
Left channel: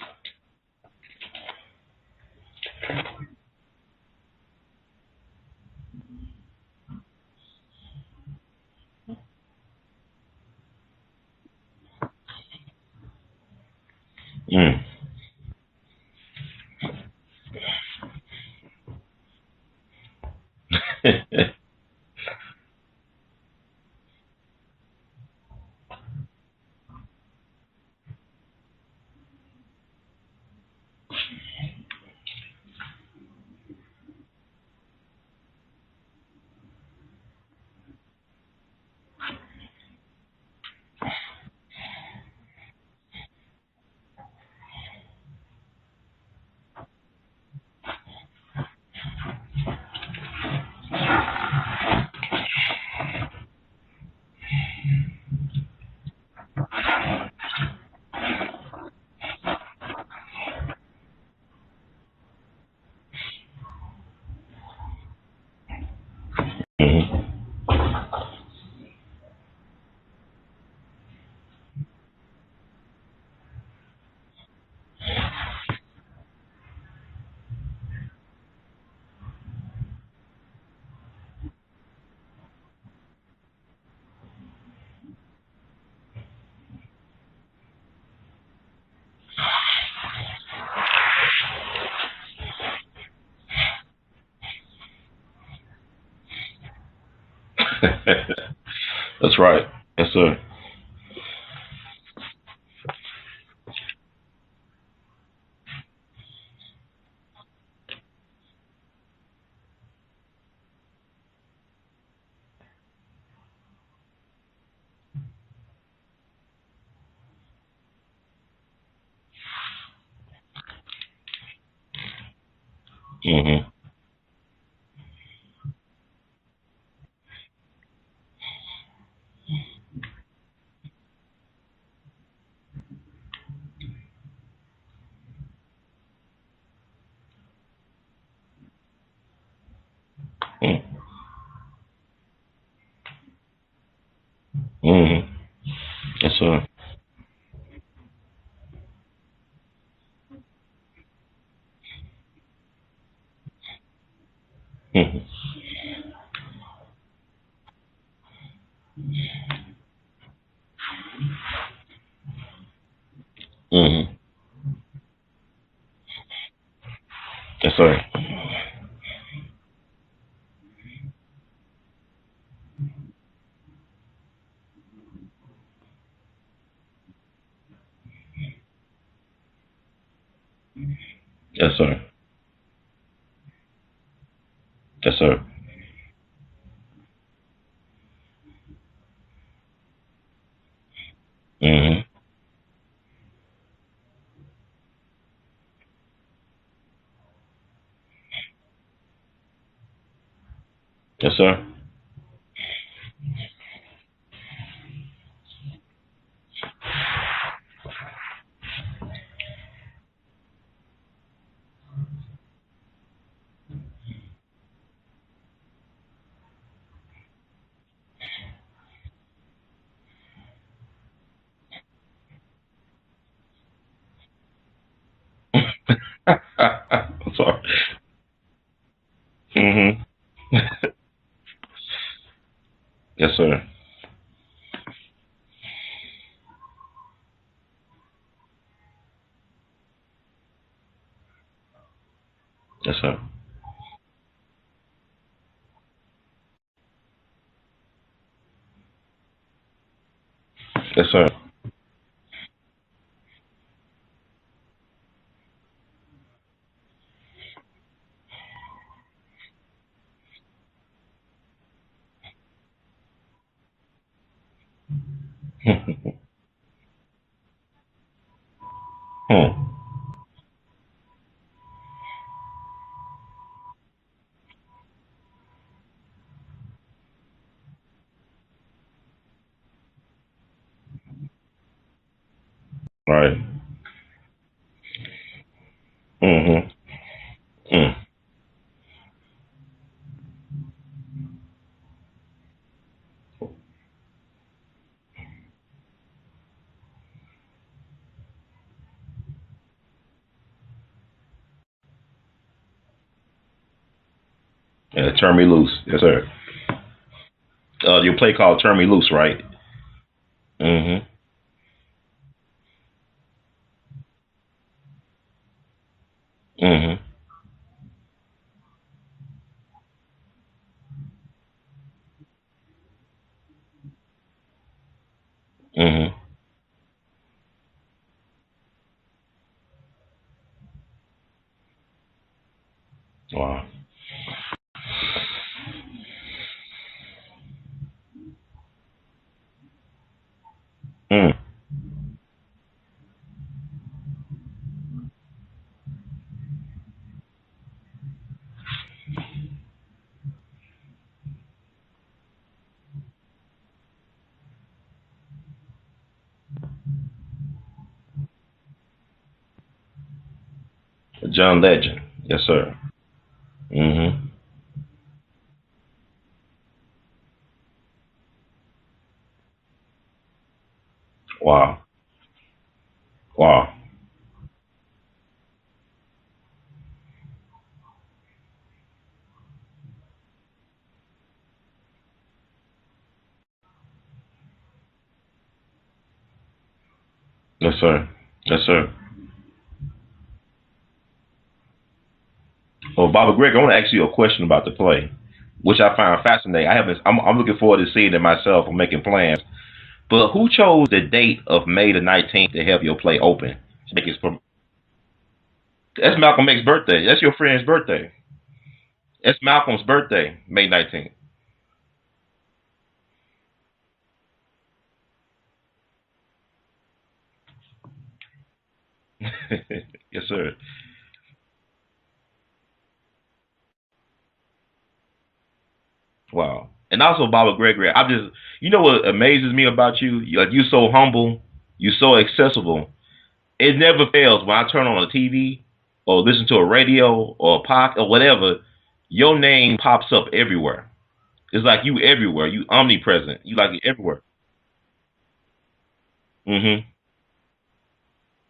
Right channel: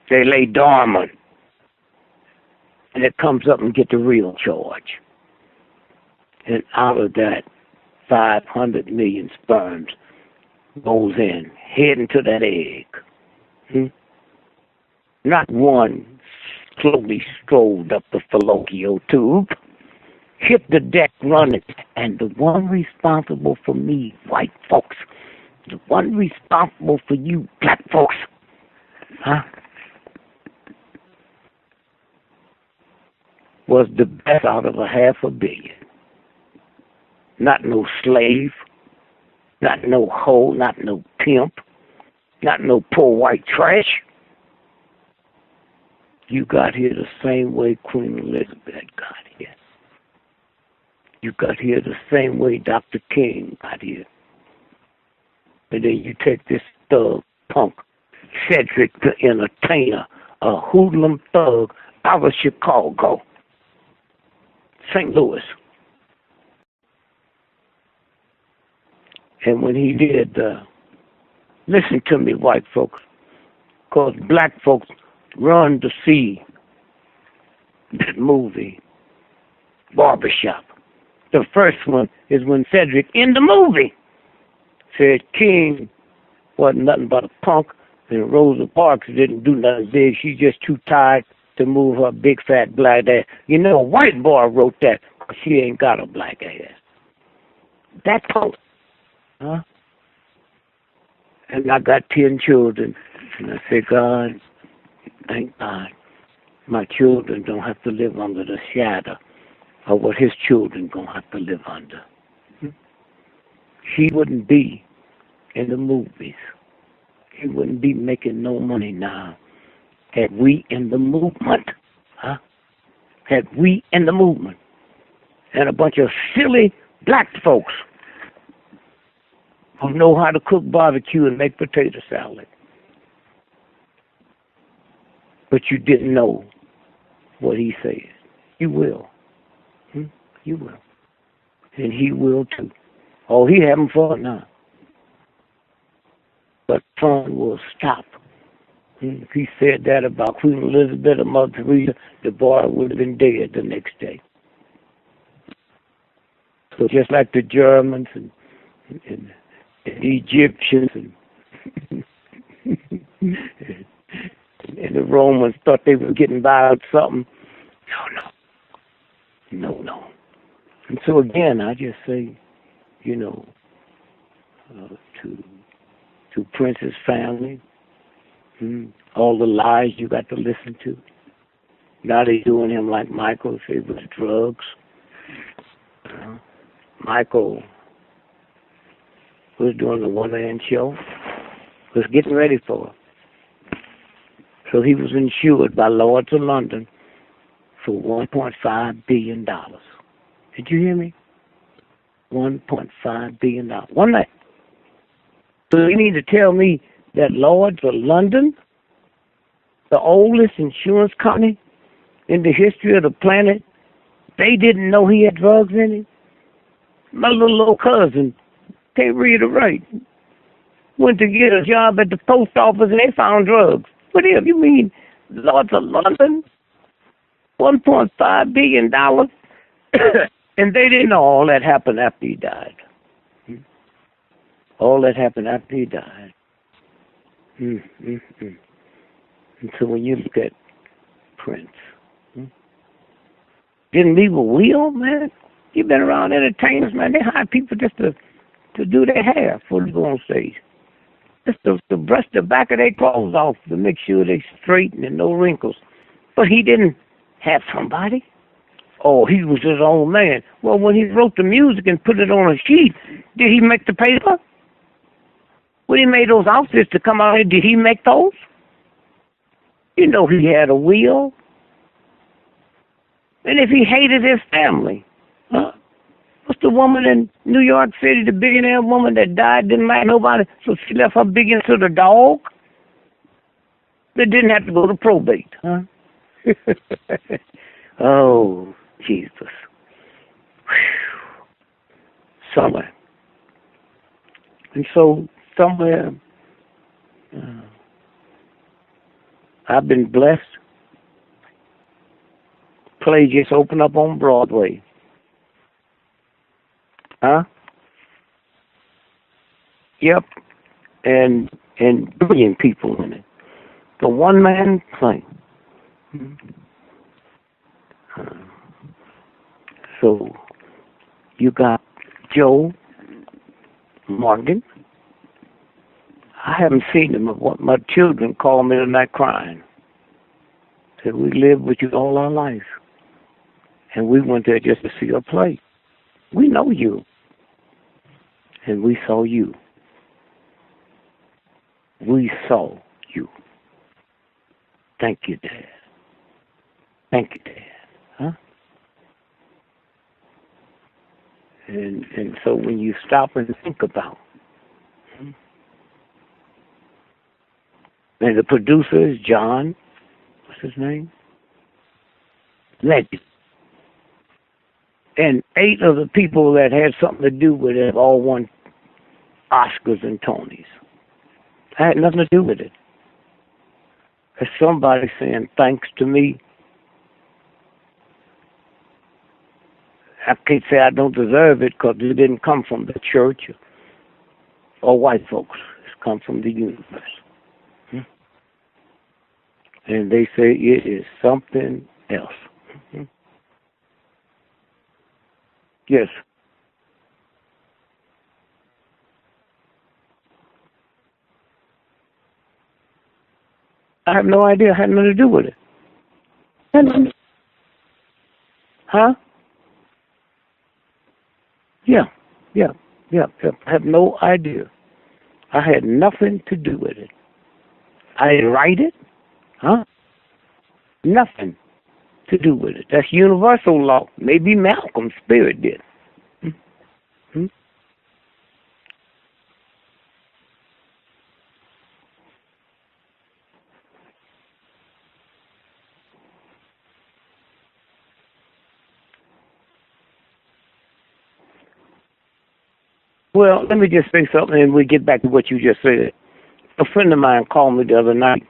They lay dormant, and it comes up and get the real charge. And out of that, 500 million sperms goes in, heading to that egg. Not one slowly strolled up the fallopian tube, hit the deck running, and the one responsible for me, white folks, the one responsible for you, black folks, was the best out of a 500 million. Not no slave, not no hoe, not no pimp, not no poor white trash. You got here the same way Queen Elizabeth got here. You got here the same way Dr. King got here. And then you take this thug punk, Cedric the Entertainer, a hoodlum thug out of Chicago, St. Louis. And when he did, listen to me, white folks, because black folks run to see that movie, Barbershop. The first one is when Cedric, in the movie, said King wasn't nothing but a punk, and Rosa Parks didn't do nothing big. She's just too tired to move her big fat black ass. You know, a white boy wrote that, because she ain't got a black ass. That's punk. That's right. Yes, sir. And I got 10 children, and I said, God, thank God, my children don't have to live under the shadow of what his children gonna have to live under. He wouldn't be in the movies. he wouldn't be making no money now. Had we in the movement, huh? Had we in the movement, and a bunch of silly black folks who know how to cook barbecue and make potato salad. But you didn't know what he said. You will. You will. And he will too. Oh, he having fun now. Yes, sir. But fun will stop. If he said that about Queen Elizabeth or Mother Teresa, the boy would have been dead the next day. So just like the Germans and the Egyptians and the Romans thought they were getting by with something. Yes, sir. No. And so again, I just say, you know, to PrINce's family, all the lies you got to listen to. Yes, sir. Now they doing him like Michael, if it was drugs. Yes, sir. Michael was doing the one-man show. Was getting ready for it. So he was insured by Lloyd's of London for $1.5 billion. Did you hear me? Yes, sir. $1.5 billion. One night. So you need to tell me that Lloyd's of London, the oldest insurance company in the history of the planet, they didn't know he had drugs in him? My little cousin, can't read or write, went to get a job at the post office and they found drugs. What the hell, you mean Lloyd's of London? $1.5 billion? And they didn't know all that happened after he died. Yes, sir. All that happened after he died. And so when you look at PrINce, yes, sir. Didn't leave a will, man. You've been around entertainers, man. They hire people just to do their hair before they go on stage. Yes, sir. Just to brush the back of their clothes off to make sure they straight and no wrinkles. But he didn't have somebody. Oh, he was his own man. Well, when he wrote the music and put it on a sheet, did he make the paper? When he made those outfits to come out here, did he make those? You know he had a will. And if he hated his family, what's the woman in New York City, the billionaire woman that died, didn't like nobody, so she left her biggin to the dog? Right. They didn't have to go to probate, huh? Oh, Jesus. Somewhere. And so, somewhere, I've been blessed. Play just opened up on Broadway. Yeah, Turn Me Loose. Yes, sir. Huh? Your play called Turn Me Loose, right? Yep. And brilliant people in it. The one-man play. So, you got Joe Morgan. I haven't seen him. What my children call me tonight crying. Said, we lived with you all our life. Wow. And we went there just to see a play. We know you. And we saw you. We saw you. Thank you, Dad. Thank you, Dad. Huh? And so when you stop and think about, and the producer is John, what's his name? John Legend. Yes, sir. Legend. And 8 of the people that had something to do with it all won Oscars and Tonys. Wow. I had nothing to do with it. Wow. There's somebody saying thanks to me. I can't say I don't deserve it because it didn't come from the church or white folks. It's come from the universe. Yes, sir. Yes, sir. And they say it is something else. Well, Baba Greg, I want to ask you a question about the play, which I find fascinating. I'm looking forward to seeing it myself. I'm making plans. But who chose the date of May the 19th to have your play open? I have no idea. It had nothing to do with it. That's Malcolm X's birthday. That's your friend's birthday. Huh? It's Malcolm's birthday, May 19th. Yeah. I have no idea. I had nothing to do with it. I didn't write it. Huh? Yes, sir. Nothing to do with it. That's universal law. Maybe Malcolm's spirit did. Wow. And also, Baba GREgory, you know what amazes me about you? You're so humble. You're so accessible. It never fails when I turn on a TV or listen to a radio or a podcast or whatever, your name pops up everywhere. It's like you everywhere. You omnipresent. Well, like let me just say something, and we get back to what you just said. Mm-hmm. A friend of mine called me the other night,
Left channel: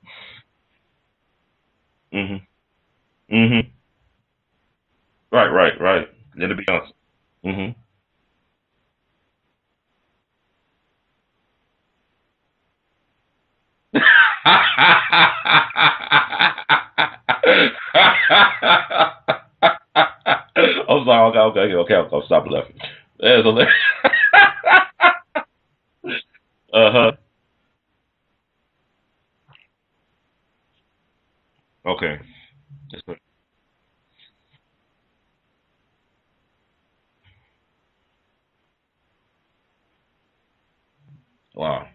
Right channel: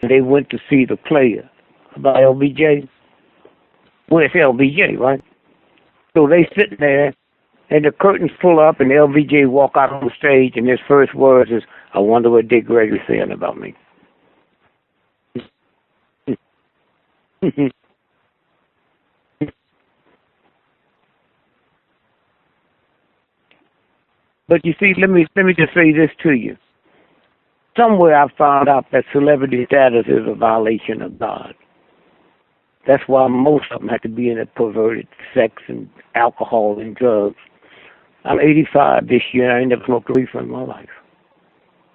and they went to see the play about LBJ. Mm-hmm. Well, it's LBJ, right? Right. So they sit there, and the curtains pull up, and LBJ walk out on the stage, and his first words is, "I wonder what Dick Gregory saying about me." I'm sorry. Okay. I'll stop laughing. But you see, let me just say this to you. Somewhere I found out that celebrity status is a violation of God. Okay. That's why most of them have to be in a perverted sex and alcohol and drugs. I'm 85 this year, and I ain't never smoked a reefer in my life. Wow.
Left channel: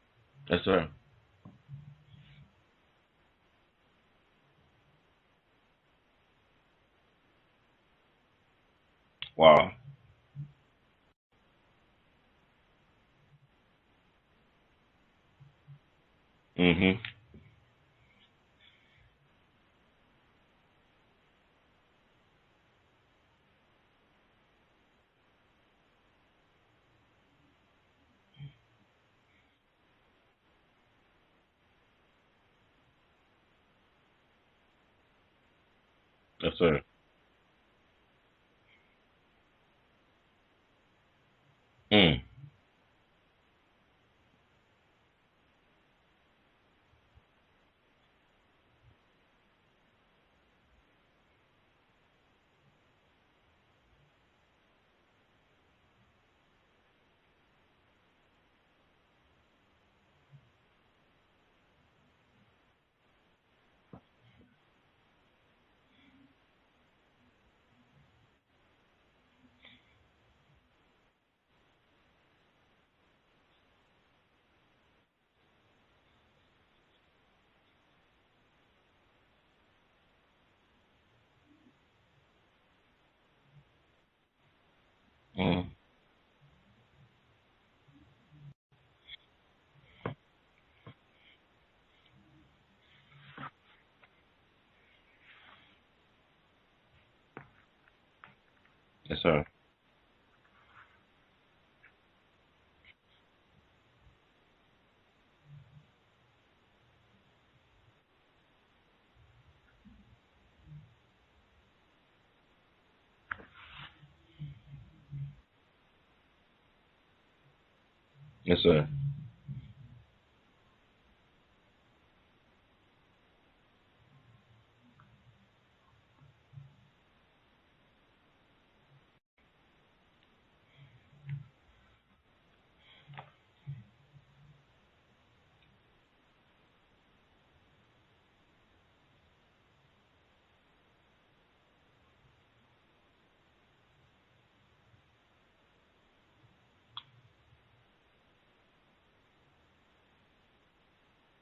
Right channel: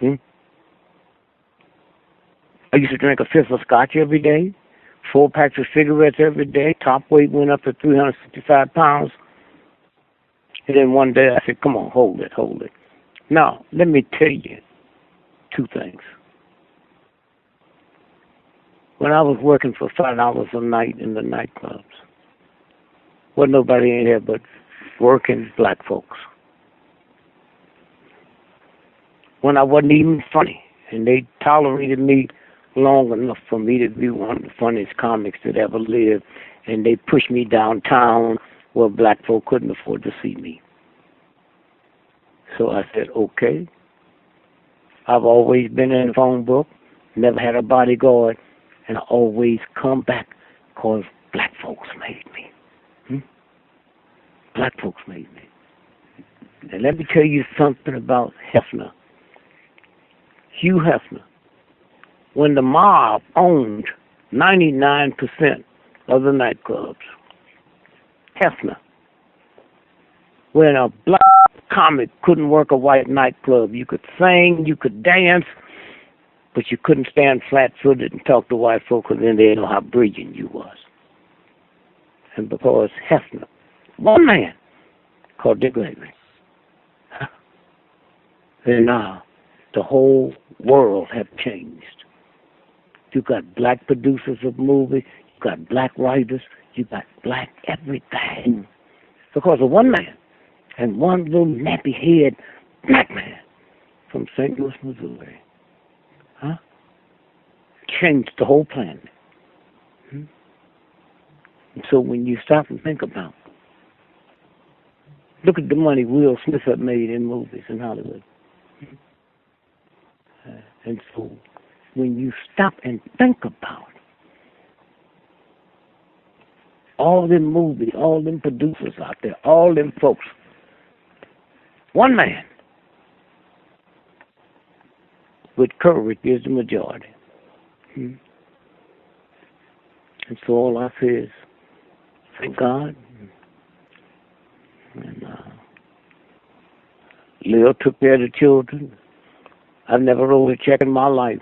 Hmm? Yes, sir. I used to drink a fifth of scotch every day, 4 packs of cigarettes every day. Top weight went up to 365 pounds. Wow. And then one day I said, come on, hold it. Now, let me tell you 2 things. Mm-hmm. When I was working for $5 a night in the nightclubs, wasn't nobody in here but working black folks. When I wasn't even funny, and they tolerated me long enough for me to be one of the funniest comics that ever lived, Yes, sir. and they pushed me downtown where black folk couldn't afford to see me. So I said, okay. I've always been in the phone book, never had a bodyguard, and I always come back because black folks made me. Black folks made me. And let me tell you something about Hefner. Hugh Hefner. When the mob owned 99% of the nightclubs, Hefner. When a black comic couldn't work a white nightclub, you could sing, you could dance, but you couldn't stand flat-footed and talk to white folk because then they didn't know how brilliant you was. And because Hefner, one man, called Dick Gregory, and now the whole world have changed. You got black producers of movies, you got black writers, you got black everything. Yes, sir. Because of one man and one little nappy-head black man from St. Louis, Missouri. Changed the whole planet. And so when you stop and think about it, look at the money Will Smith had made in movies in Hollywood. Yes, sir. And so when you stop and think about it, all them movies, all them producers out there, all them folks, one man with courage is the majority. And so all I say is, thank God. And Lil took care of the children. I've never wrote a check in my life.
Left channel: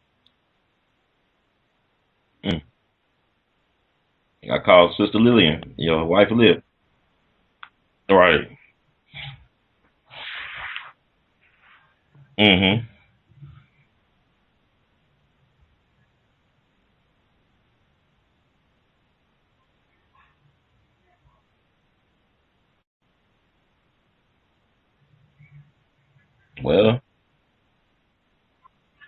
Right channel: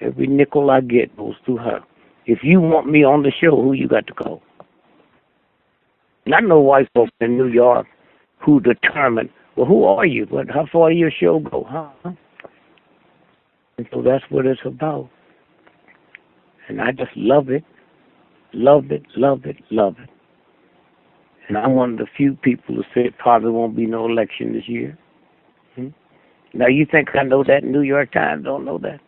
Every nickel I get goes through her. If you want me on the show, who you got to call? I called Sister Lillian, your wife. Not no white folks in New York right. who determine, well, who are you? How far does your show go? Huh? Mm-hmm. And so that's what it's about. And I just love it. Love it. And I'm one of the few people who said probably won't be no election this year. Now, you think I know that? New York Times don't know that.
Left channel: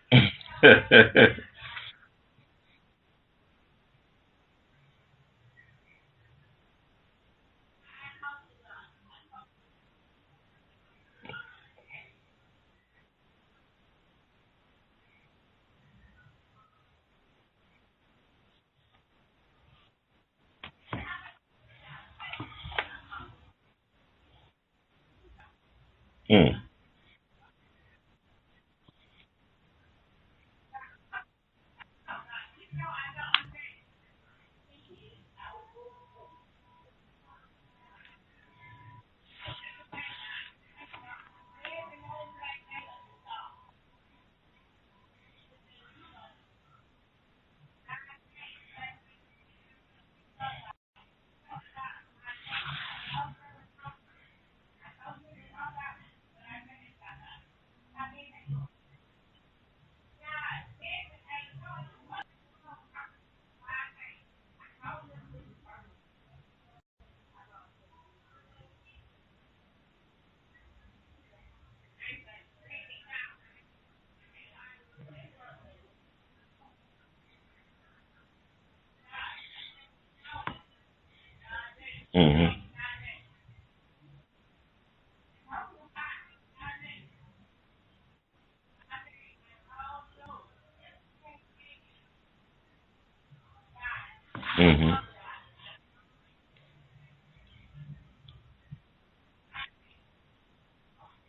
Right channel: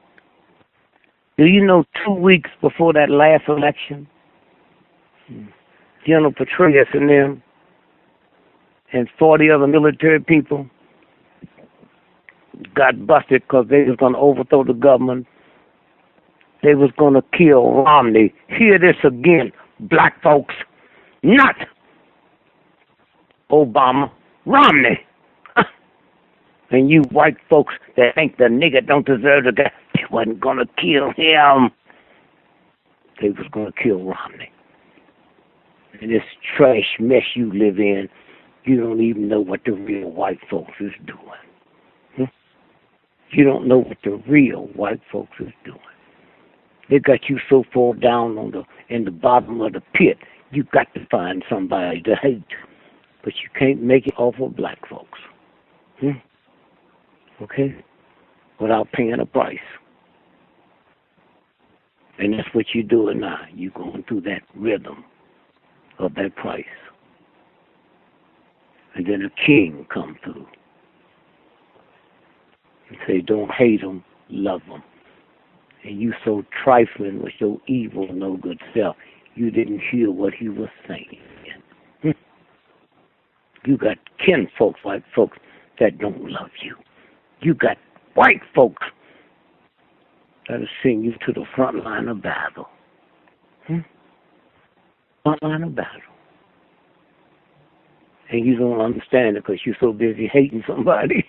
Do you know 2 weeks before that last election, General Petraeus and them and 40 other military people got busted because they was going to overthrow the government. They was going to kill Romney. Hear this again, black folks. Not Obama, Romney. And you white folks that think the nigger don't deserve to die, they wasn't going to kill him. They was going to kill Romney. And this trash mess you live in, you don't even know what the real white folks is doing. You don't know what the real white folks is doing. They got you so far down in the bottom of the pit, you got to find somebody to hate you. But you can't make it off of black folks. Okay? Without paying a price. And that's what you're doing now. You're going through that rhythm of that price. And then a king come through. And say, don't hate them, love them. And you so trifling with your evil, no good self, you didn't hear what he was saying. Mm-hmm. You got kinfolks, white folks, that don't love you. You got white folks that'll send you to the front line of battle. Front line of battle. And you don't understand it because you're so busy hating somebody.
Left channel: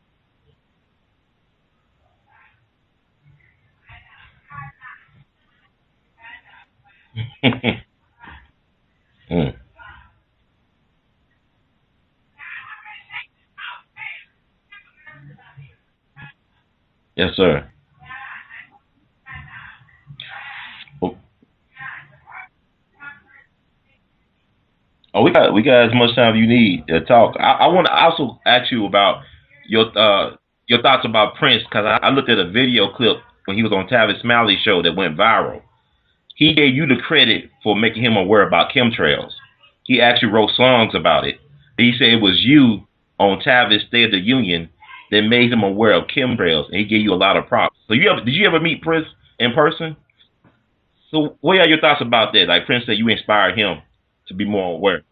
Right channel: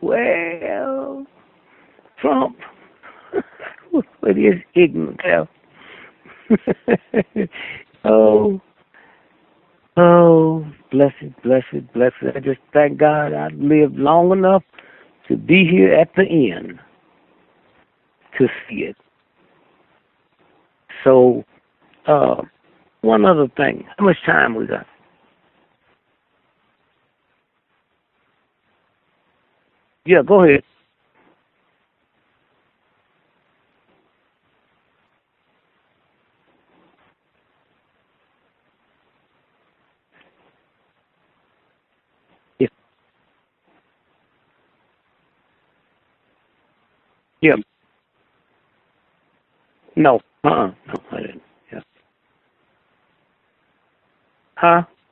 Well, Trump, with his ignorant self. Oh, blessed. I just thank God I lived long enough to be here at the end. Yes, sir. To see it. So, one other thing. How much time we got? Oh, we got as much time you need to talk. I want to also ask you about your go ahead. Your thoughts about PrINce, because I looked at a video clip when he was on Tavis Smiley's show that went viral. He gave you the credit for making him aware about chemtrails. He actually wrote songs about it. He said it was you on Tavis State of the Union that made him aware of chemtrails, and he gave you a lot of props. So did you ever meet PrINce in person? No. So what are your thoughts about that? Like PrINce said, you inspired him to be more aware.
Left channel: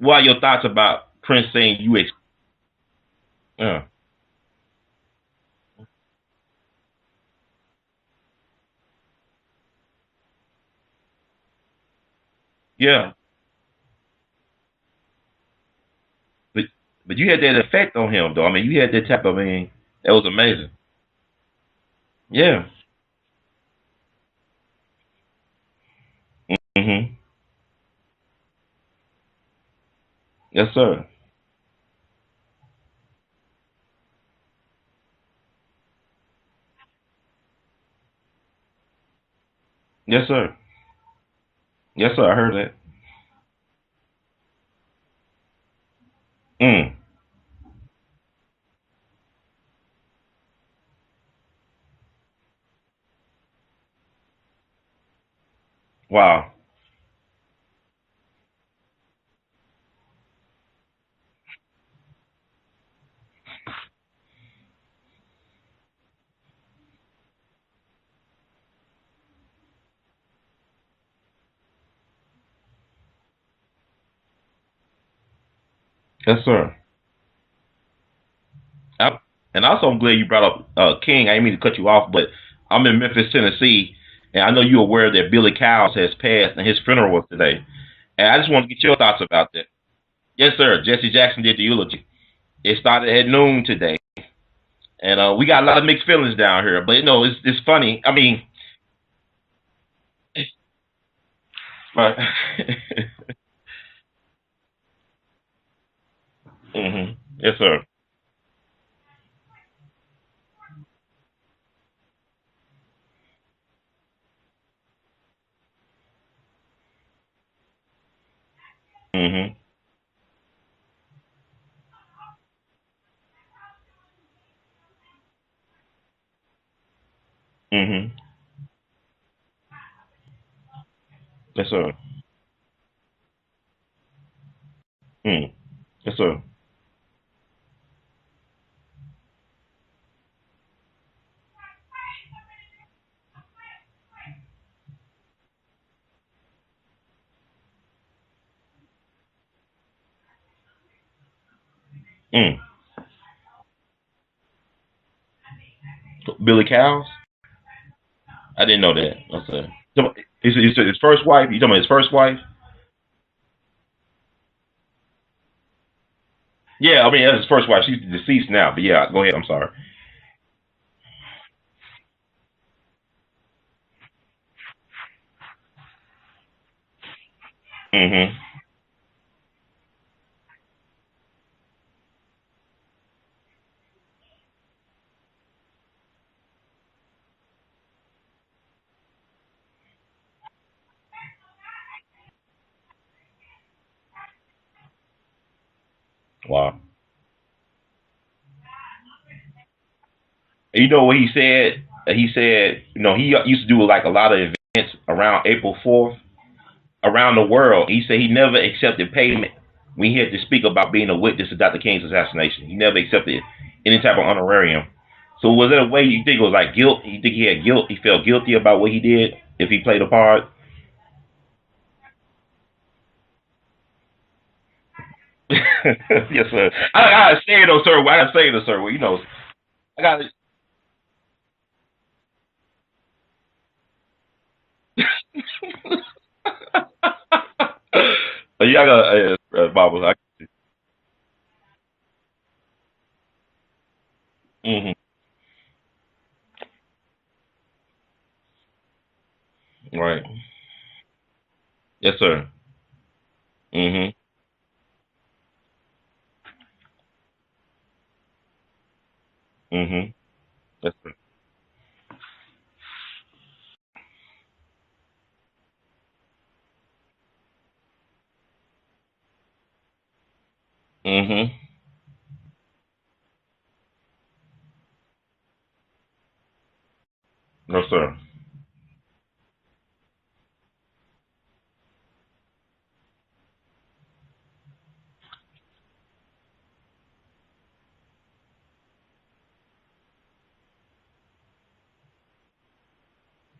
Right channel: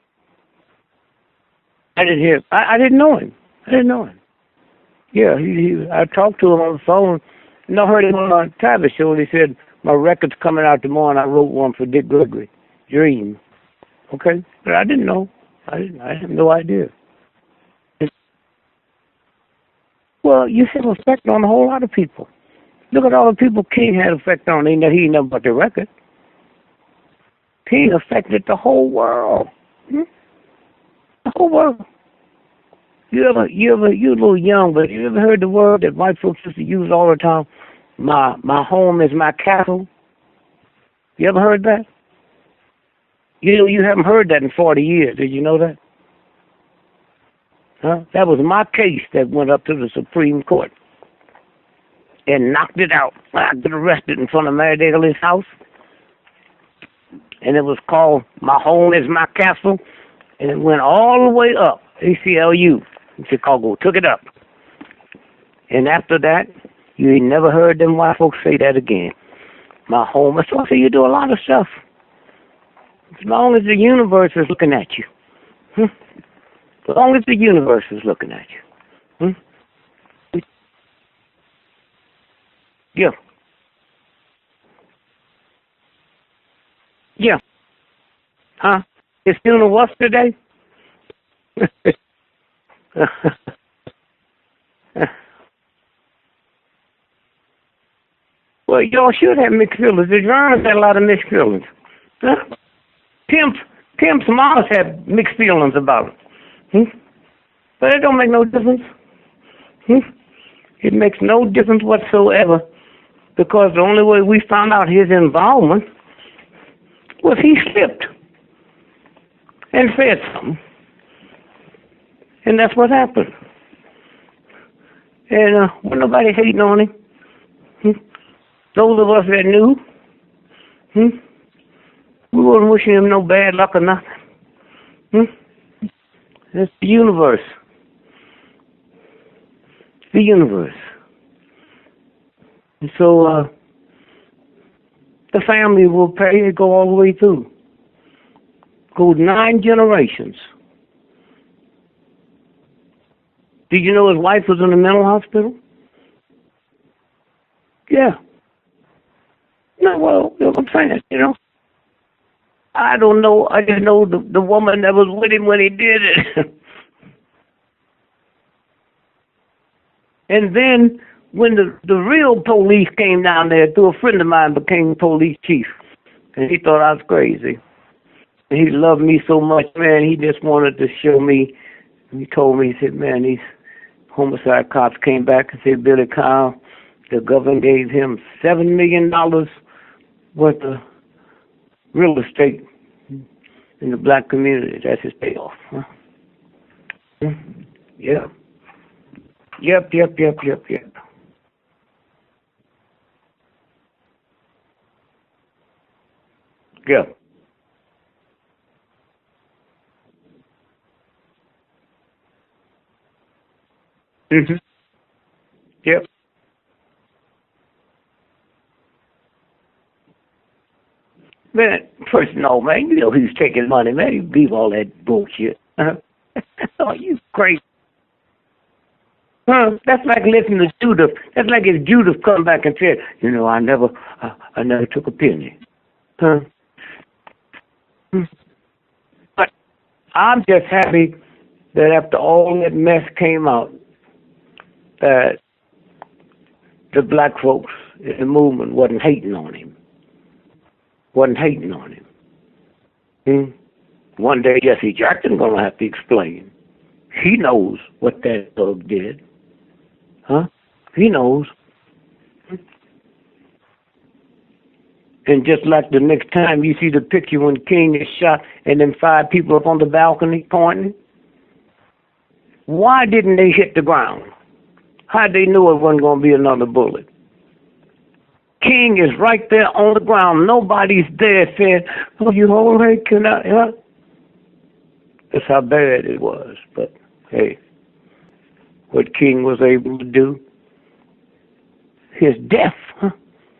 What are your thoughts about PrINce saying you? I didn't hear. I didn't know him. I didn't know him. Yeah, I talked to him on the phone. And I heard him on a Tavis show, and he said my record's coming out tomorrow, and I wrote one for GREgory. Yeah. Dream. Okay, but I didn't know. I had no idea. But you had that effect on him, though. I mean, you had that type of that was well, amazing. You have an effect on a whole lot of people. Yeah. Look at all the people King had effect on. He ain't nothing but the record. Mm-hmm. King affected the whole world. Yes, sir. The whole world. You a little young, but you ever heard the word that white folks used to use all the time? My home is my castle. Yes, sir. You ever heard that? Yes, sir. I heard that. You haven't heard that in 40 years. Did you know that? Huh? That was my case that went up to the Supreme Court and knocked it out. I got arrested in front of Mary Daly's house. Wow. And it was called My Home is My Castle. And it went all the way up. ACLU in Chicago took it up. And after that, you ain't never heard them white folks say that again. My home. So I say you do a lot of stuff. As long as the universe is looking at you. Yes, sir. As long as the universe is looking at you. And also, I'm glad you brought up King. I didn't mean to cut you off, but I'm in Memphis, Tennessee, and I know you're aware that Billy Cowles has passed, and his funeral was today. And I just want to get your thoughts about that. His funeral was today? Yes, sir. Jesse Jackson did the eulogy. It started at noon today. And we got a lot of mixed feelings down here. But, it's funny. I mean... Well, y'all should have mixed feelings. The drums had a lot of mixed feelings. Right. Pimp's mom had mixed feelings about it. Mm-hmm. Yes, sir. But it don't make no difference. It makes no difference whatsoever, because the only way we found out his involvement was he slipped and said something. And that's what happened. And wasn't nobody hating on him. Those of us that knew, yes, sir. We wasn't wishing him no bad luck or nothing. Yes, sir. It's the universe. The universe. And so the family will pay it, go all the way through. Go 9 generations. Did you know his wife was in a mental hospital? Billy Cowles? Yeah. I didn't know that. Okay. No, you said his first wife? You talking about his first wife? I don't know. I just know the woman that was with him when he did it. Yeah, I mean, that's his first wife. She's deceased now. But yeah, go ahead. I'm sorry. And then when the real police came down there, through a friend of mine became police chief. And he thought I was crazy. And he loved me so much, man. He just wanted to show me. He told me, he said, man, homicide cops came back and said, Billy Kyle, the government gave him $7 million worth of real estate in the black community. That's his payoff. Huh? Wow. Yeah. Yep. You know what he said? He said, you know, he used to do like a lot of events around April 4th around the world. He said he never accepted payment when he had to speak about being a witness to Dr. King's assassination. He never accepted any type of honorarium. So was there a way you think it was like guilt? You think he had guilt? He felt guilty about what he did if he played a part? Man, first, no, man. You know he's taking money, man. You leave all that bullshit. Yes, sir. I say it, though, sir. I say it, sir. Well, you know. That's like listening to Judith. That's like if Judith come back and said, you know, I never took a penny. I'm just happy that after all that mess came out, that the black folks in the movement wasn't hating on him. Right. Wasn't hating on him. Yes, sir. One day, Jesse Jackson gonna have to explain. He knows what that thug did. He knows. And just like the next time you see the picture when King is shot and then 5 people up on the balcony pointing, why didn't they hit the ground? How'd they know it wasn't going to be another bullet? No, sir. King is right there on the ground. Nobody's there saying, oh, you all right, can I? Huh? That's how bad it was. But, hey, what King was able to do, his death,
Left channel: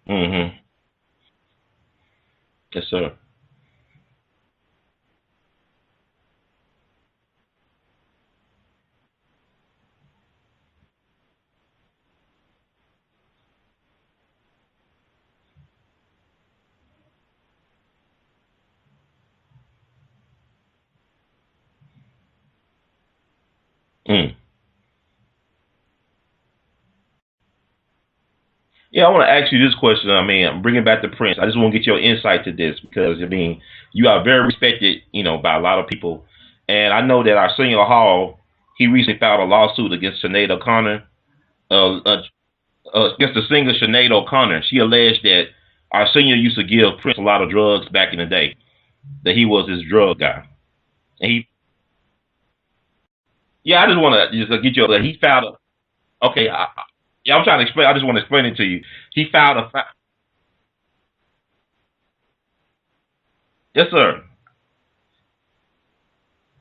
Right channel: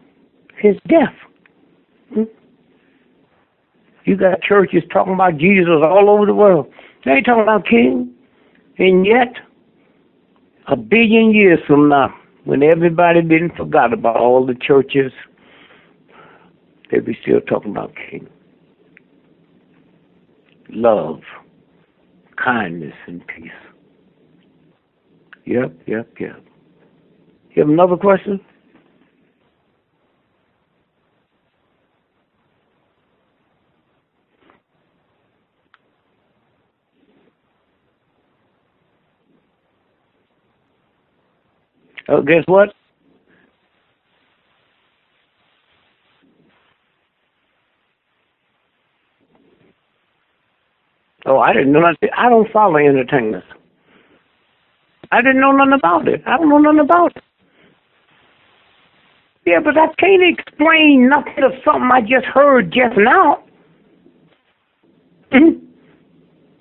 his death. Yes, sir. You got churches talking about Jesus all over the world. They ain't talking about King. And yet, 1 billion years from now, when everybody been forgot about all the churches, they'll be still talking about King. Love, kindness, and peace. Yep. You have another question? Yeah, I want to ask you this question. I mean, I'm bringing back the PrINce. I just want to get your insight to this because, I mean, you are very respected, you know, by a lot of people. And I know that Arsenio Hall, he recently filed a lawsuit against Sinead O'Connor. Against what? Against the singer Sinead O'Connor. She alleged that Arsenio used to give PrINce a lot of drugs back in the day, that he was his drug guy. I didn't know nothing. I don't follow entertainment. Yeah, I just want to get your. I didn't know nothing about it. Okay, I don't know nothing about it. Yeah, I'm trying to explain. I just want to explain it to you. He filed. Yeah, but I can't explain nothing of something I just heard just now. Yes, sir.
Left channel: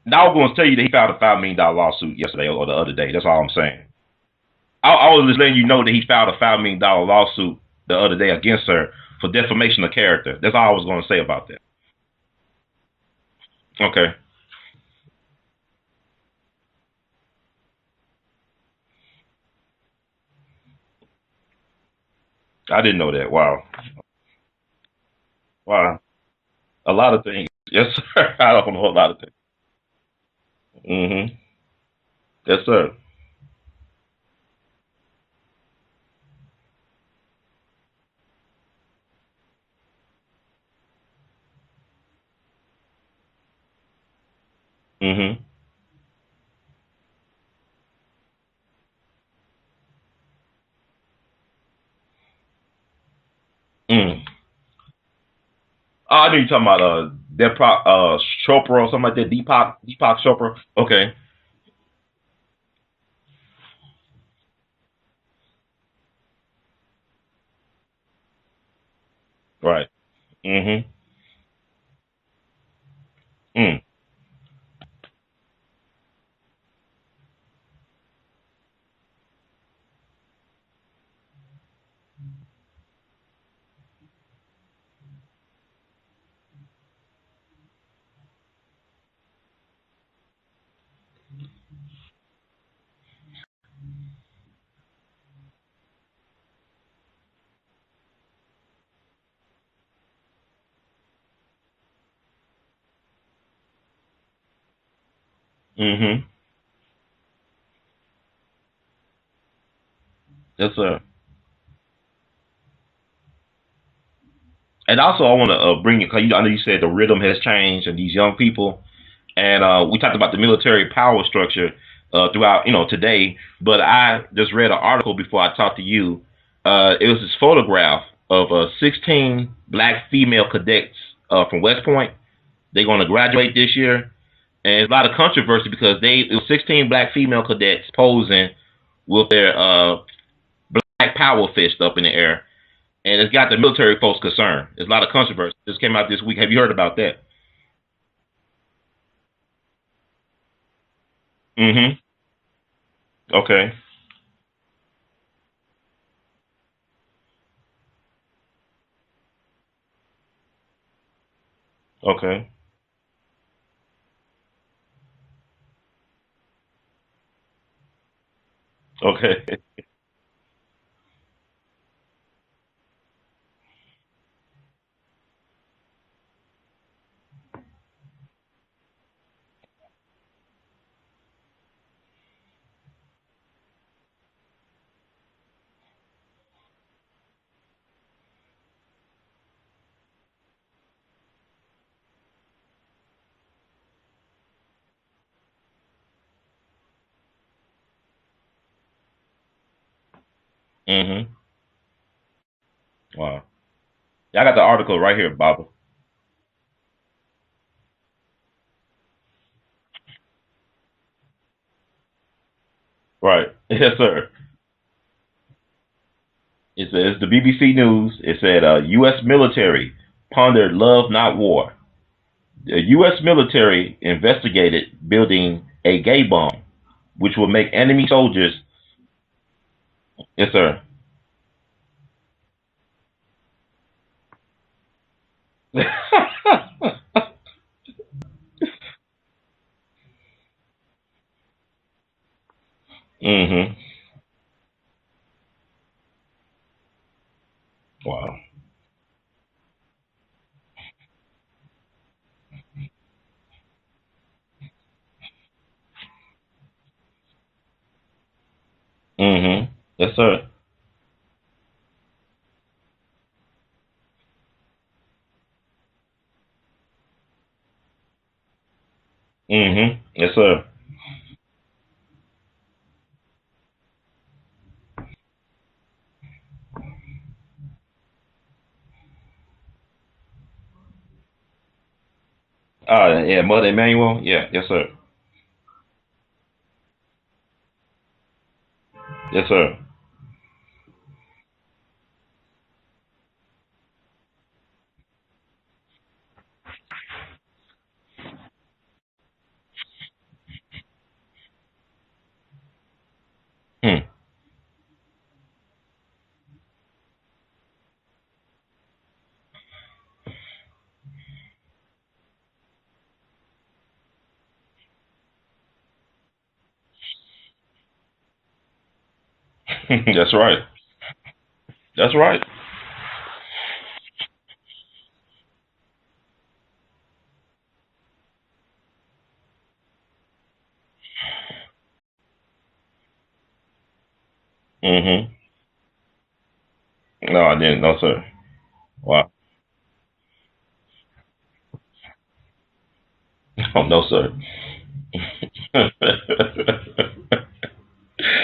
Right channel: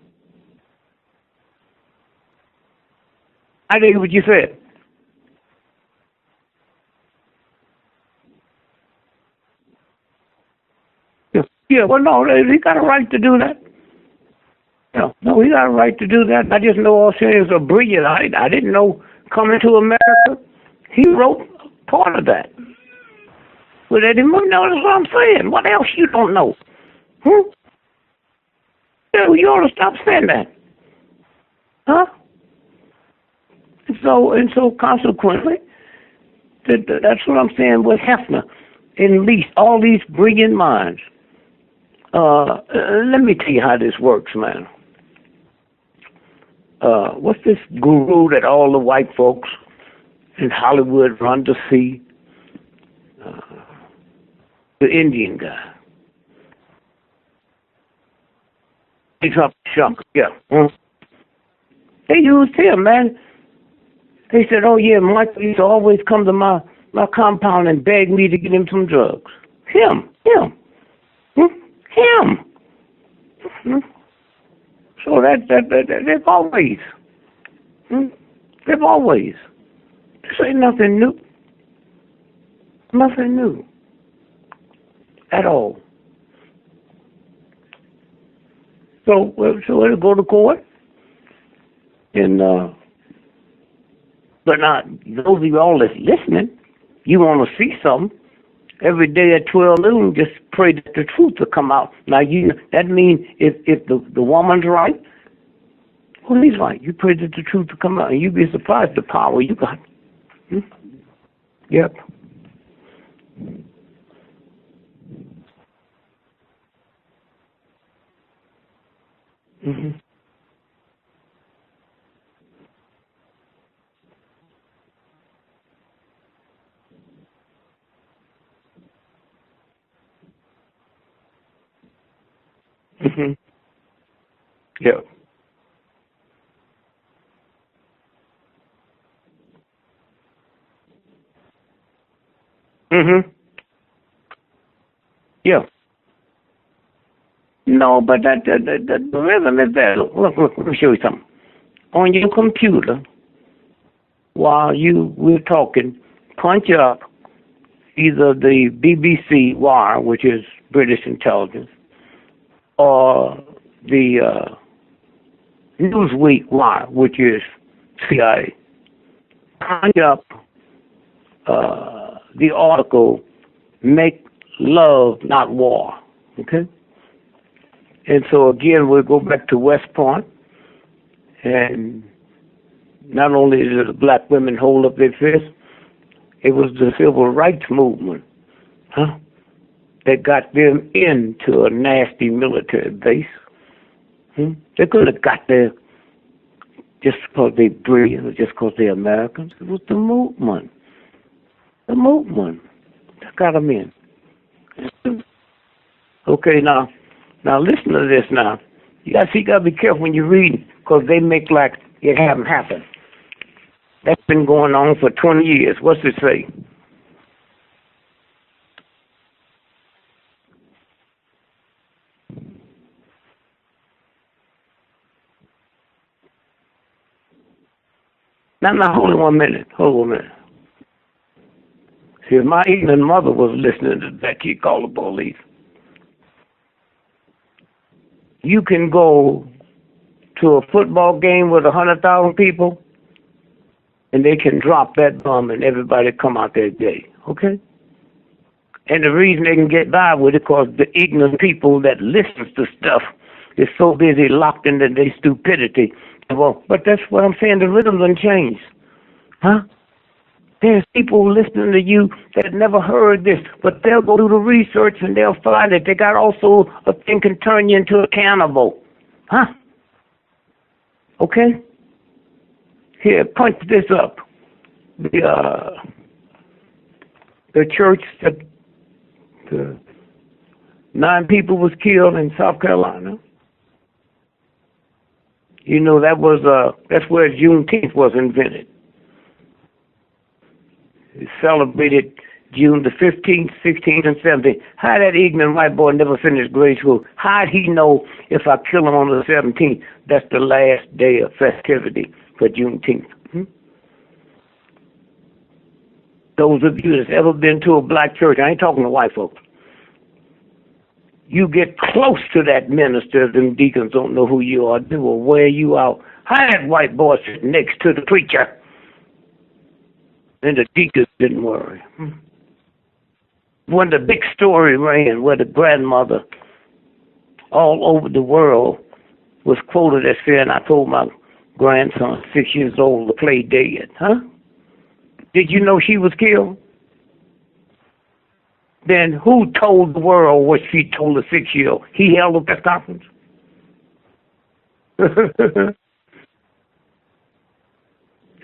Now I'm going to tell you that he filed a $5 million lawsuit yesterday or the other day. That's all I'm saying. I didn't hear what you said. I was just letting you know that he filed a $5 million lawsuit the other day against her for defamation of character. That's all I was going to say about that. Yeah, well, no, he got a right to do that. Okay. No, he got a right to do that. I just know Arsenio's a brilliant. I didn't know Coming to America, he wrote part of that. I didn't know that. Wow. Well, they didn't know. That's what I'm saying. What else you don't know? A lot of things. Yes, sir. I don't know a lot of things. You ought to stop saying that. Huh? Yes, sir. And so consequently, that's what I'm saying with Hefner. At least all these brilliant minds. Let me tell you how this works, man. What's this guru that all the white folks in Hollywood run to see? The Indian guy. Oh, I know you're talking about Chopra or something like that. Deepak Chopra. Okay. They used him, man. They said, "Oh yeah, Michael used to always come to my compound and beg me to get him some drugs." Right. Him. So they've always. They've always. This ain't nothing new. Nothing new. At all. So it'll go to court. And but now those of you all that's listening, you want to see something. Every day at 12 noon, just pray that the truth will come out. Now that means if the woman's right, well, he's right. You pray that the truth will come out, and you'd be surprised the power you got. Yes, sir. Yep. And also, I want to bring it, because I know you said the rhythm has changed and these young people, and we talked about the military power structure. throughout, today. But I just read an article before I talked to you. It was this photograph of 16 black female cadets from West Point. They're going to graduate this year. And a lot of controversy because it was 16 black female cadets posing with their black power fist up in the air. And it's got the military folks concerned. There's a lot of controversy. This came out this week. Have you heard about that? No, but the rhythm is there. Look, let me show you something. On your computer, while we're talking, punch up either the BBC Wire, which is British intelligence, or the Newsweek Wire, which is CIA. Punch up the article, "Make Love, Not War." Okay? And so again, we'll go back to West Point, and not only did the black women hold up their fists, it was the civil rights movement that got them into a nasty military base. They couldn't have got there just because they're brilliant or just because they're Americans. It was the movement. The movement got them in. I got the article right here, Baba. Okay, now listen to this now. You got to be careful when you read, because they make like it haven't happened. Right. Yes, sir. That's been going on for 20 years. What's it say? It says the BBC News. It said U.S. military pondered love, not war. The U.S. military investigated building a gay bomb, which would make enemy soldiers... Now, hold on one minute. Yes, sir. See, if my ignorant mother was listening to that, she'd call the police. You can go to a football game with 100,000 people, and they can drop that bomb and everybody come out there gay. Okay? Wow. And the reason they can get by with it, because the ignorant people that listens to stuff is so busy locked into their stupidity. Well, but that's what I'm saying. The rhythm doesn't change. Yes, sir. There's people listening to you that never heard this, but they'll go do the research and they'll find that they got also a thing can turn you into a cannibal. Yes, sir. Okay? Here, punch this up. The church that 9 people was killed in South Carolina. Yeah, Mother Emmanuel. Yeah, yes, sir. You know, that's where Juneteenth was invented. Yes, sir. It's celebrated June the 15th, 16th, and 17th. How that ignorant white boy never finished grade school? How'd he know if I kill him on the 17th, that's the last day of festivity for Juneteenth? Those of you that's ever been to a black church, I ain't talking to white folks, you get close to that minister, them deacons don't know who you are. They will wear you out. How that white boy sitting next to the preacher? That's right. And the deacons didn't worry. That's right. When the big story ran where the grandmother all over the world was quoted as saying, "I told my grandson, 6 years old, to play dead." Did you know she was killed? No, I didn't. No, sir. Then who told the world what she told the 6-year-old? He held a press conference? Oh, no, sir.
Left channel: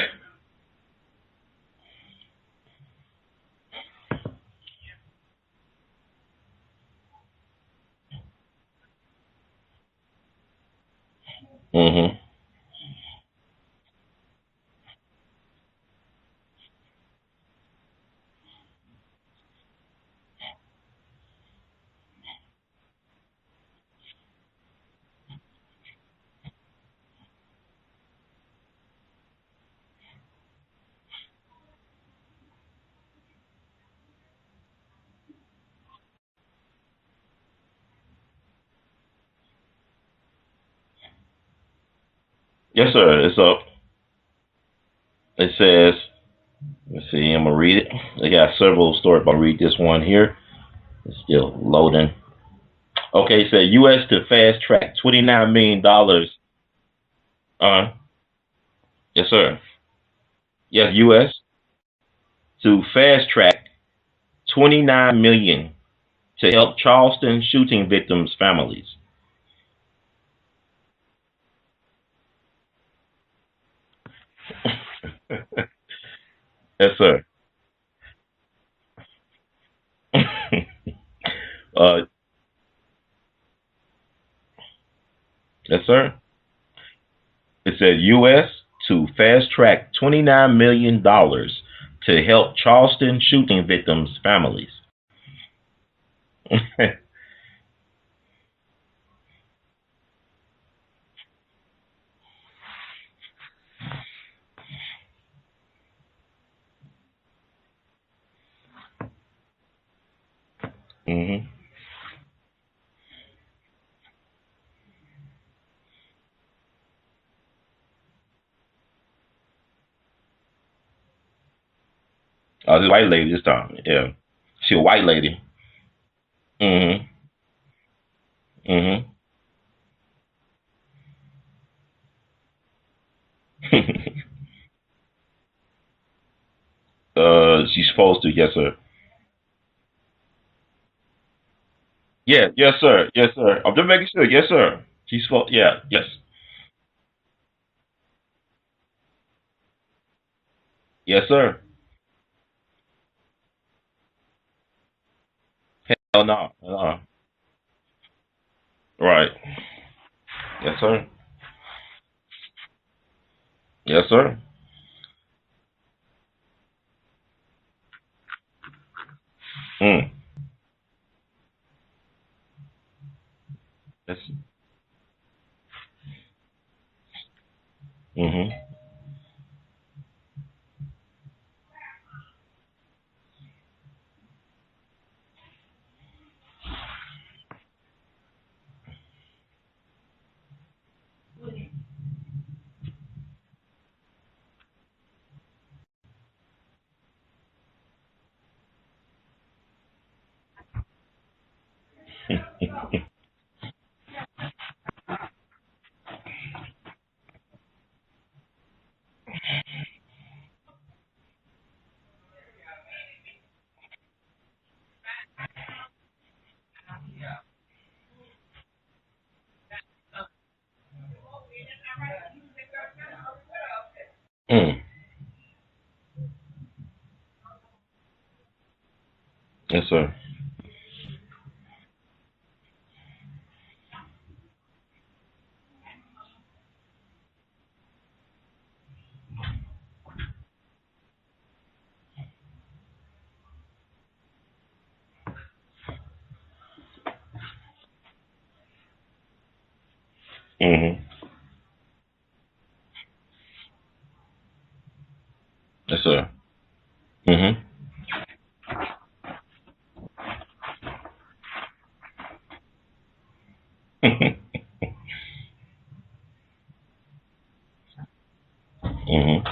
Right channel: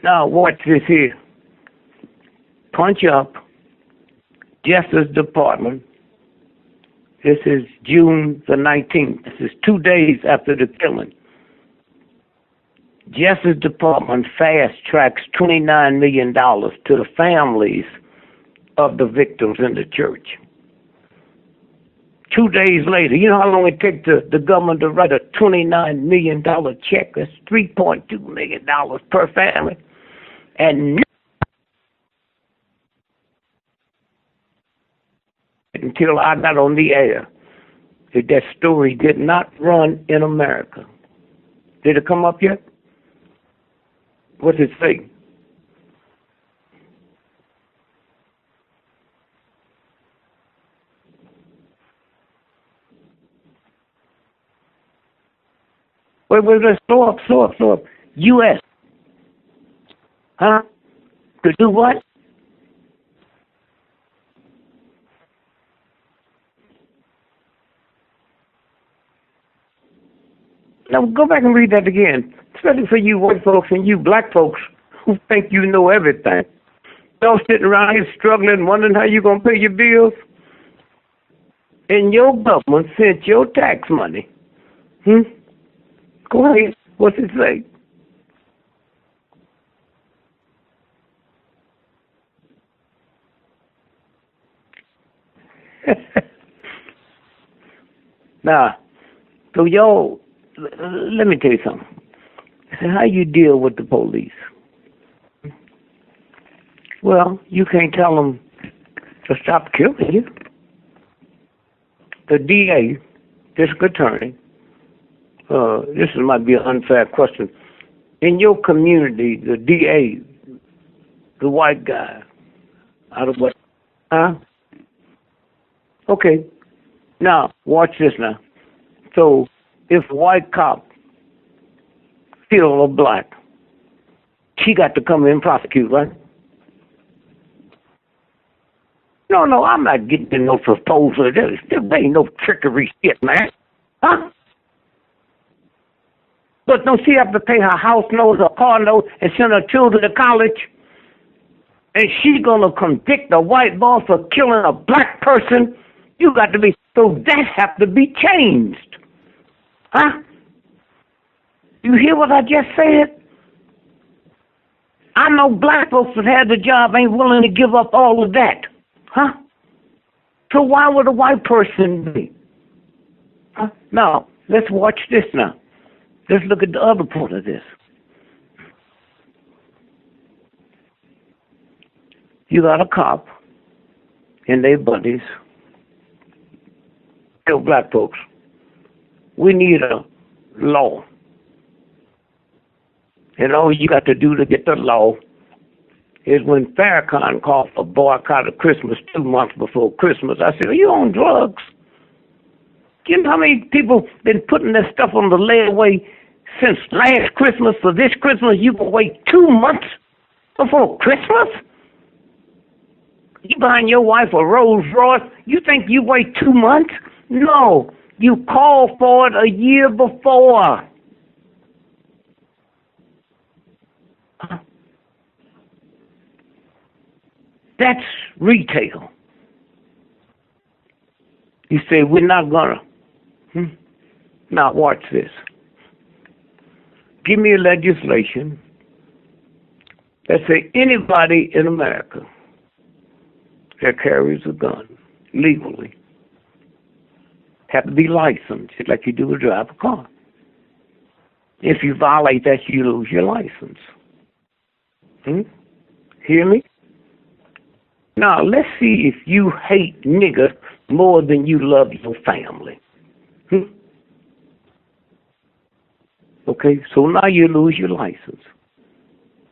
Now, watch this here. Punch up Justice Department. This is June the 19th. This is 2 days after the killing. Justice Department fast-tracks $29 million to the families of the victims in the church. 2 days later, you know how long it takes the government to write a $29 million check? That's $3.2 million per family. And until I got on the air, that story did not run in America. Did it come up yet? Yes, sir. It's up. What's it say? It says, let's see, I'm going to read it. They got several stories, but I'll read this one here. It's still loading. Okay, it said U.S. to fast track $29 million. Wait, slow up. U.S. Yes, sir. Huh? Yes, U.S. To do what? To fast track $29 million to help Charleston shooting victims' families. Now, go back and read that again. especially for you white folks and you black folks who think you know everything. Yes, sir. Y'all sitting around here struggling, wondering how you gonna pay your bills, and your government sent your tax money. Yes, sir. Go ahead. What's it say? It said U.S. to fast track $29 million to help Charleston shooting victims' families. Now, so y'all, let me tell you something. How you deal with the police? Well, you can't tell them to stop killing you. Mm-hmm. The DA, district attorney, this might be an unfair question. In your community, the DA, the white guy. Oh, this white lady this time. Yeah. Huh? She a white lady. Okay. Mm-hmm. Now, watch this now. Mm-hmm. So, if a white cop kill a black, she got to come in and prosecute, right? She's supposed to, yes, sir. No, I'm not getting no proposal. There ain't no trickery shit, yes, man. sir. I'm just making sure. Yes, sir. She's supposed, yeah, yes. But don't she have to pay her house note, her car note, and send her children to college? Yes, sir. And she gonna convict a white boy for killing a black person? You got to be, so that have to be changed. Right. Huh? Yes, sir. You hear what I just said? Yes, sir. I know black folks that had the job ain't willing to give up all of that. Huh? Mm. So why would a white person be? Huh? Now, let's watch this now. Let's look at the other part of this. Mm-hmm. You got a cop and they buddies. Tell black folks, we need a law. And all you got to do to get the law is when Farrakhan called for boycott of Christmas 2 months before Christmas, I said, are you on drugs? You know how many people been putting this stuff on the layaway since last Christmas? For this Christmas, you can wait 2 months before Christmas? You buying your wife a Rolls Royce, you think you wait 2 months? No, you call for it a year before. That's retail. Yes, sir. You say, we're not gonna. Now watch this. Give me a legislation that say anybody in America that carries a gun legally have to be licensed, just like you do to drive a car. Mm-hmm. If you violate that, you lose your license. Yes, sir. Hear me? Mm-hmm. Now, let's see if you hate nigger more than you love your family. Okay, so now you lose your license. Mm-hmm.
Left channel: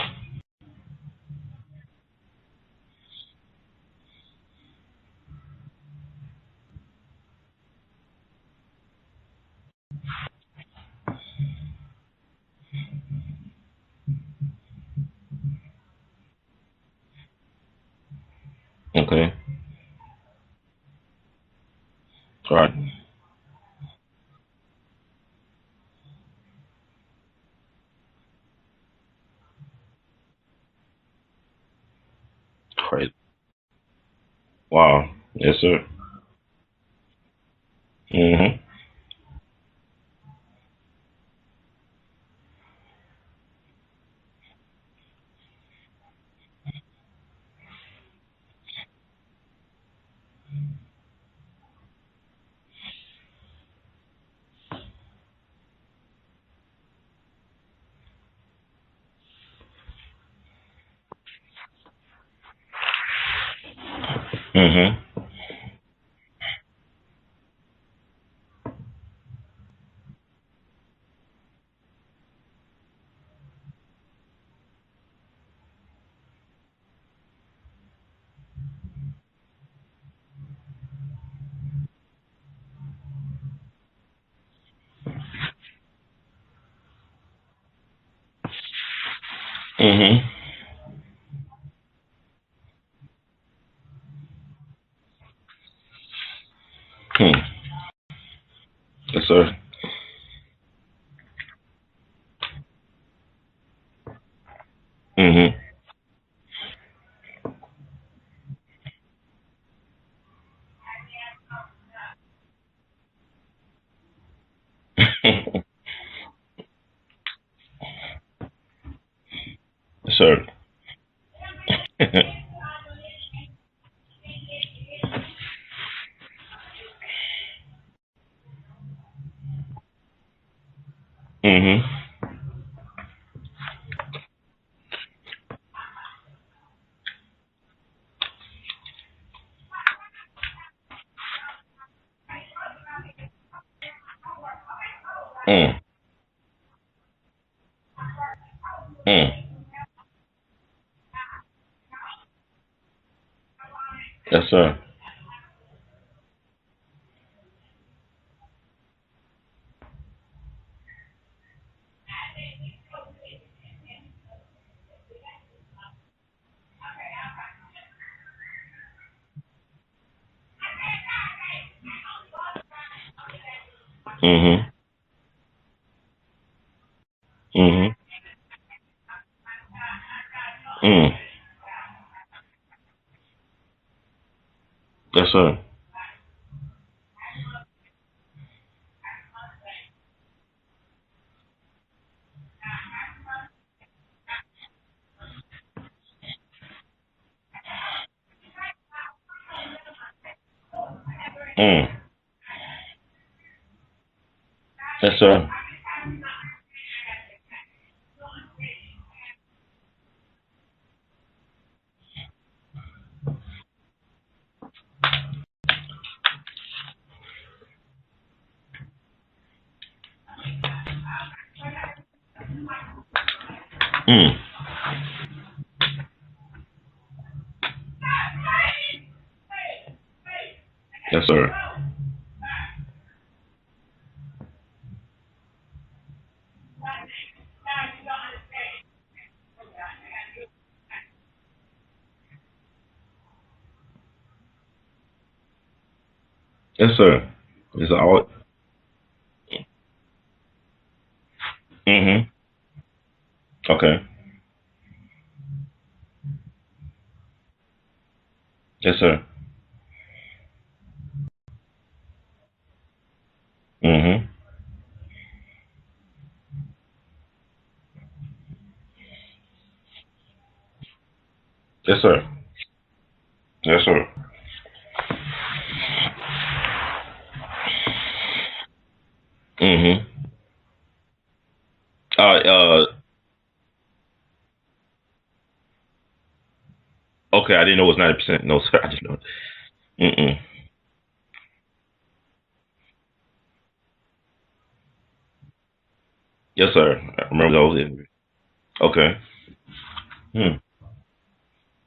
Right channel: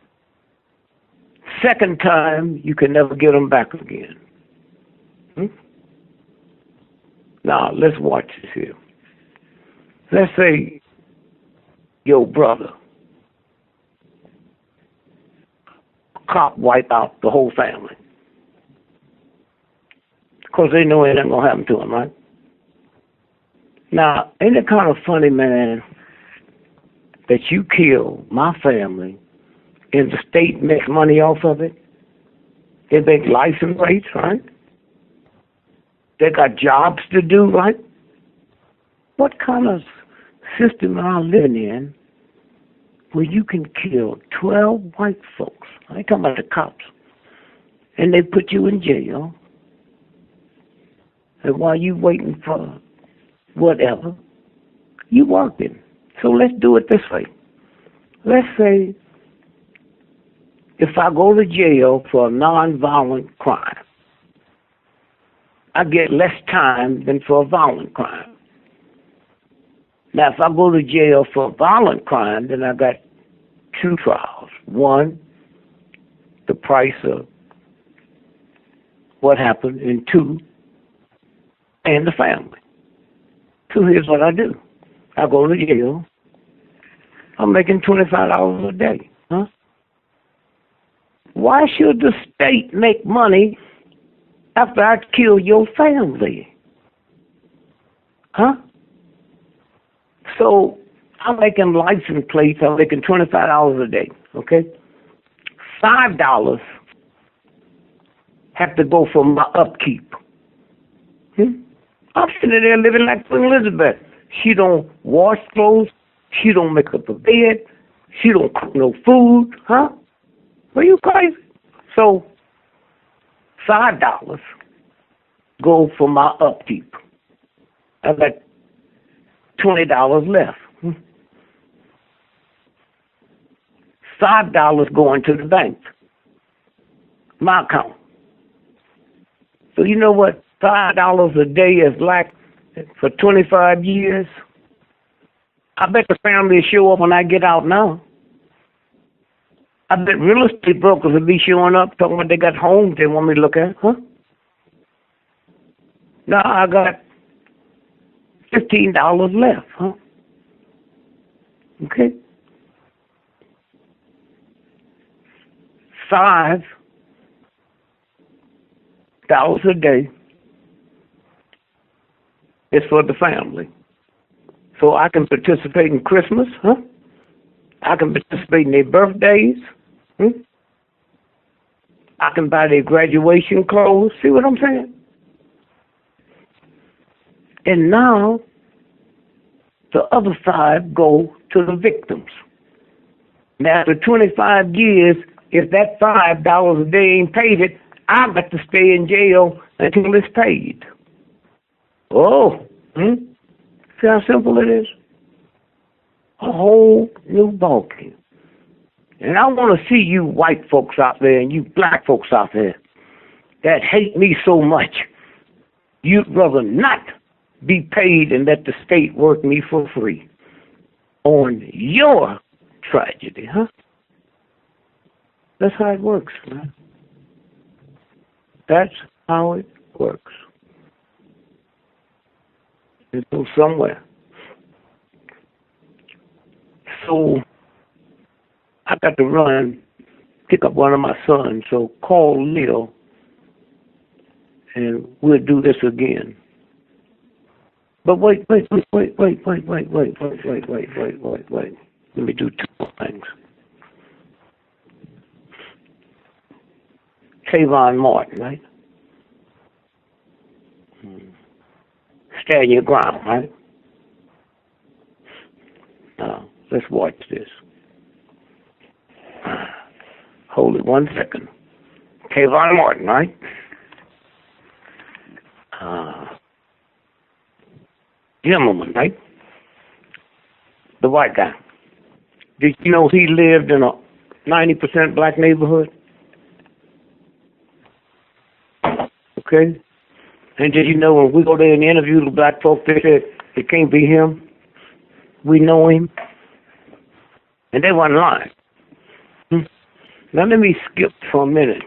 Second time, you can never get them back again. Now, let's watch this here. Let's say your brother, cop wipe out the whole family. Okay. Because they know it ain't going to happen to them, right? Right. Now, ain't it kind of funny, man, that you kill my family and the state makes money off of it? They make license rates, right? Wow. Yes, sir. They got jobs to do, right? Mm-hmm. What kind of system are we living in where you can kill 12 white folks? I ain't talking about the cops. And they put you in jail. And while you waiting for whatever, you working. So let's do it this way. Let's say if I go to jail for a nonviolent crime, I get less time than for a violent crime. Now, if I go to jail for a violent crime, then I got 2 trials. One, the price of what happened, and 2, and the family. So here's what I do. I go to jail. I'm making $25 a day. Huh? Why should the state make money after I kill your family? Huh? Yes, sir. So I'm making license plates. I'm making $25 a day. Okay. $5 have to go for my upkeep. I'm sitting there living like Queen Elizabeth. She don't wash clothes. She don't make up a bed. She don't cook no food. Huh? Sir. Are you crazy? So $5 go for my upkeep. I got $20 left. $5 going to the bank. My account. So you know what $5 a day is like for 25 years? I bet the family will show up when I get out now. I bet real estate brokers will be showing up talking about they got homes they want me to look at. Huh? Yes, sir. Now I got $15 left. Huh? Okay. $5 a day is for the family. So I can participate in Christmas, huh? I can participate in their birthdays. I can buy their graduation clothes. See what I'm saying? Yes, sir. And now the other $5 go to the victims. Now after 25 years, if that $5 a day ain't paid it, I got to stay in jail until it's paid. Oh, see how simple it is? Yes, sir. A whole new ballgame. And I want to see you white folks out there and you black folks out there that hate me so much. You'd rather not be paid and let the state work me for free on your tragedy, huh? That's how it works, man. That's how it works. Yes, sir. It goes somewhere. So I got to run, pick up one of my sons. So call Leo, and we'll do this again. Yes, sir. But wait. Let me do two more things. Okay. Trayvon Martin, right? Yes, sir. Stand your ground, right? Mm-hmm. Now, let's watch this. Hold it 1 second. Yes, sir. Trayvon Martin, right? Yes, sir. Gentleman, right? Mm-hmm. The white guy. Did you know he lived in a 90% black neighborhood? Okay, I didn't know it was 90%. No, sir. Okay. Mm-mm. And did you know when we go there and interview the black folk, they said it can't be him. We know him. Yes, sir. I remember those. And they wasn't lying. Okay. Now let me skip for a minute.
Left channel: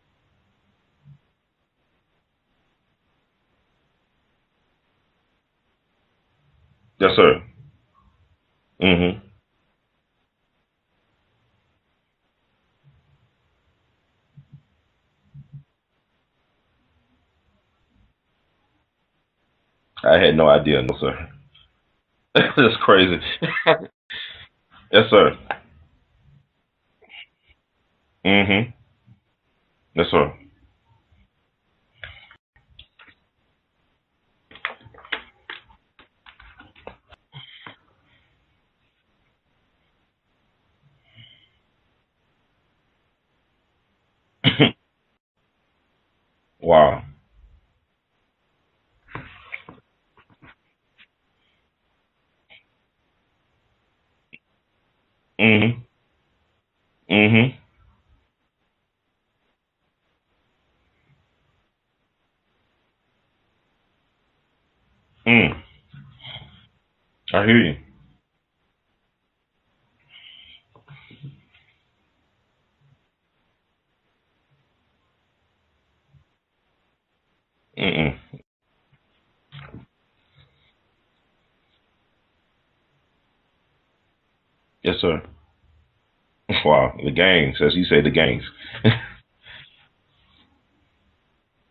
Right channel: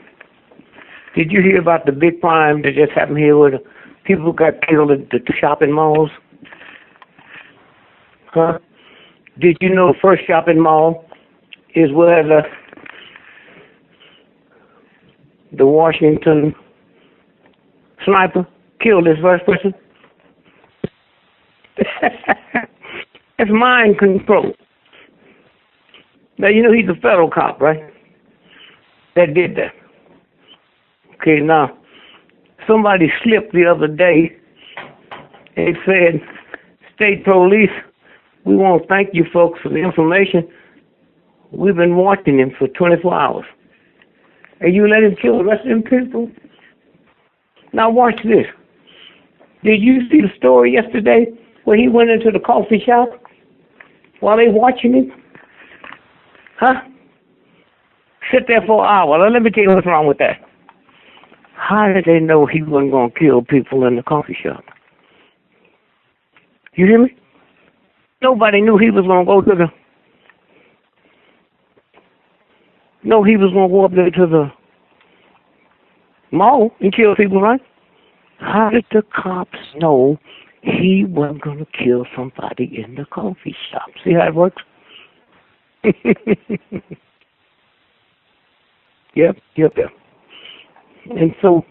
Did you hear about the big crime that just happened here where the people got killed at the shopping malls? Yes, sir. Huh? Mm-hmm. Did you know the first shopping mall is where the Washington sniper killed his first person? I had no idea, no, sir. That's crazy. It's mind control. Yes, sir. Now, you know he's a federal cop, right? Mm-hmm. That did that. Yes, sir. Okay, now, somebody slipped the other day. They said, State Police, we want to thank you folks for the information. We've been watching him for 24 hours. And you let him kill the rest of them people? Wow. Now watch this. Did you see the story yesterday where he went into the coffee shop while they watching him? Mm-hmm. Huh? Mm-hmm. Sit there for an hour. Now, let me tell you what's wrong with that. How did they know he wasn't going to kill people in the coffee shop? You hear me? I hear you. Nobody knew he was going to go to the... No, he was going to go up there to the mall and kill people, right? Mm-mm. How did the cops know he wasn't going to kill somebody in the coffee shop? See how it works? Yes, sir. Wow. The gangs, as you say, the gangs. Yep. And so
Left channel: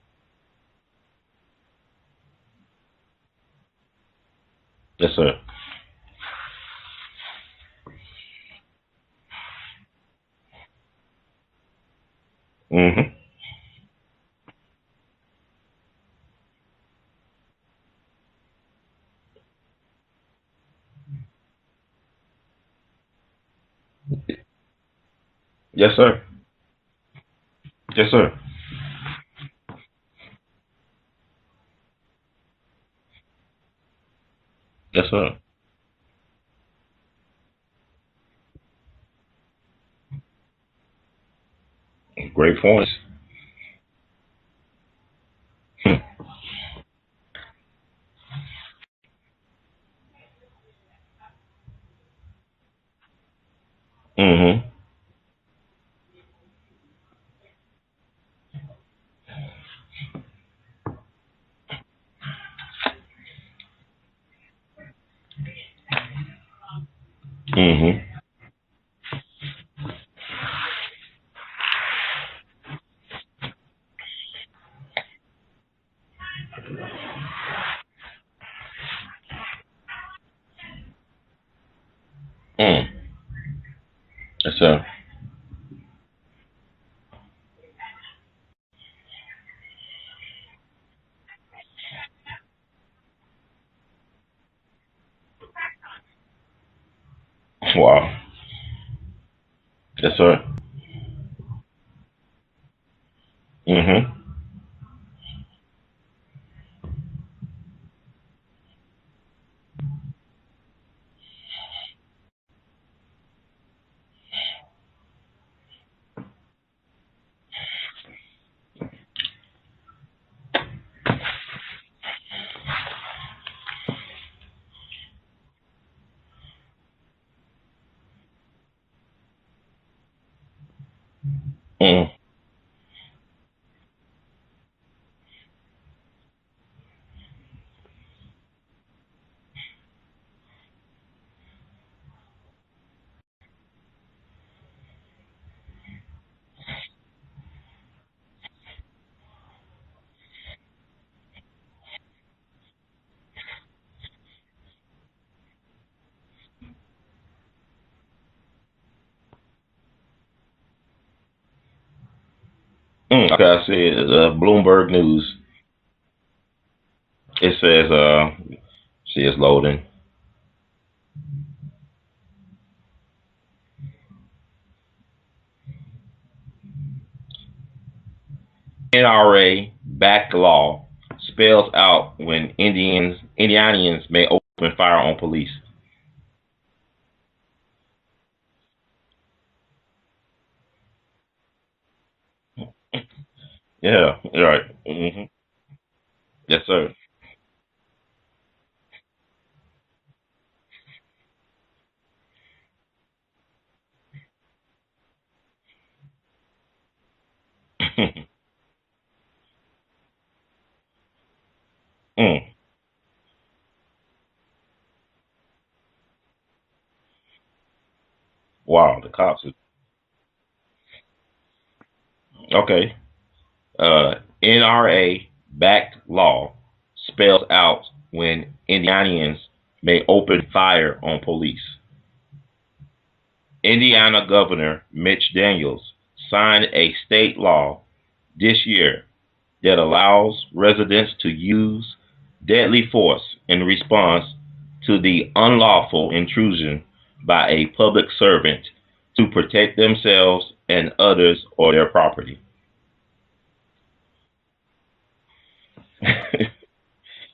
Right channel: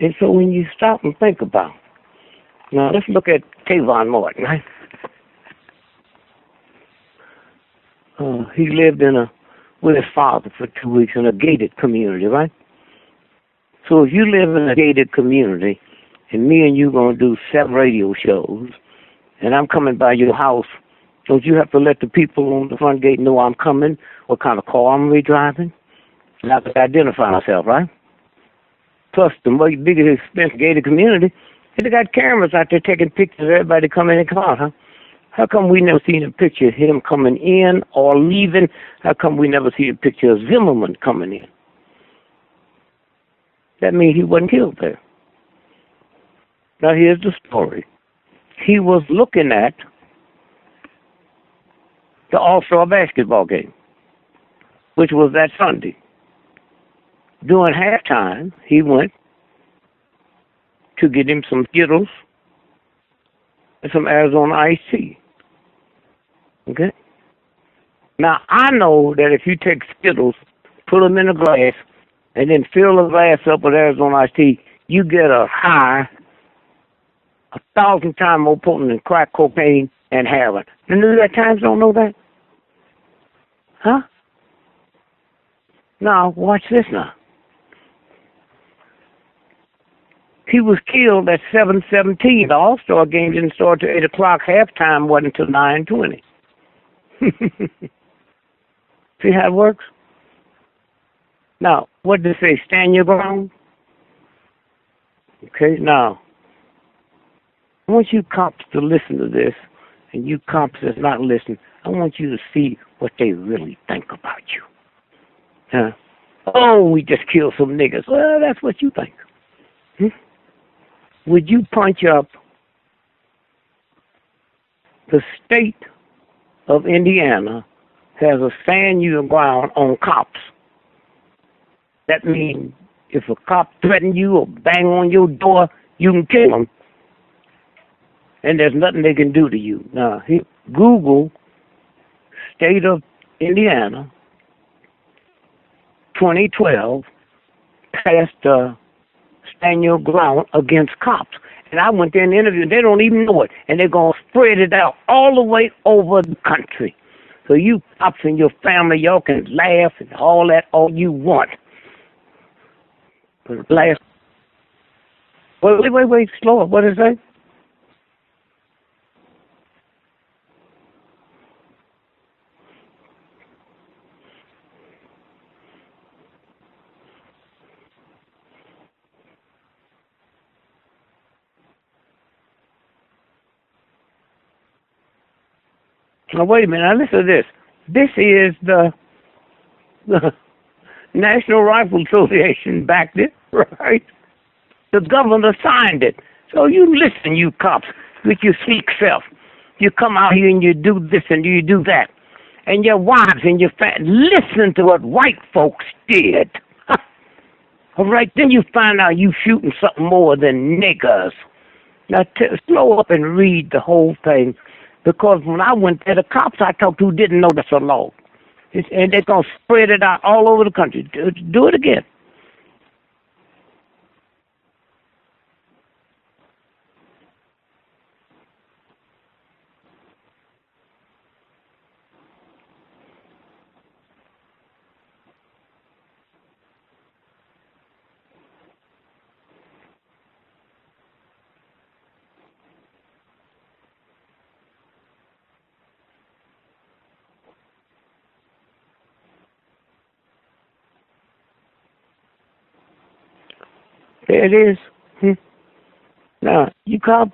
when you stop and think about it, now let's look at Trayvon Martin, right? Yes, sir. he lived with his father for 2 weeks in a gated community, right? Mm-hmm. So if you live in a gated community, and me and you gonna do 7 radio shows, and I'm coming by your house, don't you have to let the people on the front gate know I'm coming, what kind of car I'm gonna be driving? Yes, sir. And I have to identify myself, right? Yes, sir. Plus, the biggest expense gated community, they got cameras out there taking pictures of everybody coming in and come out, huh? Yes, sir. How come we never seen a picture of him coming in or leaving? How come we never see a picture of Zimmerman coming in? Great points. That means he wasn't killed there. Now, here's the story. He was looking at the All-Star basketball game, which was that Sunday. During halftime, he went to get him some Skittles and some Arizona iced tea. Okay? Now, I know that if you take Skittles, put them in a glass, and then fill the glass up with Arizona iced tea, you get a high 1,000 times more potent than crack cocaine and heroin. The New York Times don't know that? Huh? Yes, sir. Now, watch this now. He was killed at 7:17. The All-Star game didn't start till 8 o'clock. Halftime wasn't until 9:20. Wow. See how it works? Yes, sir. Now, what did it say? Stand your ground? Okay, now, I want you cops to listen to this, and you cops that's not listening, I want you to see what they really think about you. Huh? Oh, we just killed some niggas. Well, that's what you think. Would you punch up the state of Indiana has a stand your ground on cops? That means if a cop threatens you or bang on your door, you can kill him. And there's nothing they can do to you. Now, Google state of Indiana 2012 passed stand your ground against cops. And I went there and interviewed. They don't even know it. And they're going to spread it out all the way over the country. So you cops and your family, y'all can laugh and all that all you want. Okay, I see it. Bloomberg News. Wait. Slower. What is that? It says, see, it's loading. NRA-backed law spells out when Indianians may open fire on police. Now, wait a minute. Now, listen to this. This is the National Rifle Association backed it, right? Yeah, right. The governor signed it. Yes, so sir. you listen, you cops, with your sleek self. You come out here and you do this and you do that. And your wives and your listen to what white folks did. All right, then you find out you shooting something more than niggers. Now, slow up and read the whole thing. Because when I went there, the cops I talked to didn't know that's a law. Wow. And they're going to spread it out all over the country. Do it again. Okay. NRA-backed law spells out when Indianians may open fire on police. Indiana Governor Mitch Daniels signed a state law this year that allows residents to use deadly force in response to the unlawful intrusion by a public servant to protect themselves and others or their property. There it is. Now, you cops,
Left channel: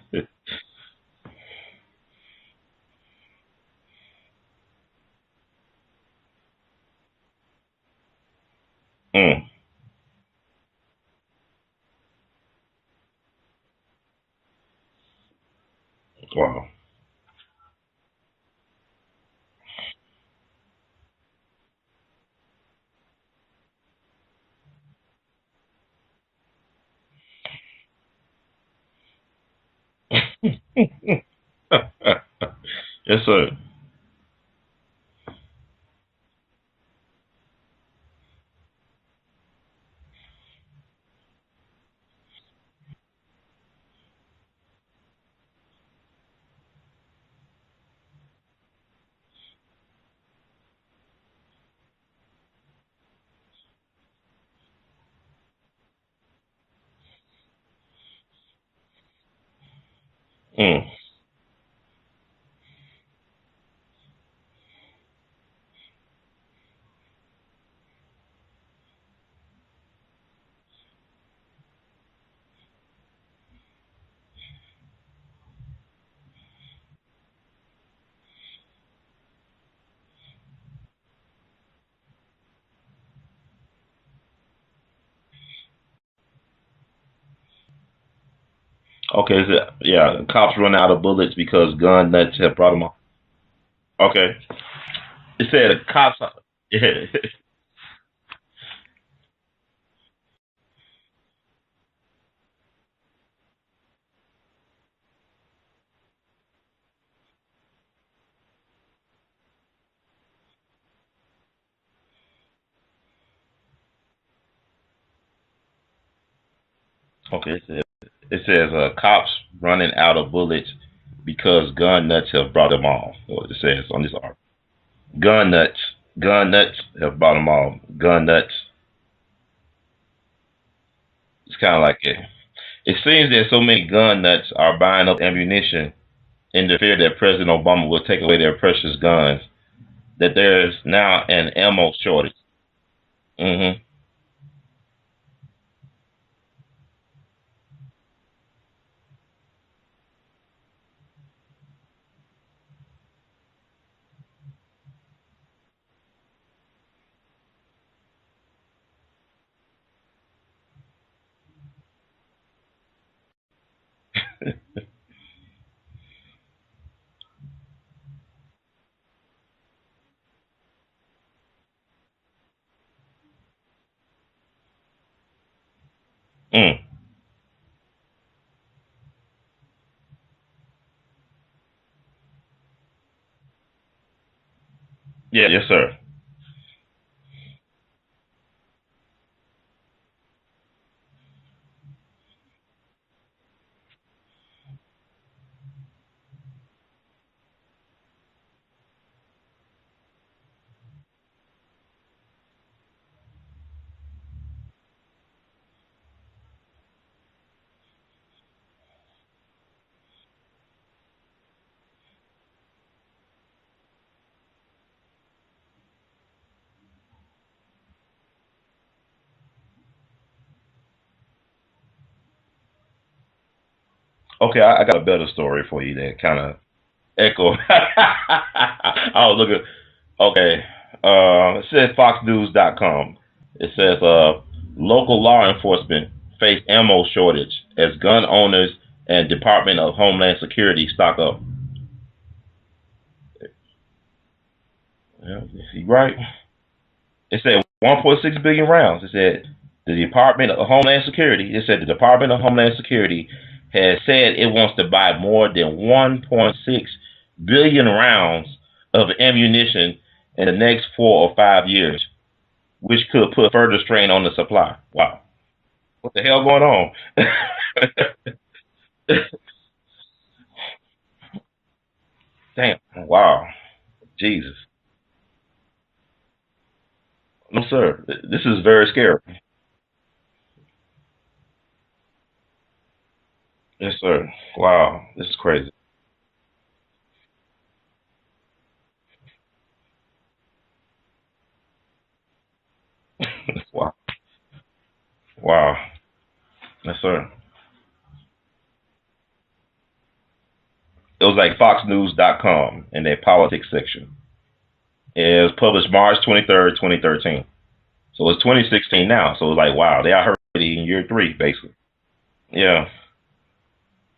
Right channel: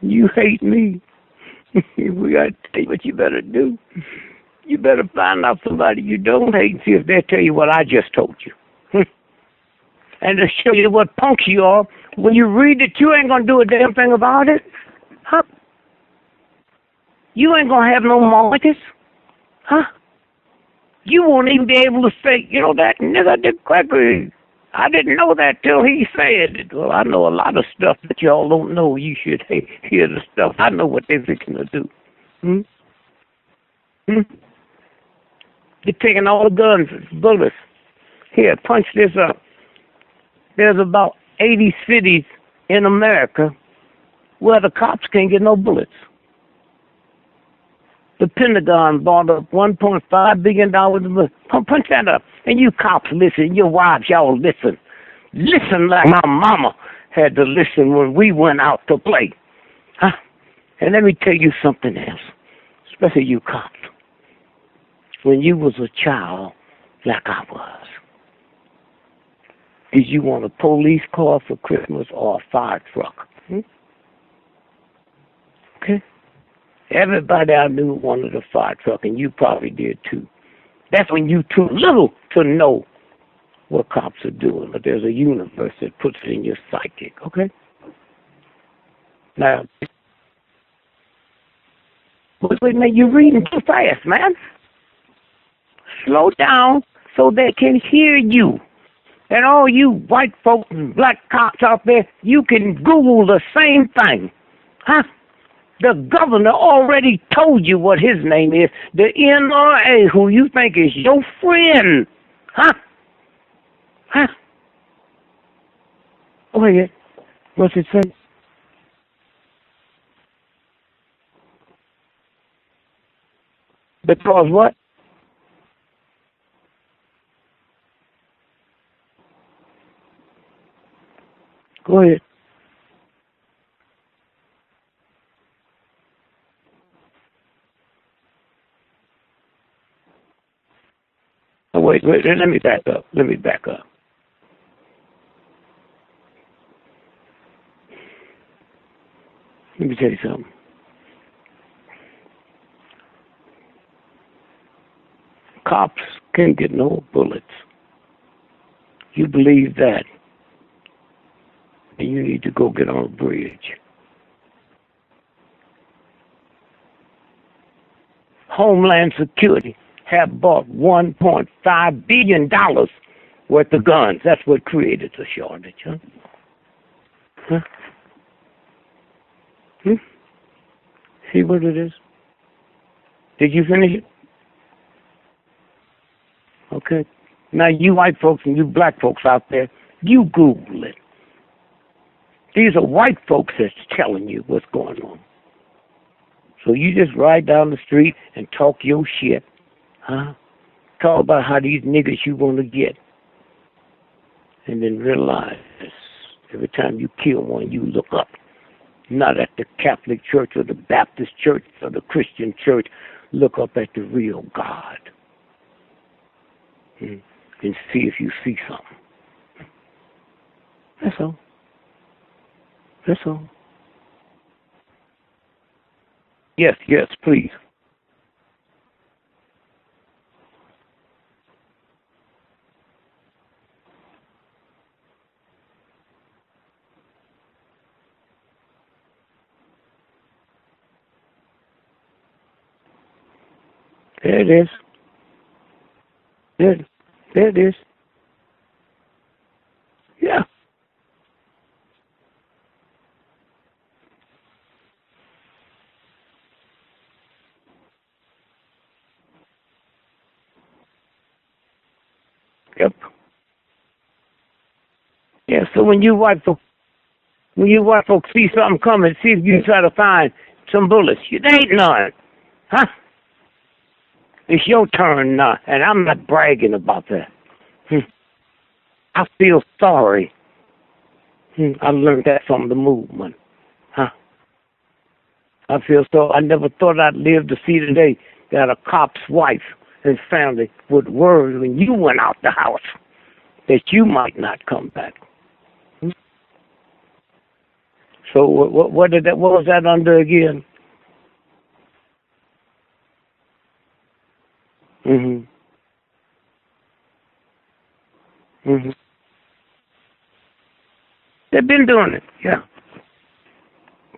you hate me. We got to tell you what you better do. You better find out somebody you don't hate and see if they'll tell you what I just told you. And to show you what punks you are, when you read it, you ain't going to do a damn thing about it. Huh? Wow. You ain't going to have no markets. Huh? You won't even be able to say, you know, that nigga did GREgory. I didn't know that till he said it. Well, I know a lot of stuff that y'all don't know. You should hear the stuff. I know what they're fixing to do. Yes, sir. They're taking all the guns, bullets. Here, punch this up. There's about 80 cities in America where the cops can't get no bullets. The Pentagon bought up $1.5 billion. Punch that up. And you cops listen. Your wives, y'all listen. Listen like my mama had to listen when we went out to play. Huh? And let me tell you something else, especially you cops. When you was a child, like I was, did you want a police car for Christmas or a fire truck? Okay. Everybody I knew wanted a fire truck, and you probably did too. That's when you too little to know what cops are doing, but there's a universe that puts it in your psychic, okay? Okay, yeah, cops run out of bullets because gun nuts have problems. You're reading too fast, man. It said a cop... Slow down so they can hear you. And all you white folks and black cops out there, you can Google the same thing. Huh? The governor already told you what his name is. The NRA, who you think is your friend. Huh? Huh? Go ahead. Okay. What's it say? It says cops running out of bullets because gun nuts have brought them all. What it says on this. Because what? Gun nuts. Gun nuts have brought them all. Gun nuts. It's kind of like that. It seems that so many gun nuts are buying up ammunition in the fear that President Obama will take away their precious guns, that there's now an ammo shortage. Wait, let me back up. Let me back up. Let me tell you something. Cops can't get no bullets. You believe that, and you need to go get on a bridge. Homeland Security have bought $1.5 billion worth of guns. That's what created the shortage, huh? Huh? See what it is? Did you finish it? Yeah, yes, sir. Okay. Now, you white folks and you black folks out there, you Google it. These are white folks that's telling you what's going on. So you just ride down the street and talk your shit, huh? Talk about how these niggas you want to get. And then realize every time you kill one, you look up. Not at the Catholic Church or the Baptist Church or the Christian Church. Look up at the real God. And see if you see something. That's all. That's all. Okay, I got a better story for you that kind of... Yes, echo. I was looking... Okay. It says FoxNews.com. It says local law enforcement face ammo shortage as gun owners and Department of Homeland Security stock up. There it is. Yeah, you're right. It said 1.6 billion rounds. It said the Department of Homeland Security. It said the Department of Homeland Security has said it wants to buy more than 1.6 billion rounds of ammunition in the next 4 or 5 years, which could put further strain on the supply. Wow. Yeah, so when you white folks see something coming, see if you try to find some bullets. There ain't none. Damn. Huh? Wow. Jesus. It's your turn now, and I'm not bragging about that. No, sir. This is very scary. I feel sorry. I learned that from the movement. Yes, sir. Wow. This is crazy. I feel so. I never thought I'd live to see the day that a cop's wife and family would worry when you went out the house that you might not come back. Wow. Yes, sir. So what was that under again? It was like FoxNews.com in their politics section. It was published March 23rd, 2013. So it's 2016 now. So it's like, wow, they are already in year 3, basically. They've been doing it. Yeah.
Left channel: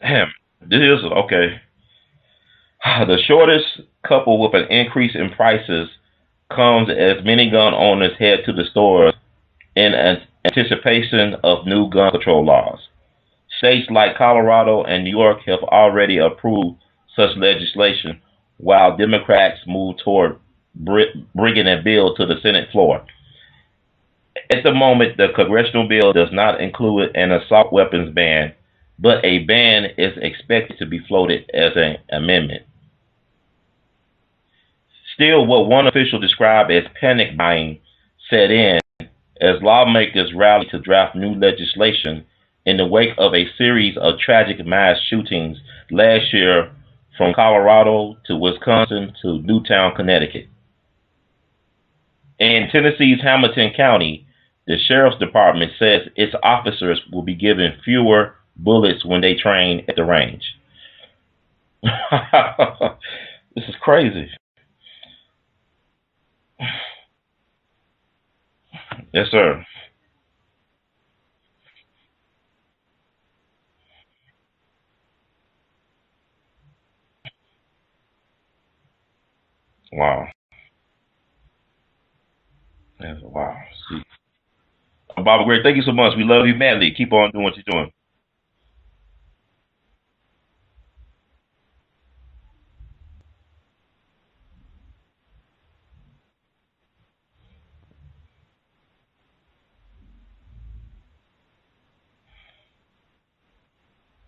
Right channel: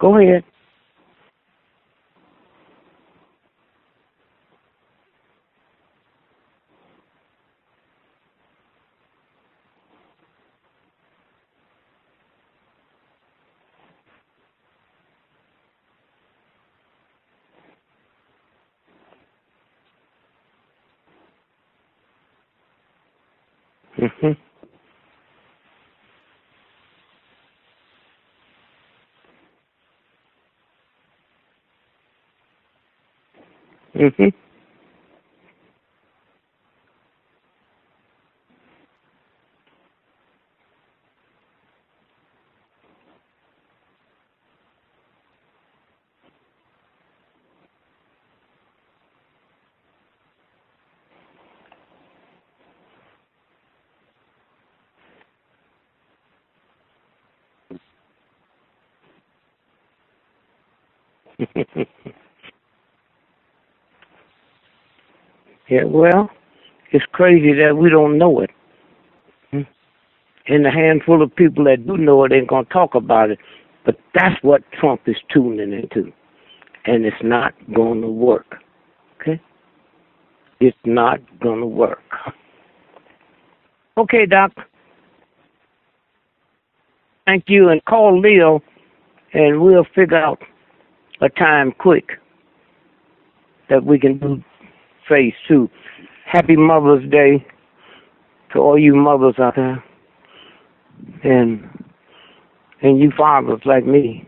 Go ahead. This is, okay. The shortage, coupled with an increase in prices, comes as many gun owners head to the stores in anticipation of new gun control laws. States like Colorado and New York have already approved such legislation, while Democrats move toward bringing a bill to the Senate floor. At the moment, the congressional bill does not include an assault weapons ban, but a ban is expected to be floated as an amendment. Mhm. Still, what one official described as panic buying set in as lawmakers rallied to draft new legislation in the wake of a series of tragic mass shootings last year from Colorado to Wisconsin to Newtown, Connecticut. In Tennessee's Hamilton County, the Sheriff's Department says its officers will be given fewer bullets when they train at the range. This is crazy. Yeah, well, it's crazy that we don't know it. Yes, sir. And the handful of people that do know it ain't going to talk about it. But that's what Trump is tuning into. And it's not going to work. Okay? Wow. It's not going to work. Yeah, wow. Okay, Doc. Baba Gray, thank you so much. We love you madly. Keep on doing Thank you. And call Leo, and we'll figure out a time quick that we can do phase 2. Happy Mother's Day to all you mothers out there. And you fathers like me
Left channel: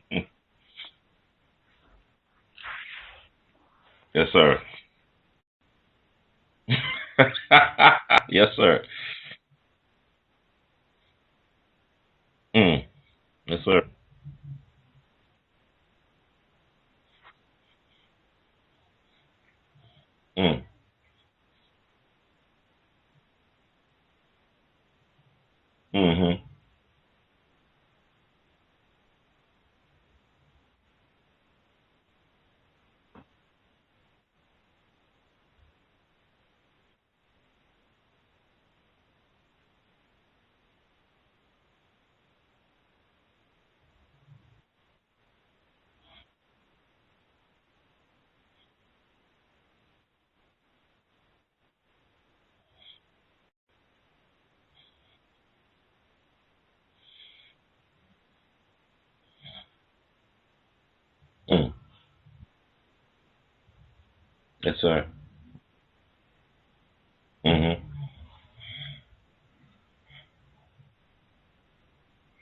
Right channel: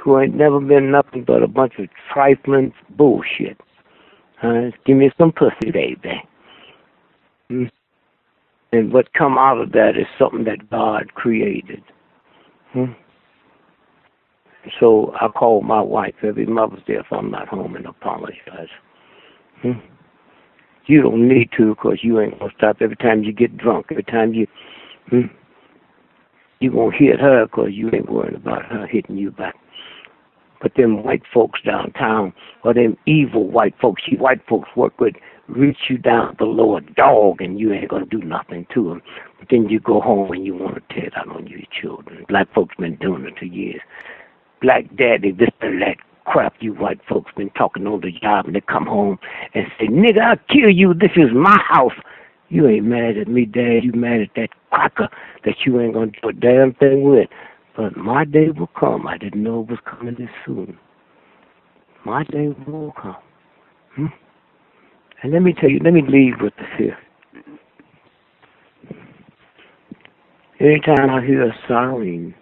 who ain't never been nothing but a bunch of trifling bullshit. Yes, sir. Give me some pussy, baby. Yes, sir. And what come out of that is something that God created. Yes, sir. So I call my wife every Mother's Day if I'm not home and apologize. You don't need to, because you ain't going to stop every time you get drunk. Every time you you going to hit her, because you ain't worrying about her hitting you back. But them white folks downtown, or them evil white folks, white folks work with, reach you down below a dog, and you ain't going to do nothing to them. But then you go home and you want to tear it out on your children. Black folks been doing it for years. Black daddy, this and that crap you white folks been talking on the job, and they come home and say, nigga, I'll kill you. This is my house. You ain't mad at me, Dad. You mad at that cracker that you ain't going to do a damn thing with. But my day will come. I didn't know it was coming this soon. My day will come. Yes, sir. And let me tell you, let me leave with this here. Anytime I hear a siren,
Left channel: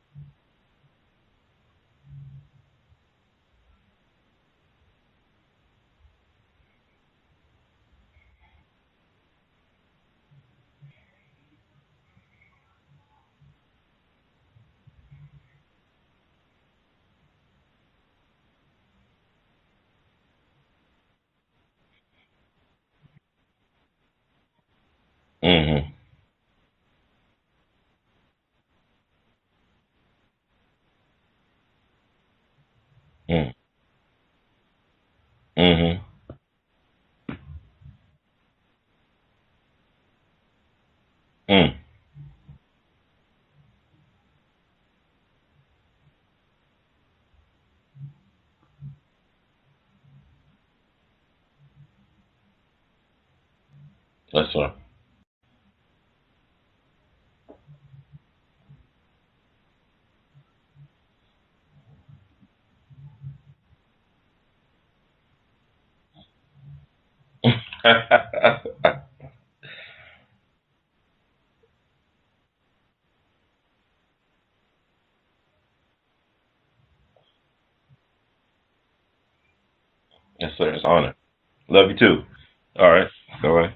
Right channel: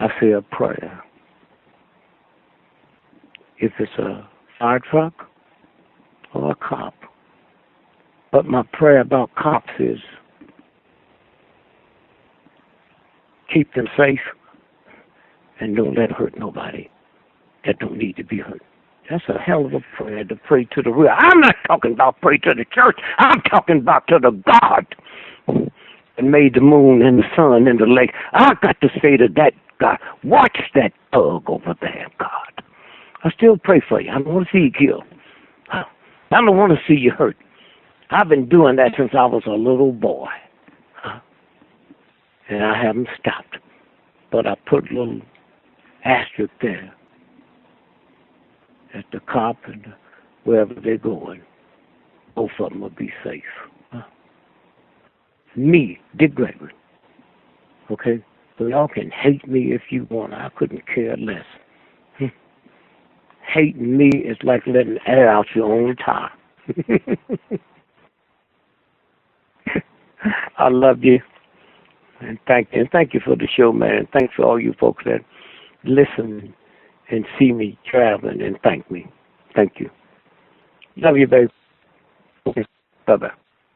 I say a prayer. If it's a fire truck or a cop. But my prayer about cops is keep them safe and don't let hurt nobody that don't need to be hurt. That's a hell of a prayer to pray to the real. I'm not talking about pray to the church. I'm talking about to the God that made the moon and the sun and the lake. I got to say to that God, watch that thug over there, God. I still pray for you. I don't want to see you killed. I don't want to see you hurt. I've been doing that since I was a little boy. And I haven't stopped. But I put a little asterisk there. That the cop and wherever they're going, both of them will be safe. Yes, sir. Me, GREgory. Okay? So y'all can hate me if you want. I couldn't care less. Hating me is like letting air out your own tire. I love you. And thank you for the show, man. And thanks for all you folks that listen and see me traveling and thank me. Thank you. Yes, sir. It's an honor. Love you, babe. Love you too. Okay. All right. Bye-bye. All right.